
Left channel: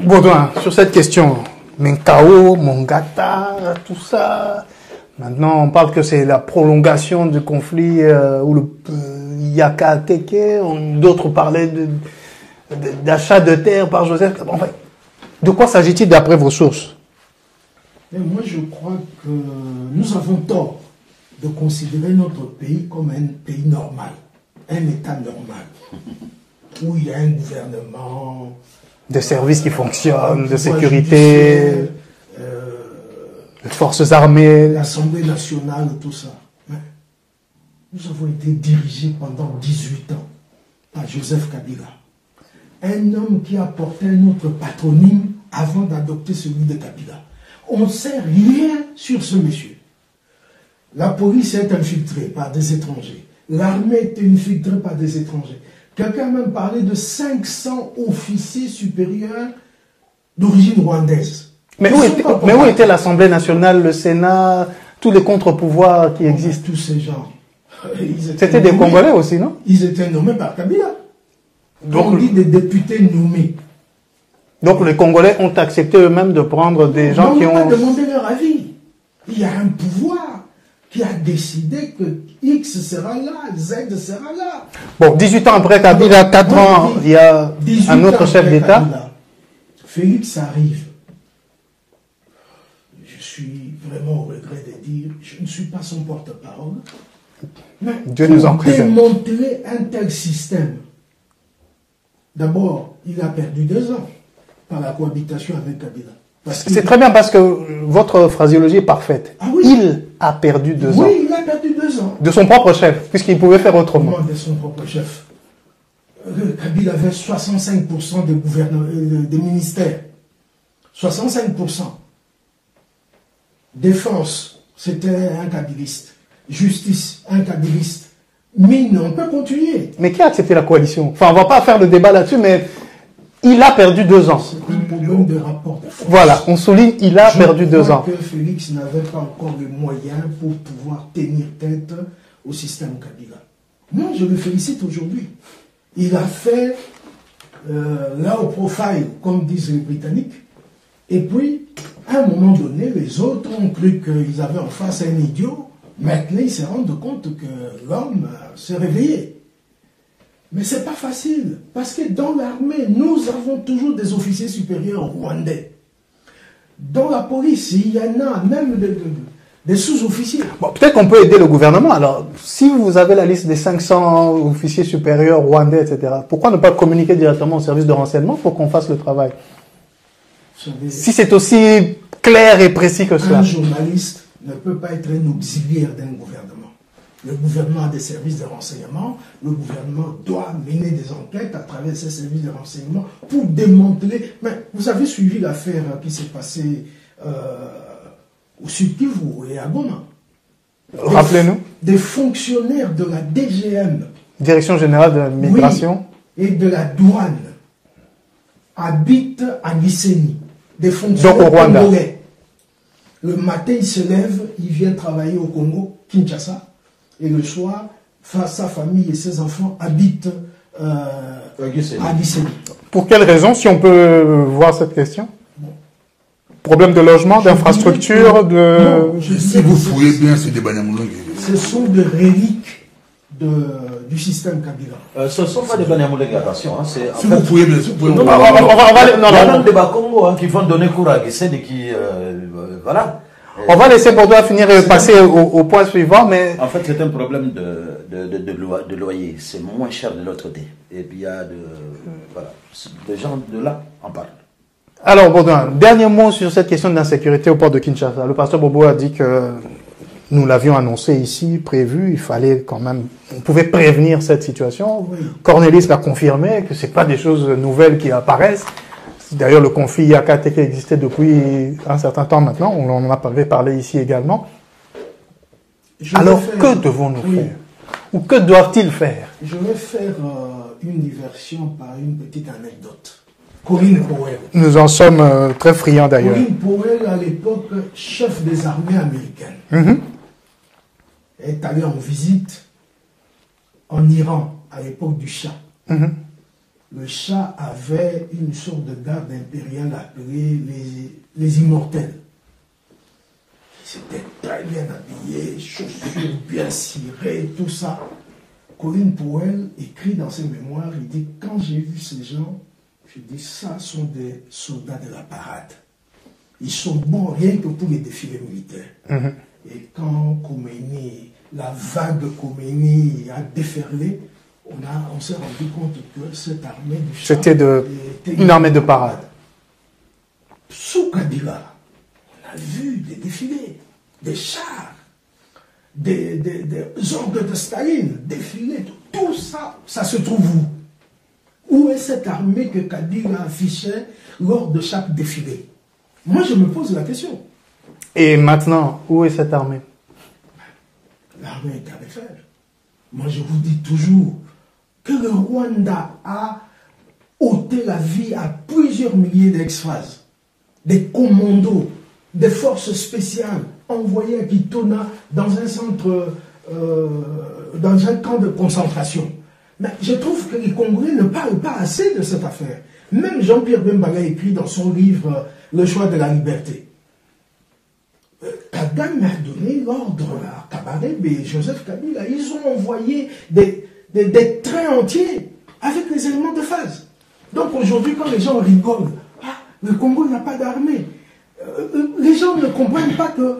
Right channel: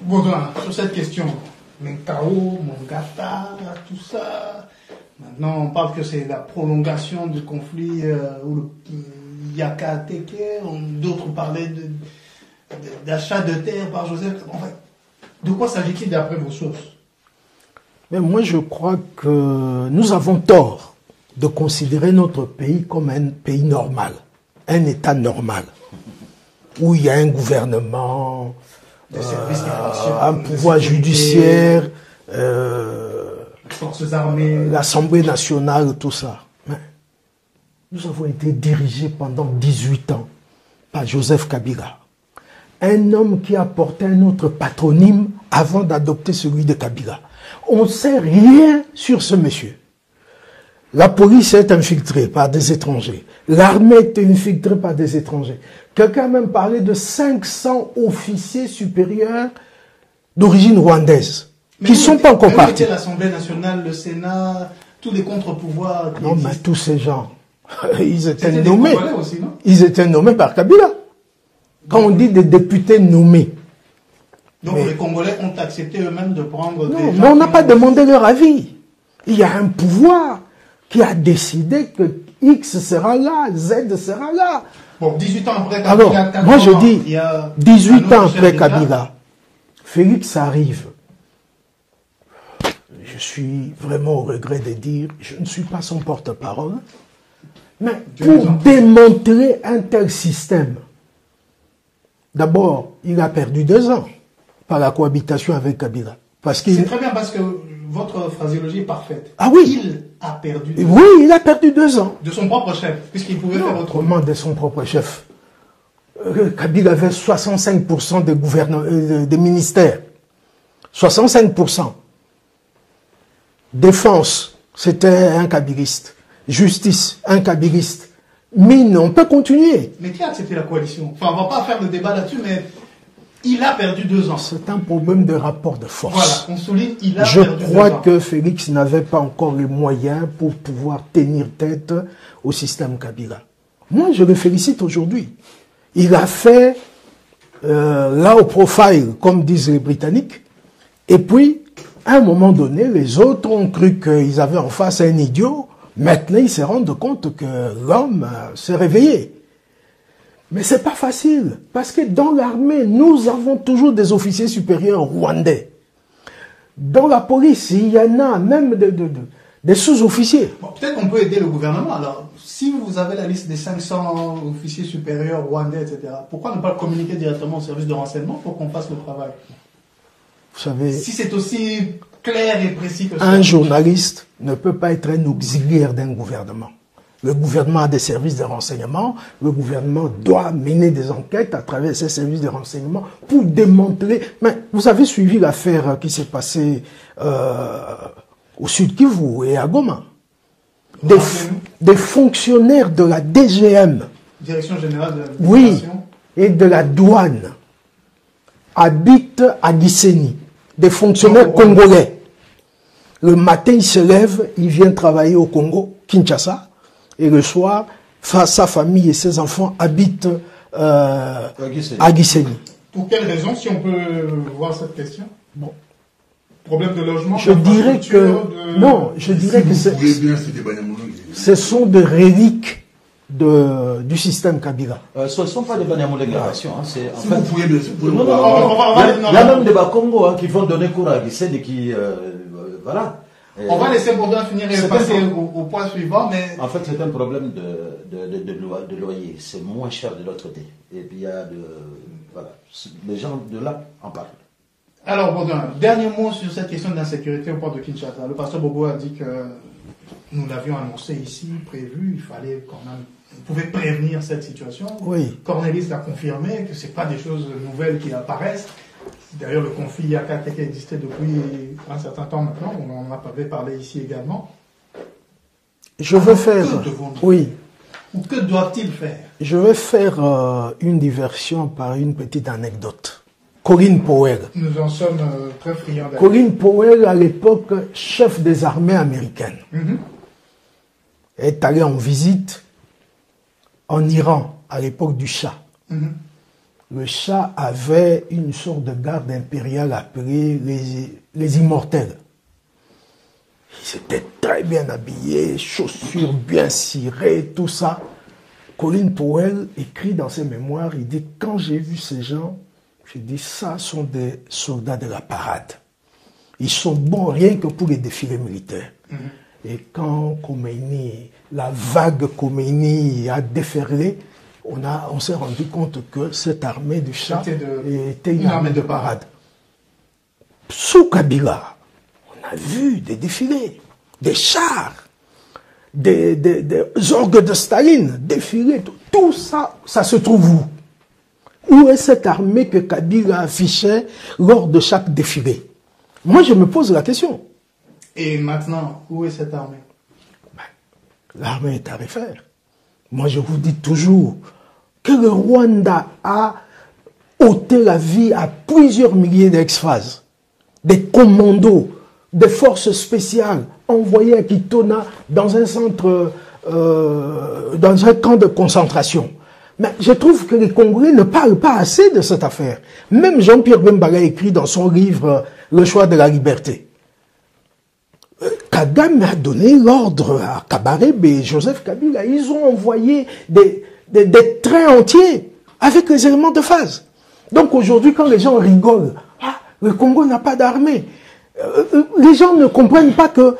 Baudouin, sur cette question, Menkao, Mongata, tout ça, maintenant on parle que c'est la prolongation du conflit ou le Yaka Teke, d'autres parlaient d'achat de terre par Joseph. Enfin, de quoi s'agit-il d'après vos sources? Mais moi, je crois que nous avons tort de considérer notre pays comme un pays normal, un État normal, où il y a un gouvernement, des services qui fonctionnent, de sécurité, les forces armées, l'Assemblée nationale, tout ça. Mais nous avons été dirigés pendant 18 ans par Joseph Kabila, un homme qui a porté un autre patronyme avant d'adopter celui de Kabila. On ne sait rien sur ce monsieur. La police est infiltrée par des étrangers. L'armée est infiltrée par des étrangers. Quelqu'un a même parlé de 500 officiers supérieurs d'origine rwandaise. Mais où était l'Assemblée nationale, le Sénat, tous les contre-pouvoirs qui existent? Tous ces gens, c'était des Congolais aussi, non? Ils étaient nommés par Kabila. Quand on dit des députés nommés. Donc les Congolais ont accepté eux-mêmes de prendre des gens qui on n'a pas demandé leur avis. Il y a un pouvoir qui a décidé que X sera là, Z sera là. Bon, 18 ans après Kabila, 4 ans, il y a 18 un autre ans chef après d'État. Kabila, Félix arrive. Je suis vraiment au regret de dire, je ne suis pas son porte-parole, mais Dieu nous en pour préserve. démanteler un tel système, d'abord, il a perdu 2 ans par la cohabitation avec Kabila. C'est très bien parce que votre phraséologie est parfaite. Ah oui. Il a perdu 2 ans. Oui, il a perdu 2 ans. De son propre chef, puisqu'il pouvait faire autrement. De son propre chef. Kabila avait 65% des ministères. 65%. Défense, c'était un kabiliste. Justice, un kabiliste. Mine, on peut continuer. Mais qui a accepté la coalition? Enfin, on ne va pas faire le débat là-dessus, mais il a perdu 2 ans. C'est un problème de rapport de force. Voilà, on souligne, il a perdu 2 ans. Je crois que Félix n'avait pas encore les moyens pour pouvoir tenir tête au système Kabila. Moi, je le félicite aujourd'hui. Il a fait low profile, comme disent les Britanniques. Et puis, à un moment donné, les autres ont cru qu'ils avaient en face un idiot. Maintenant, ils se rendent compte que l'homme s'est réveillé. Mais c'est pas facile, parce que dans l'armée, nous avons toujours des officiers supérieurs rwandais. Dans la police, il y en a même des sous-officiers. Bon, peut-être qu'on peut aider le gouvernement. Alors, si vous avez la liste des 500 officiers supérieurs rwandais, etc., pourquoi ne pas communiquer directement au service de renseignement pour qu'on fasse le travail? Vous savez, si c'est aussi clair et précis que ça. Un journaliste ne peut pas être un auxiliaire d'un gouvernement. Le gouvernement a des services de renseignement. Le gouvernement doit mener des enquêtes à travers ces services de renseignement pour démanteler. Mais vous avez suivi l'affaire qui s'est passée au Sud Kivu et à Goma. Rappelez-nous. Des fonctionnaires de la DGM. Direction générale de l'immigration. Oui, et de la douane habitent à Gisenyi. Des fonctionnaires congolais. Le matin, il se lève, il vient travailler au Congo, Kinshasa. Et le soir, sa famille et ses enfants habitent à Gisenyi. Pour quelle raison, si on peut voir cette question? Bon. Problème de logement, d'infrastructure, de... Non, je dirais que vous pouvez bien se Banyamulenge. Ce sont des reliques du système Kabila. Ce ne sont pas des Banyamulenge, attention. Si vous pouvez bien, si vous pouvez... Il y a même des Bakongo qui vont donner cours à Gisenyi qui... voilà. On va laisser Bordeaux finir et passer au point suivant, mais... En fait, c'est un problème de loyer. C'est moins cher de l'autre côté. Et puis, il y a de... Voilà. Les gens de là en parlent. Alors, Baudouin, dernier mot sur cette question d'insécurité au port de Kinshasa. Le pasteur Bobo a dit que nous l'avions annoncé ici, prévu, il fallait quand même... On pouvait prévenir cette situation. Oui. Cornelis l'a confirmé, que ce n'est pas des choses nouvelles qui apparaissent. D'ailleurs, le conflit Yakate existait depuis un certain temps maintenant. On en avait parlé ici également. Alors, que devons-nous faire? Ou que doivent-ils faire? Je vais faire une diversion par une petite anecdote. Colin Powell. Nous en sommes très friands d'ailleurs. Colin Powell, à l'époque, chef des armées américaines, est allé en visite en Iran, à l'époque du Shah. Le Shah avait une sorte de garde impériale appelée les Immortels. Ils étaient très bien habillés, chaussures bien cirées, tout ça. Colin Powell écrit dans ses mémoires, il dit, quand j'ai vu ces gens, je dis, ça sont des soldats de la parade. Ils sont bons rien que pour les défilés militaires. Et quand Khomeini, la vague Khomeini a déferlé, on s'est rendu compte que cette armée du Shah était une armée de parade. Sous Kabila, on a vu des défilés, des chars, des orgues de Staline défiler. Tout ça, ça se trouve où? Où est cette armée que Kabila affichait lors de chaque défilé? Moi, je me pose la question. Et maintenant, où est cette armée? L'armée est à refaire. Moi, je vous dis toujours que le Rwanda a ôté la vie à plusieurs milliers d'ex-phases. des commandos, des forces spéciales envoyées à Kitona dans un centre, dans un camp de concentration. Mais je trouve que les Congolais ne parlent pas assez de cette affaire. Même Jean-Pierre Bemba a écrit dans son livre Le choix de la liberté. Kagame a donné l'ordre à Kabarebe et Joseph Kabila. Ils ont envoyé des trains entiers avec les éléments de phase. Donc aujourd'hui, quand les gens rigolent, le Congo n'a pas d'armée. Les gens ne comprennent pas que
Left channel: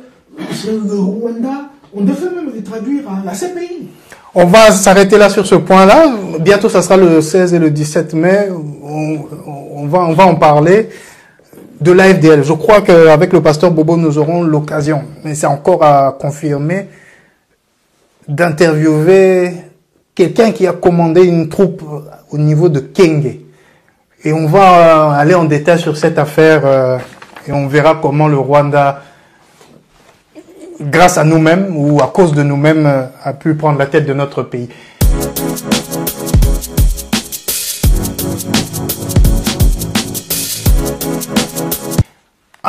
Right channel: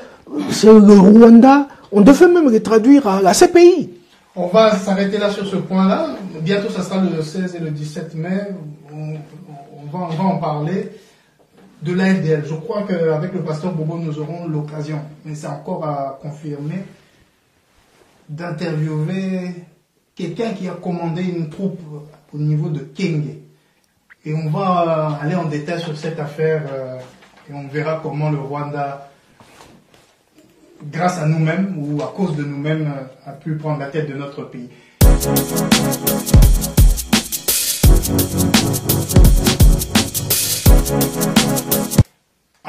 c'est le Rwanda. On devait même les traduire à la CPI. On va s'arrêter là sur ce point-là. Bientôt, ça sera le 16 et le 17 mai. On va en parler de l'AFDL. Je crois qu'avec le pasteur Bobo, nous aurons l'occasion, mais c'est encore à confirmer, d'interviewer quelqu'un qui a commandé une troupe au niveau de Kenge. Et on va aller en détail sur cette affaire et on verra comment le Rwanda, grâce à nous-mêmes ou à cause de nous-mêmes, a pu prendre la tête de notre pays.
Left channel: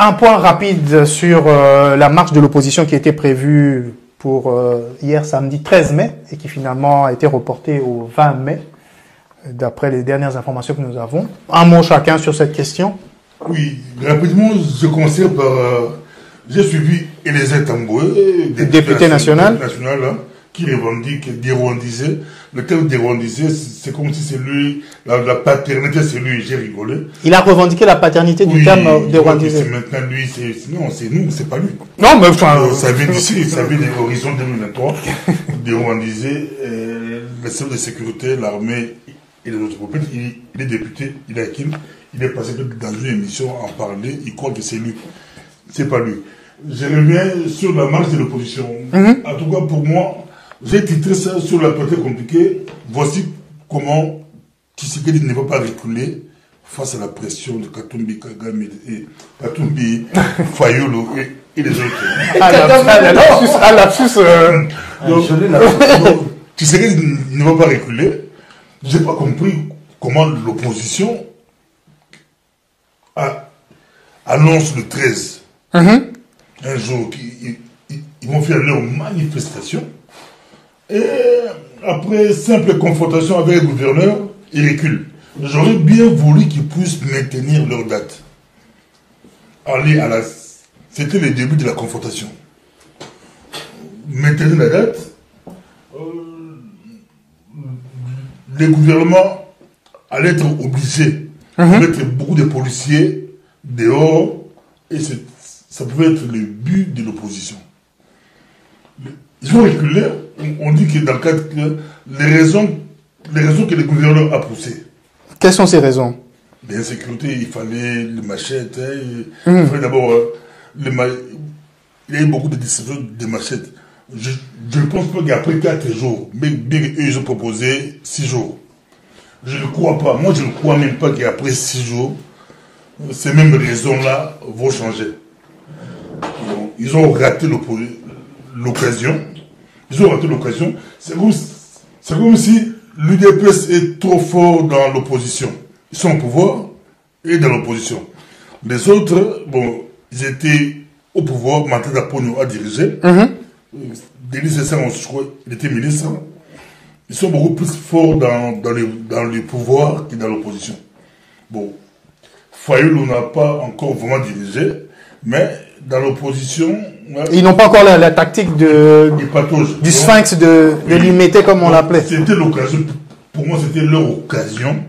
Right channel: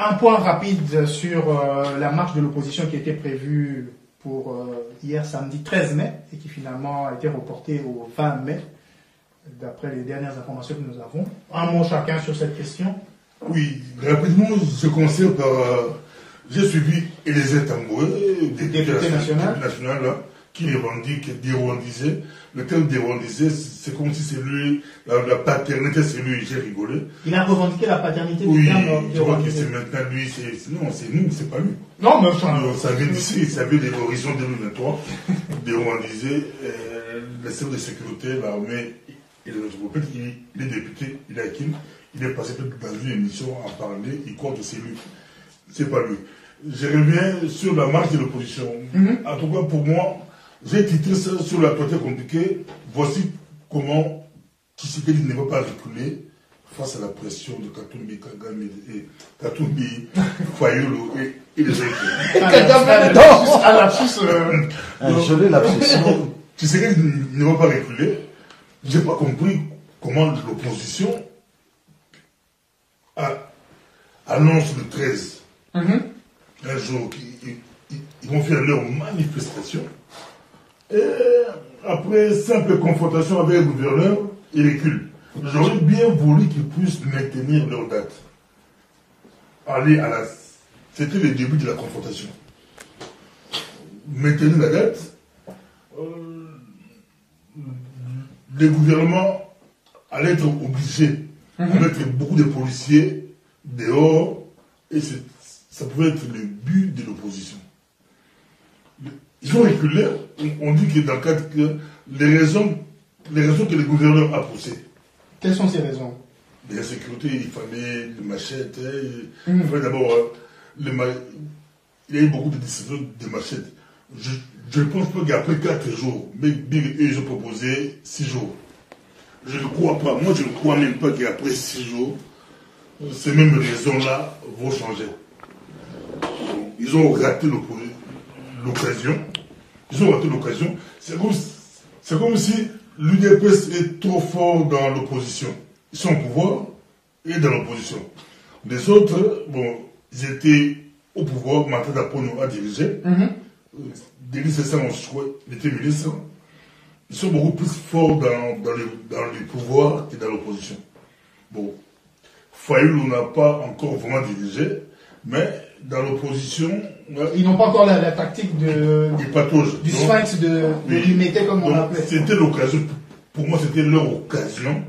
Un point rapide sur la marche de l'opposition qui était prévue pour hier samedi 13 mai et qui finalement a été reportée au 20 mai, d'après les dernières informations que nous avons. Un mot chacun sur cette question. Oui, rapidement, je commence par... j'ai suivi Eliezer Tamboué, député national, qui revendique dérwandiser. Le terme dérwandiser, c'est comme si c'est lui, la paternité, c'est lui, j'ai rigolé. Il a revendiqué la paternité du terme dérwandiser. C'est maintenant lui, non, c'est nous, c'est pas lui. Non, mais enfin... ça vient d'ici, ça vient de l'horizon 2023. Dérwandiser, les services de sécurité, l'armée et les autres groupes. Il est député, il est Hakim, il est passé dans une émission à en parler, il croit que c'est lui. C'est pas lui. Je reviens sur la marche de l'opposition. En tout cas, pour moi, j'ai titré ça sur la partie compliquée. Voici comment Tshisekedi ne va pas reculer face à la pression de Katumbi, Kagame et Katumbi, Fayulu et les autres. Tshisekedi ne va pas reculer. J'ai pas compris comment l'opposition annonce le 13. Un jour, ils vont faire leur manifestation. Et après simple confrontation avec le gouverneur, ils reculent. J'aurais bien voulu qu'ils puissent maintenir leur date. C'était le début de la confrontation. Maintenir la date, le gouvernement allait être obligé de mettre beaucoup de policiers dehors et ça pouvait être le but de l'opposition. Ils ont reculé, on dit que dans le cadre les raisons que le gouverneur a poussées. Quelles sont ces raisons? L'insécurité, il fallait les machettes, il fallait d'abord... il y a eu beaucoup de distributions de machettes. Je ne pense pas qu'après 4 jours, mais bien qu'eux, ils ont proposé 6 jours. Je ne crois pas, moi je ne crois même pas qu'après 6 jours, ces mêmes raisons-là vont changer. Ils ont raté l'occasion. Ils ont raté l'occasion. C'est comme si l'UDPS est trop fort dans l'opposition. Ils sont au pouvoir et dans l'opposition. Les autres, bon, ils étaient au pouvoir, Matata Pono a dirigé. Denis Sassang, je crois, il était ministre. Ils sont beaucoup plus forts dans le pouvoir que dans l'opposition. Bon, Fayulu n'a pas encore vraiment dirigé, mais dans l'opposition... Ils n'ont pas encore la tactique du sphinx de l'humidité, comme on l'appelait. C'était l'occasion, pour moi c'était leur occasion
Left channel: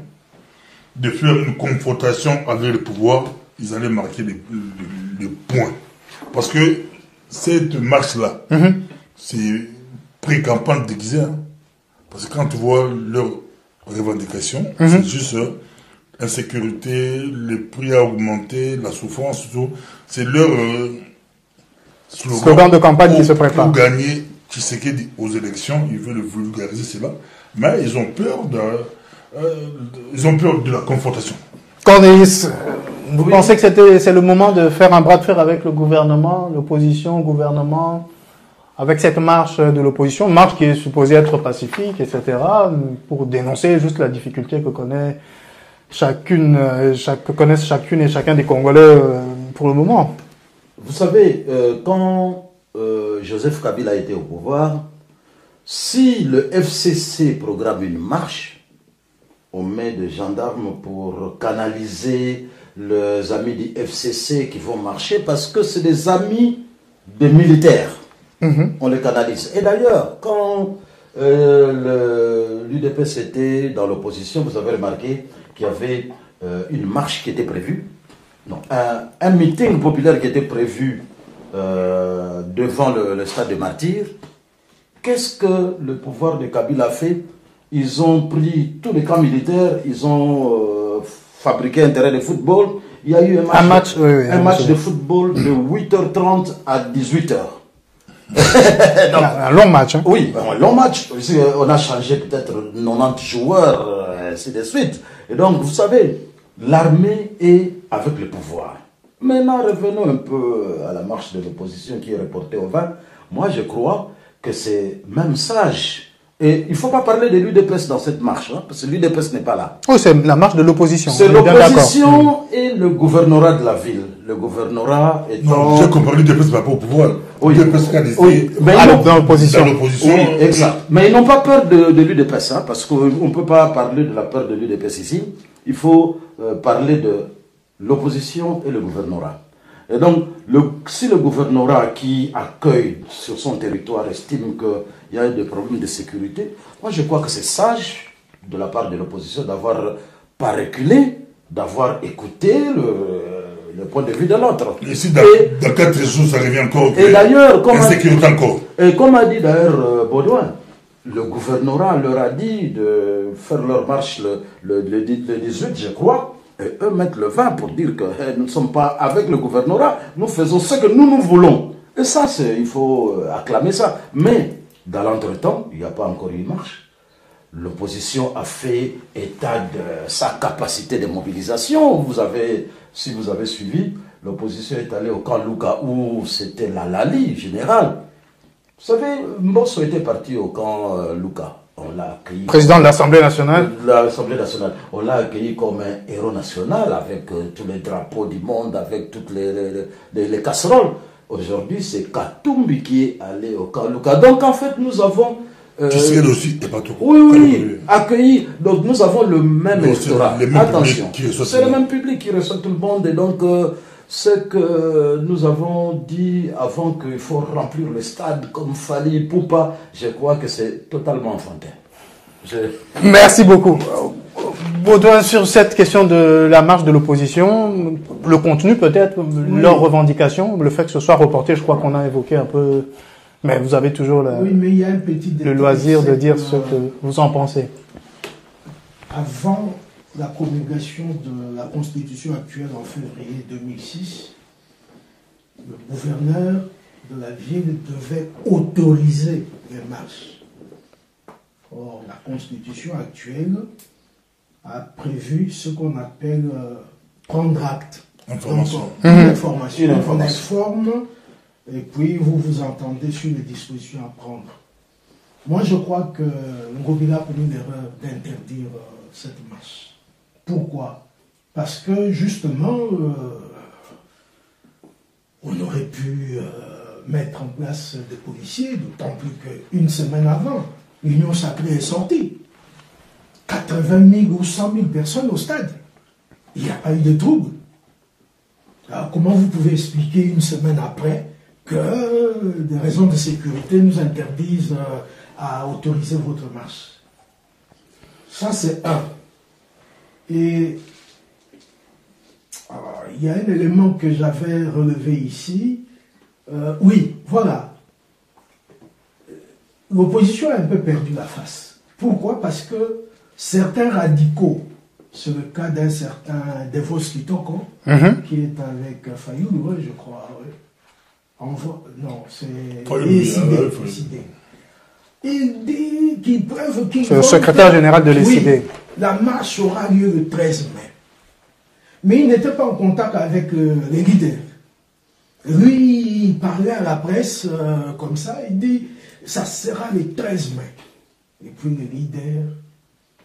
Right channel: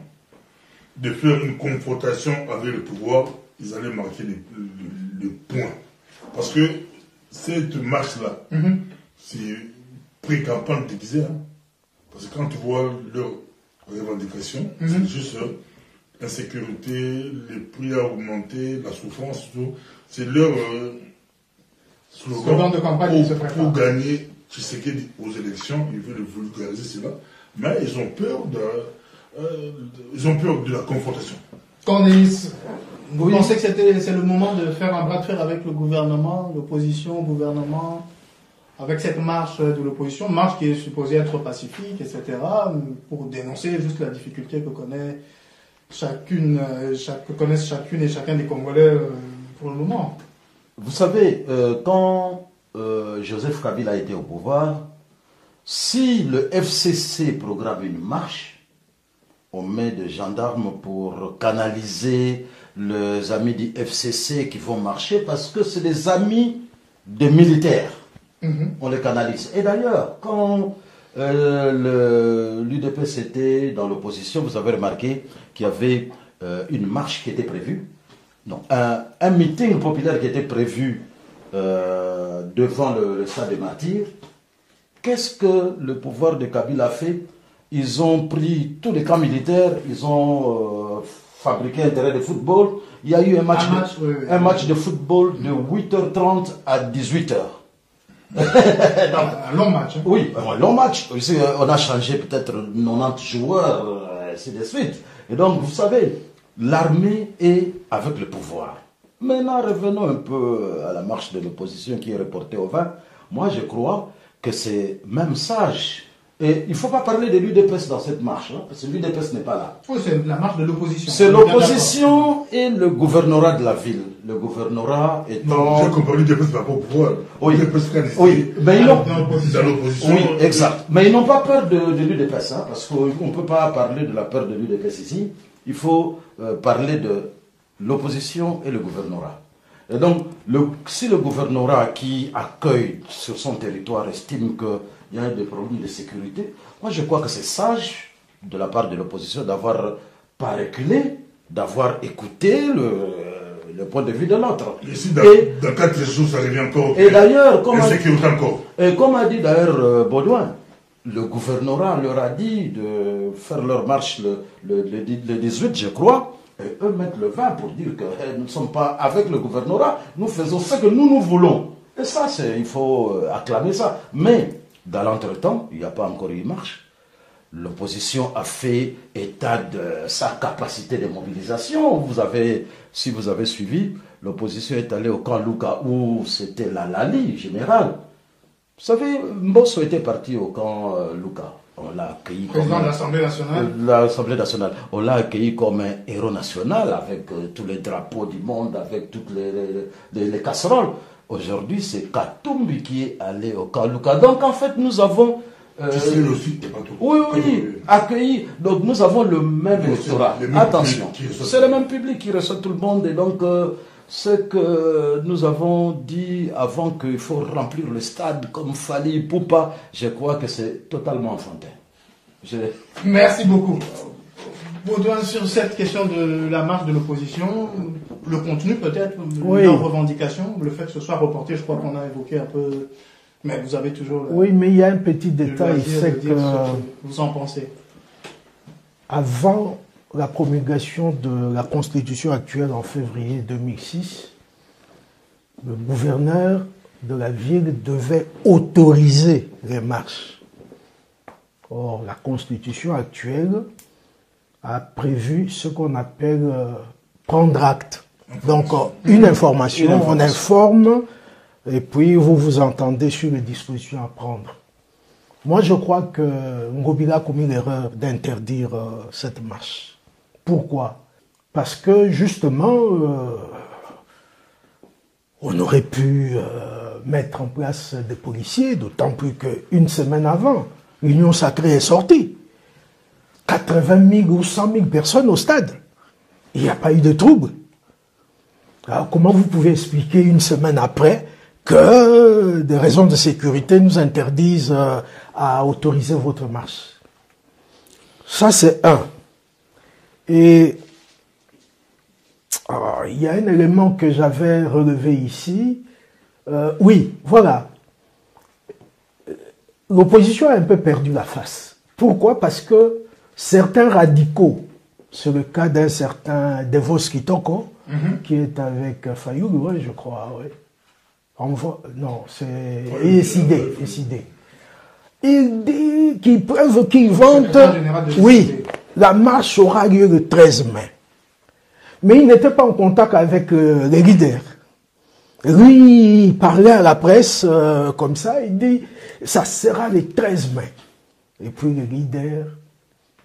de faire une confrontation avec le pouvoir. Ils allaient marquer le point. Parce que cette marche-là, c'est pré-campagne déguisée. Parce que quand tu vois leurs revendications, c'est juste insécurité, le prix a augmenté, la souffrance, tout. C'est leur slogan de campagne qui se prépare. Pour gagner Tshisekedi aux élections, ils veulent vulgariser cela, mais ils ont peur de la confrontation. Cornelis, vous pensez que c'est le moment de faire un bras de fer avec le gouvernement, l'opposition, gouvernement, avec cette marche de l'opposition, marche qui est supposée être pacifique, etc., pour dénoncer juste la difficulté que connaissent chacune et chacun des Congolais pour le moment. Vous savez, quand Joseph Kabila a été au pouvoir, si le FCC programme une marche, on met des gendarmes pour canaliser les amis du FCC qui vont marcher parce que c'est des amis de militaires. On les canalise. Et d'ailleurs, quand l'UDPS était dans l'opposition, vous avez remarqué qu'il y avait une marche qui était prévue. Non, un meeting populaire qui était prévu devant le stade des Martyrs. Qu'est-ce que le pouvoir de Kabila a fait? Ils ont pris tous les camps militaires, ils ont fabriqué un terrain de football. Il y a eu un match de football de 8h30 à 18h. Un long match. Hein. Oui, un long match. On a changé peut-être 90 joueurs, ainsi de suite. Et donc, vous savez, l'armée est avec le pouvoir. Maintenant, revenons un peu à la marche de l'opposition qui est reportée au 20. Moi, je crois que c'est même sage. Et il ne faut pas parler de l'UDPS dans cette marche, hein, parce que l'UDPS n'est pas là. Oh, c'est la marche de l'opposition. C'est l'opposition et le gouvernorat de la ville. Le gouvernorat étant... Non, j'ai compris l'UDPS par rapport au pouvoir. Oui. L'UDPS a décidé Oui, mais dans l'opposition. Oui, exact. Mais ils n'ont pas peur de l'UDPS, hein, parce qu'on ne peut pas parler de la peur de l'UDPS ici. Il faut parler de l'opposition et le gouvernorat. Et donc, si le gouvernorat qui accueille sur son territoire estime qu'il y a des problèmes de sécurité, moi je crois que c'est sage de la part de l'opposition d'avoir pas reculé, d'avoir écouté le point de vue de l'autre. Et si dans 4 jours ça revient encore, et d'ailleurs, comme a dit d'ailleurs Baudouin, le gouvernorat leur a dit de faire leur marche le 18, je crois. Et eux mettent le 20 pour dire que nous ne sommes pas avec le gouvernorat, nous faisons ce que nous voulons. Et ça, il faut acclamer ça. Mais, dans l'entretemps, il n'y a pas encore eu une marche. L'opposition a fait état de sa capacité de mobilisation. Si vous avez suivi, l'opposition est allée au camp Luka où c'était la Lali générale. Vous savez, Mbosso était parti au camp Luka. On l'a accueilli. Président de l'Assemblée nationale. L'Assemblée nationale. On l'a accueilli comme un héros national avec tous les drapeaux du monde, avec toutes les casseroles. Aujourd'hui, c'est Katumbi qui est allé au camp Luka. Donc, en fait, nous avons. Tshisekedi aussi, et pas tout. Oui, accueilli. Donc, nous avons le même électorat. Attention. C'est le même public qui reçoit tout le monde. Et donc, ce que nous avons dit avant qu'il faut remplir le stade comme Fali Poupa, je crois que c'est totalement enfantin. Merci beaucoup. Baudouin, sur cette question de la marche de l'opposition, le contenu peut-être, leurs revendications, le fait que ce soit reporté, je crois qu'on a évoqué un peu, mais vous avez toujours mais il y a un petit détail, le loisir de dire ce que vous en pensez. Avant la promulgation de la Constitution actuelle en février 2006, le gouverneur de la ville devait autoriser les marches. Or, la Constitution actuelle a prévu ce qu'on appelle prendre acte. Donc, une information, on informe, et puis vous vous entendez sur les dispositions à prendre. Moi, je crois que Ngobila a commis l'erreur d'interdire cette marche. Pourquoi? Parce que, justement, on aurait pu mettre en place des policiers, d'autant plus qu'une semaine avant, l'Union sacrée est sortie. 80 000 ou 100 000 personnes au stade. Il n'y a pas eu de trouble. Alors, comment vous pouvez expliquer une semaine après que des raisons de sécurité nous interdisent à autoriser votre marche? Ça, c'est un. Et il y a un élément que j'avais relevé ici. Oui, voilà. L'opposition a un peu perdu la face. Pourquoi? Parce que certains radicaux, c'est le cas d'un certain Devos Kitoko, qui est avec Fayoulou, ouais, je crois. Ouais. Non, c'est ESID. Il dit qu'ils peuvent... C'est le secrétaire général de l'ESID. Oui, la marche aura lieu le 13 mai. Mais il n'était pas en contact avec les leaders. Lui, il parlait à la presse comme ça, il dit, ça sera le 13 mai. Et puis les leaders,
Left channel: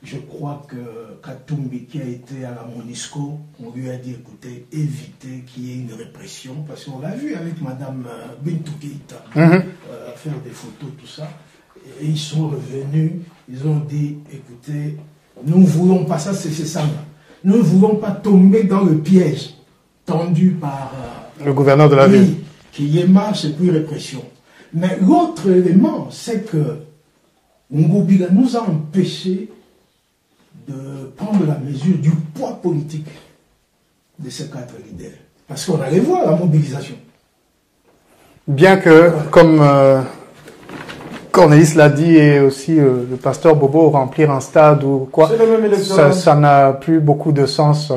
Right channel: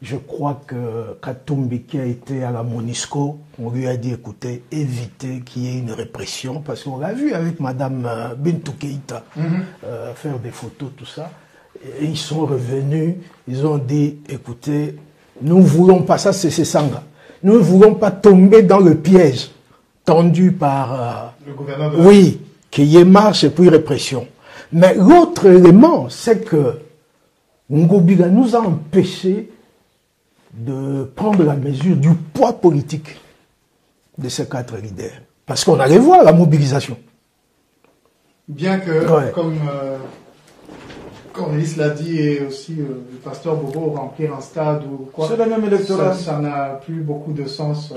Je crois que Katumbi, qui a été à la MONUSCO, on lui a dit, écoutez, évitez qu'il y ait une répression, parce qu'on l'a vu avec Madame Bintou Keïta, faire des photos, tout ça. Et ils sont revenus, ils ont dit, écoutez, nous ne voulons pas, ça c'est Sanga, nous ne voulons pas tomber dans le piège tendu par le gouverneur de la ville. Oui, qu'il y ait marche et puis répression. Mais l'autre élément, c'est que Ngoubiga nous a empêchés de prendre la mesure du poids politique de ces 4 leaders. Parce qu'on allait voir la mobilisation. Bien que, comme Cornelis l'a dit, et aussi le pasteur Bobo, remplir un stade ou quoi, ça n'a plus beaucoup de sens.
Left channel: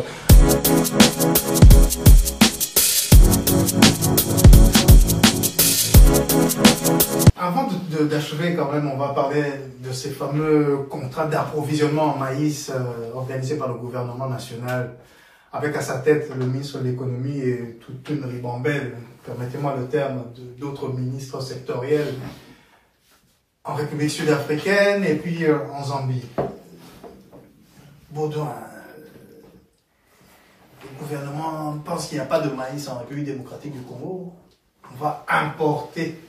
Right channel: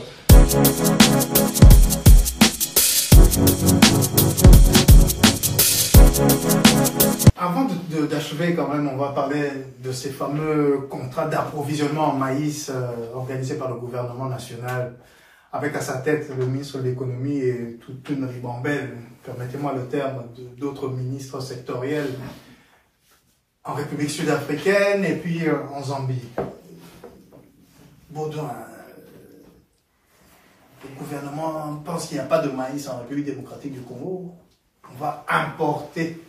Avant d'achever quand même, on va parler de ces fameux contrats d'approvisionnement en maïs organisés par le gouvernement national, avec à sa tête le ministre de l'économie et toute une ribambelle, permettez-moi le terme, d'autres ministres sectoriels en République sud-africaine et puis en Zambie. Baudouin, le gouvernement pense qu'il n'y a pas de maïs en République démocratique du Congo. On va importer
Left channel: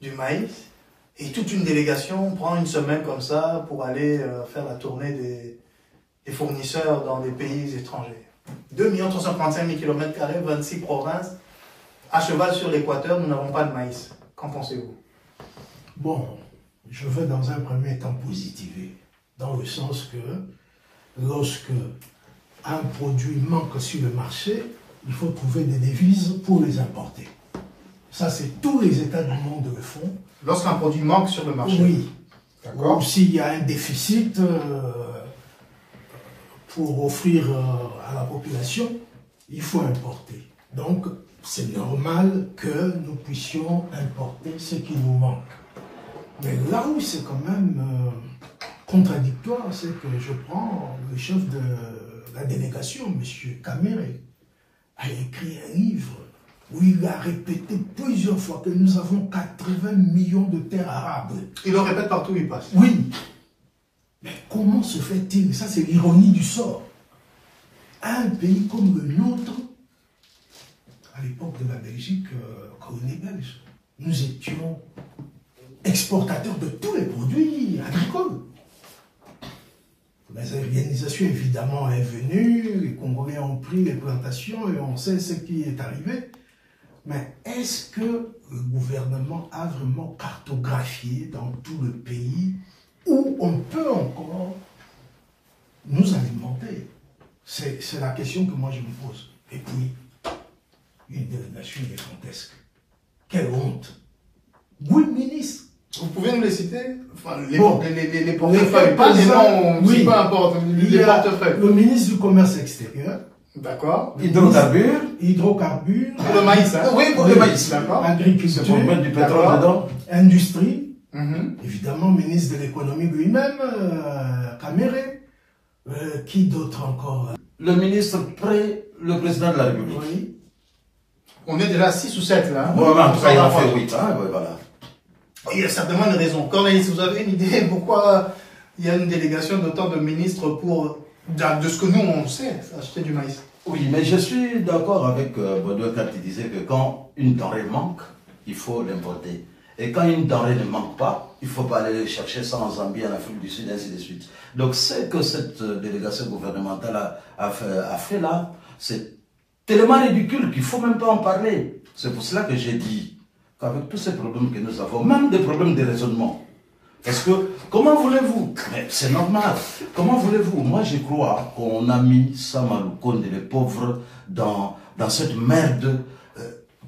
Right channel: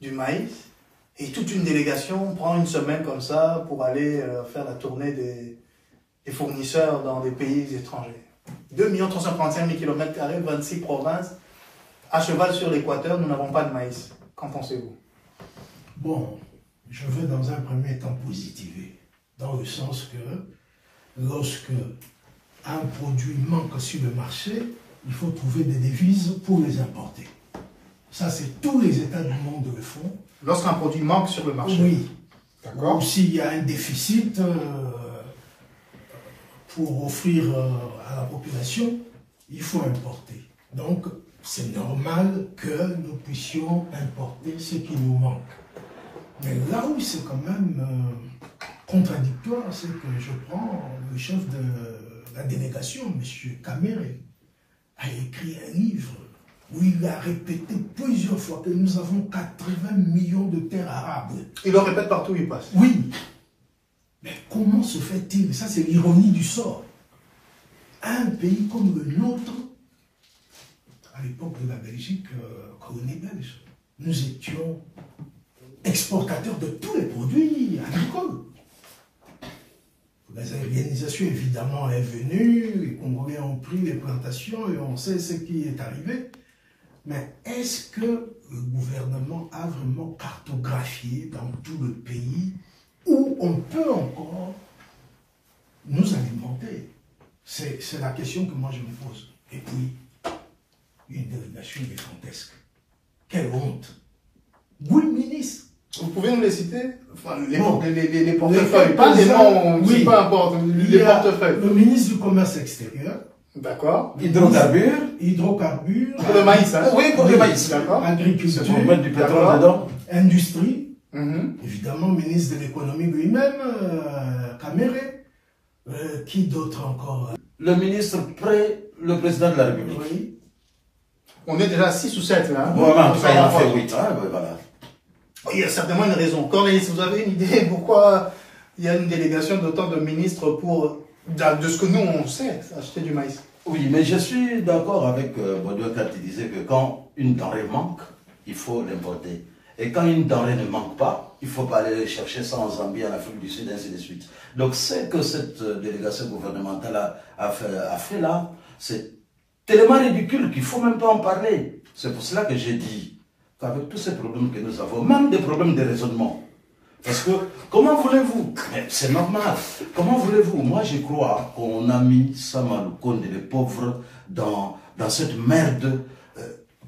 du maïs et toute une délégation prend une semaine comme ça pour aller faire la tournée des fournisseurs dans des pays étrangers. 2 335 000 km², 26 provinces, à cheval sur l'équateur, nous n'avons pas de maïs. Qu'en pensez-vous? Bon, je veux dans un premier temps positiver, dans le sens que lorsque un produit manque sur le marché, il faut trouver des devises pour les importer. Ça, c'est tous les États du monde le font. Lorsqu'un produit manque sur le marché? Oui. D'accord. Ou s'il y a un déficit pour offrir à la population, il faut importer. Donc, c'est normal que nous puissions importer ce qui nous manque. Mais là où c'est quand même contradictoire, c'est que je prends le chef de la délégation, M. Kamere, a écrit un livre où il a répété plusieurs fois que nous avons 80 millions de terres arables. Il le répète partout où il passe. Oui. Mais comment se fait-il? Ça, c'est l'ironie du sort. Un pays comme le nôtre, à l'époque de la Belgique, colonie belge, nous étions exportateurs de tous les produits agricoles. La organisation, évidemment, est venue, les Congolais ont pris les plantations et on sait ce qui est arrivé. Mais est-ce que le gouvernement a vraiment cartographié dans tout le pays où on peut encore nous alimenter? C'est la question que moi je me pose. Et puis, une délégation gigantesque. Quelle honte! Oui, ministre. Vous pouvez nous les citer? Enfin, les portefeuilles, pas les noms, oui. Peu importe, les portefeuilles. Le ministre du Commerce extérieur. D'accord. Hydrocarbures. Hydrocarbures. Pour le maïs, hein? Oui, pour le maïs. D'accord. Agriculture. C'est pour mettre du pétrole dedans. Industrie. Évidemment, ministre de l'économie lui-même, Kamere. Qui d'autre encore? Le ministre près le président de la République. Oui. On est déjà à 6 ou 7 là. Voilà, en tout cas, il en fait 8. Hein, voilà. Il y a certainement une raison. Cornelis, vous avez une idée pourquoi il y a une délégation d'autant de ministres pour, de ce que nous on sait, acheter du maïs? Oui, mais je suis d'accord avec Baudouin quand il disait que quand une denrée manque, il faut l'importer. Et quand une denrée ne manque pas, il ne faut pas aller chercher ça en Zambie, en Afrique du Sud, ainsi de suite. Donc, ce que cette délégation gouvernementale a fait là, c'est tellement ridicule qu'il ne faut même pas en parler. C'est pour cela que j'ai dit qu'avec tous ces problèmes que nous avons, même des problèmes de raisonnement, parce que, comment voulez-vous? Mais c'est normal. Comment voulez-vous? Moi, je crois qu'on a mis Sama Lukonde, les pauvres, dans cette merde.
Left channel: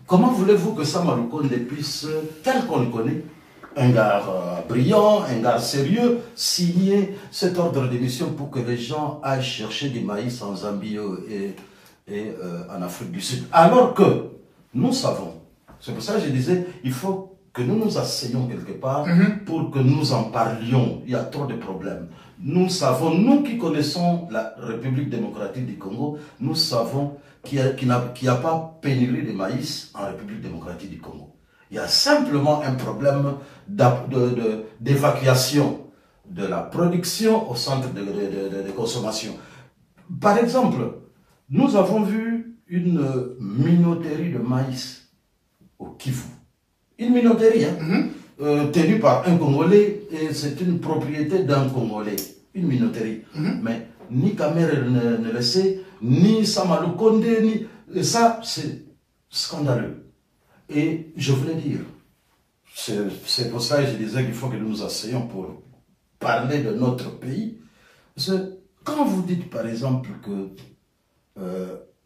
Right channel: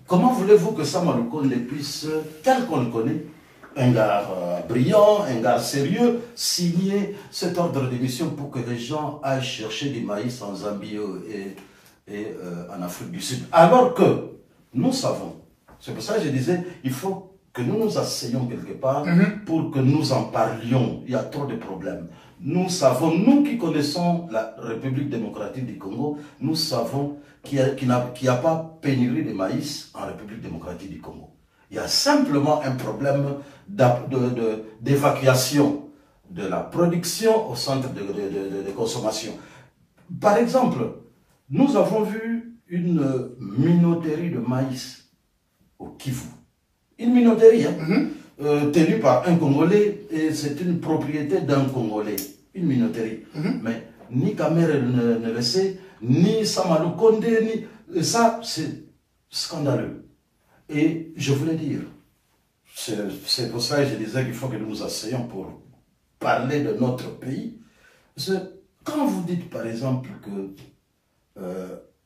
Comment voulez-vous que Sama Lukonde puisse, tel qu'on le connaît, un gars brillant, un gars sérieux, signer cet ordre d'émission pour que les gens aillent chercher du maïs en Zambie et en Afrique du Sud? Alors que nous savons, c'est pour ça que je disais, il faut que nous nous asseyions quelque part pour que nous en parlions. Il y a trop de problèmes. Nous savons, nous qui connaissons la République démocratique du Congo, nous savons qu'il n'y a pas pénurie de maïs en République démocratique du Congo. Il y a simplement un problème d'évacuation de la production au centre de consommation. Par exemple, nous avons vu une minoterie de maïs au Kivu. Une minoterie, hein, tenue par un Congolais, et c'est une propriété d'un Congolais. Une minoterie. Mais ni Kamere ne le sait, ni Samalou Konde, ni... Et ça, c'est scandaleux. Et je voulais dire, c'est pour ça que je disais qu'il faut que nous nous asseyions pour parler de notre pays. Parce que quand vous dites, par exemple, que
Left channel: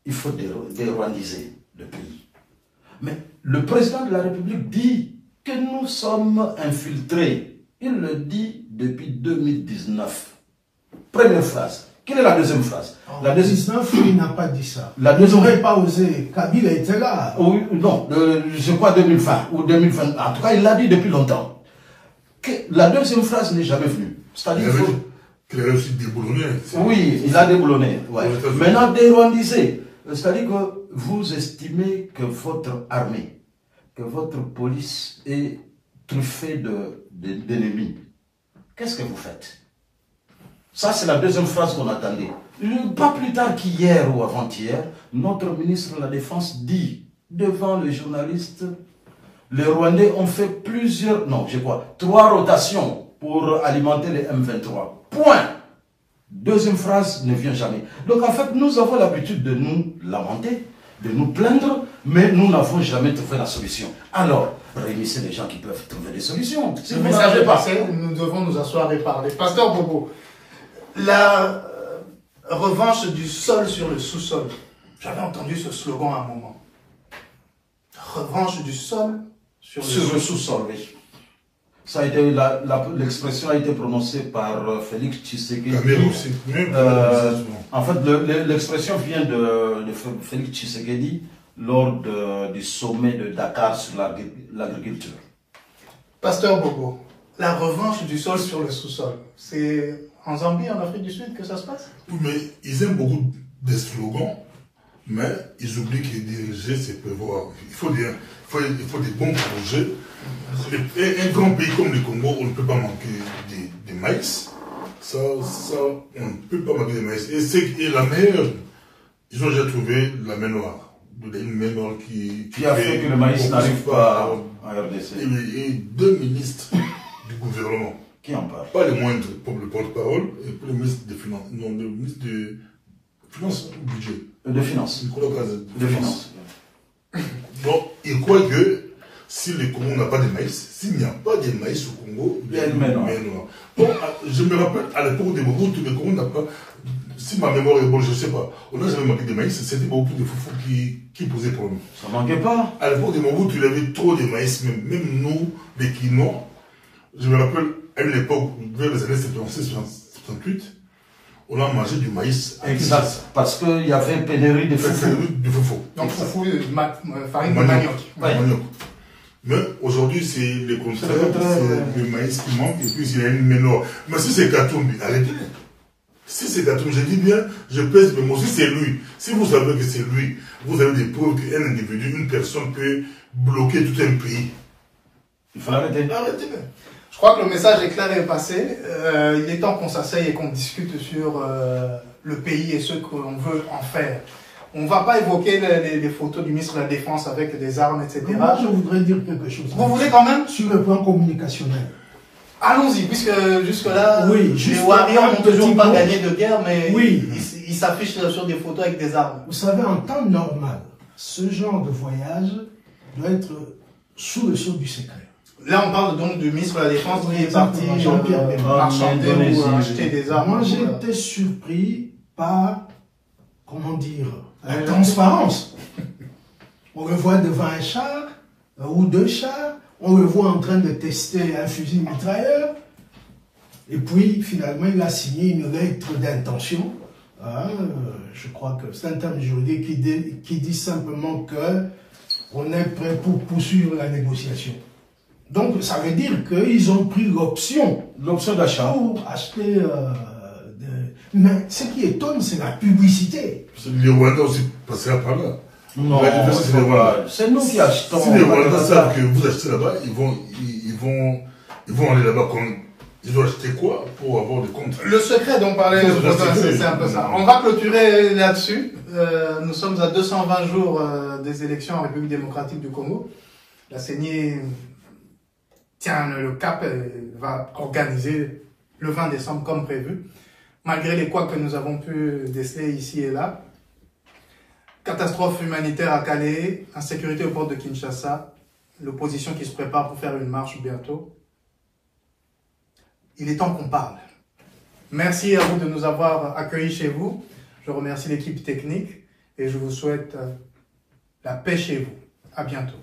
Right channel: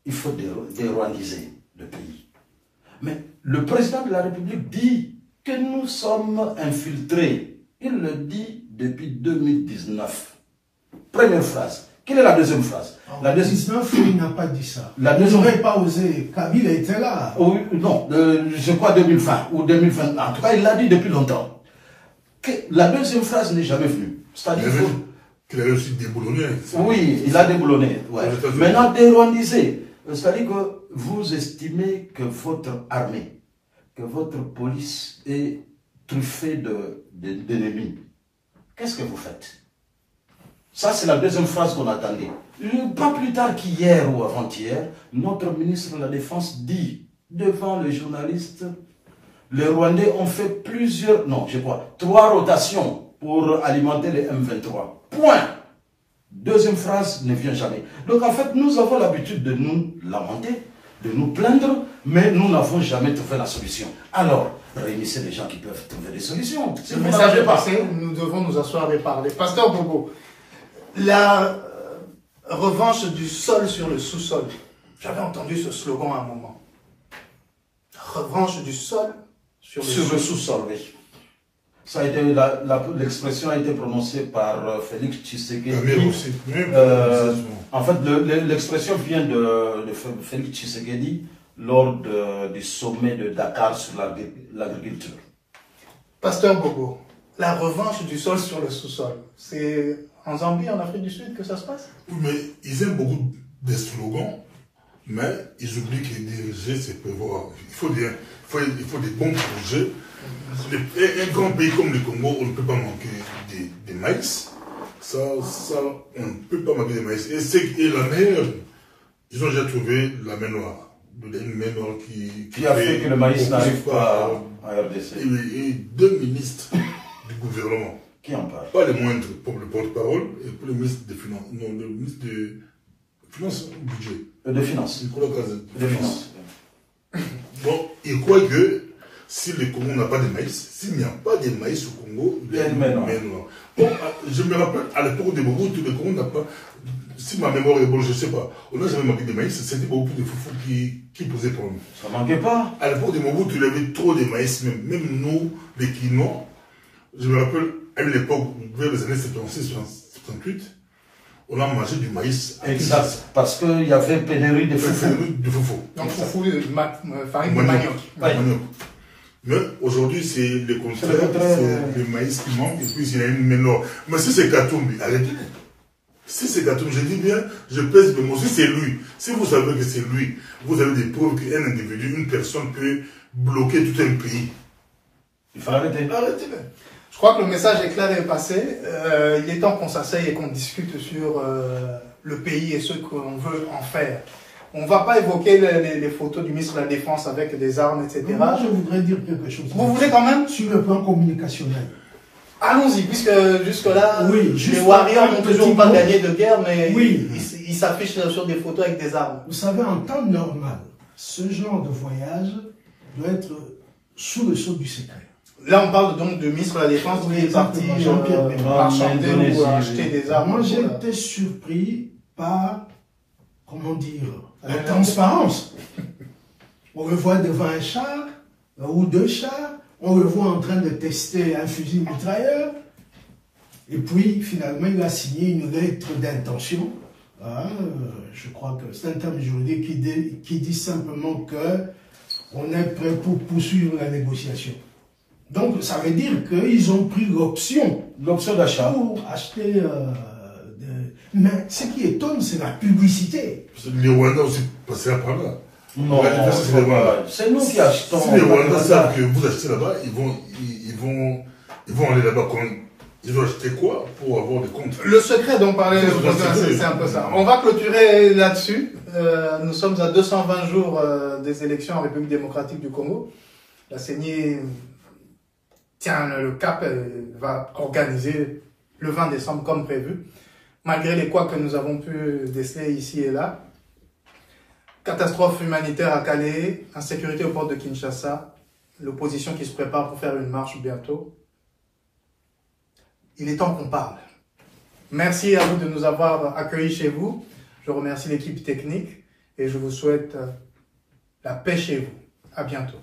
il faut dérwandiser le pays, mais le président de la République dit que nous sommes infiltrés. Il le dit depuis 2019. Première phrase. Quelle est la deuxième phrase? En 2019, il n'a pas dit ça. La Il n'aurait pas osé. Kabila était là. Oui, non, je crois 2020 ou 2020. En tout cas, il l'a dit depuis longtemps. Que la deuxième phrase n'est jamais venue. C'est-à-dire qu'il a aussi déboulonné. Oui, il a déboulonné. Ouais. Maintenant, dérwandiser. C'est-à-dire que vous estimez que votre armée, que votre police est truffée d'ennemis. Qu'est-ce que vous faites? Ça, c'est la deuxième phrase qu'on attendait. Pas plus tard qu'hier ou avant-hier, notre ministre de la Défense dit devant les journalistes, les Rwandais ont fait plusieurs, non, je crois, 3 rotations pour alimenter les M23. Point. Deuxième phrase ne vient jamais. Donc en fait, nous avons l'habitude de nous lamenter, de nous plaindre, mais nous n'avons jamais trouvé la solution. Alors, réunissez les gens qui peuvent trouver des solutions. Le message est passé, nous devons nous asseoir et parler. Pasteur Bobo, la revanche du sol sur le sous-sol. J'avais entendu ce slogan à un moment. Revanche du sol sur le sous-sol, oui. Ça a été l'expression a été prononcée par Félix Tshisekedi. En fait, l'expression vient de Félix Tshisekedi lors du sommet de Dakar sur l'agriculture. Pasteur Bobo, la revanche du sol sur le sous-sol, c'est en Zambie, en Afrique du Sud que ça se passe? Oui, mais ils aiment beaucoup des slogans, mais ils oublient que diriger, c'est prévoir. Il faut des bons projets. Un grand pays comme le Congo, on ne peut pas manquer de maïs. Ça, on ne peut pas manquer de maïs. Et la mer, ils ont déjà trouvé la mer noire. Une mer noire qui a fait que le maïs n'arrive pas à RDC. Et 2 ministres du gouvernement. Qui en parle? Pas les moindres, pour le porte-parole et puis le ministre des Finances. Non, le ministre de Finances ou Budget. De Finances. Nicolas Kazan. De Finances. Bon, il croit que si le Congo n'a pas de maïs, s'il n'y a pas de maïs au Congo, il y a une mer noire. Bon, je me rappelle, à l'époque de Mobutu, le Congo n'a pas, si ma mémoire est bonne, je ne sais pas, on n'a jamais manqué de maïs, c'était beaucoup de foufou qui posaient problème. Ça ne manquait pas. À l'époque de Mobutu, il y avait trop de maïs, même nous, les Quinois, je me rappelle, à l'époque, vers les années 76-78, on a mangé du maïs. Exact, parce qu'il y avait pénurie de foufou. Donc foufou, farine de manioc. Mais aujourd'hui, c'est le contraire, c'est le maïs qui manque, et puis il y a une mélange. Mais si c'est Katumbi, arrêtez. Si c'est Katumbi, je dis bien, je pèse mes mots, si c'est lui, si vous savez que c'est lui, vous avez des preuves qu'un individu, une personne peut bloquer tout un pays. Il faut arrêter. Arrêtez. Je crois que le message est clair et passé. Il est temps qu'on s'asseye et qu'on discute sur le pays et ce qu'on veut en faire. On ne va pas évoquer les photos du ministre de la Défense avec des armes, etc. Moi, je voudrais dire quelque chose. Vous voulez quand même? Sur le plan communicationnel. Allons-y, puisque jusque-là, oui, les Warriors n'ont toujours pas gagné de guerre, mais oui, ils s'affichent sur des photos avec des armes. Vous savez, en temps normal, ce genre de voyage doit être sous le sceau du secret. Là, on parle donc du ministre de la Défense qui est parti marchander ou acheter des armes. Moi, j'ai été surpris par, comment dire, la transparence. On le voit devant un char ou 2 chars, on le voit en train de tester un fusil mitrailleur, et puis finalement il a signé une lettre d'intention. Je crois que c'est un terme juridique qui dit simplement qu'on est prêt pour poursuivre la négociation. Donc ça veut dire qu'ils ont pris l'option d'achat pour acheter. Mais ce qui étonne, c'est la publicité. Les Rwandais aussi passés par là. Non, c'est nous qui achetons. Si les Rwandais savent que vous achetez là-bas, ils vont aller là-bas Ils ont acheté quoi pour avoir des comptes? Le secret dont parlait c'est un peu ça. On va clôturer là-dessus. Nous sommes à 220 jours des élections en République démocratique du Congo. La CENI tient le cap et va organiser le 20 décembre comme prévu, malgré les couacs que nous avons pu déceler ici et là. Catastrophe humanitaire à Calais, insécurité aux portes de Kinshasa, l'opposition qui se prépare pour faire une marche bientôt. Il est temps qu'on parle. Merci à vous de nous avoir accueillis chez vous. Je remercie l'équipe technique et je vous souhaite la paix chez vous. À bientôt.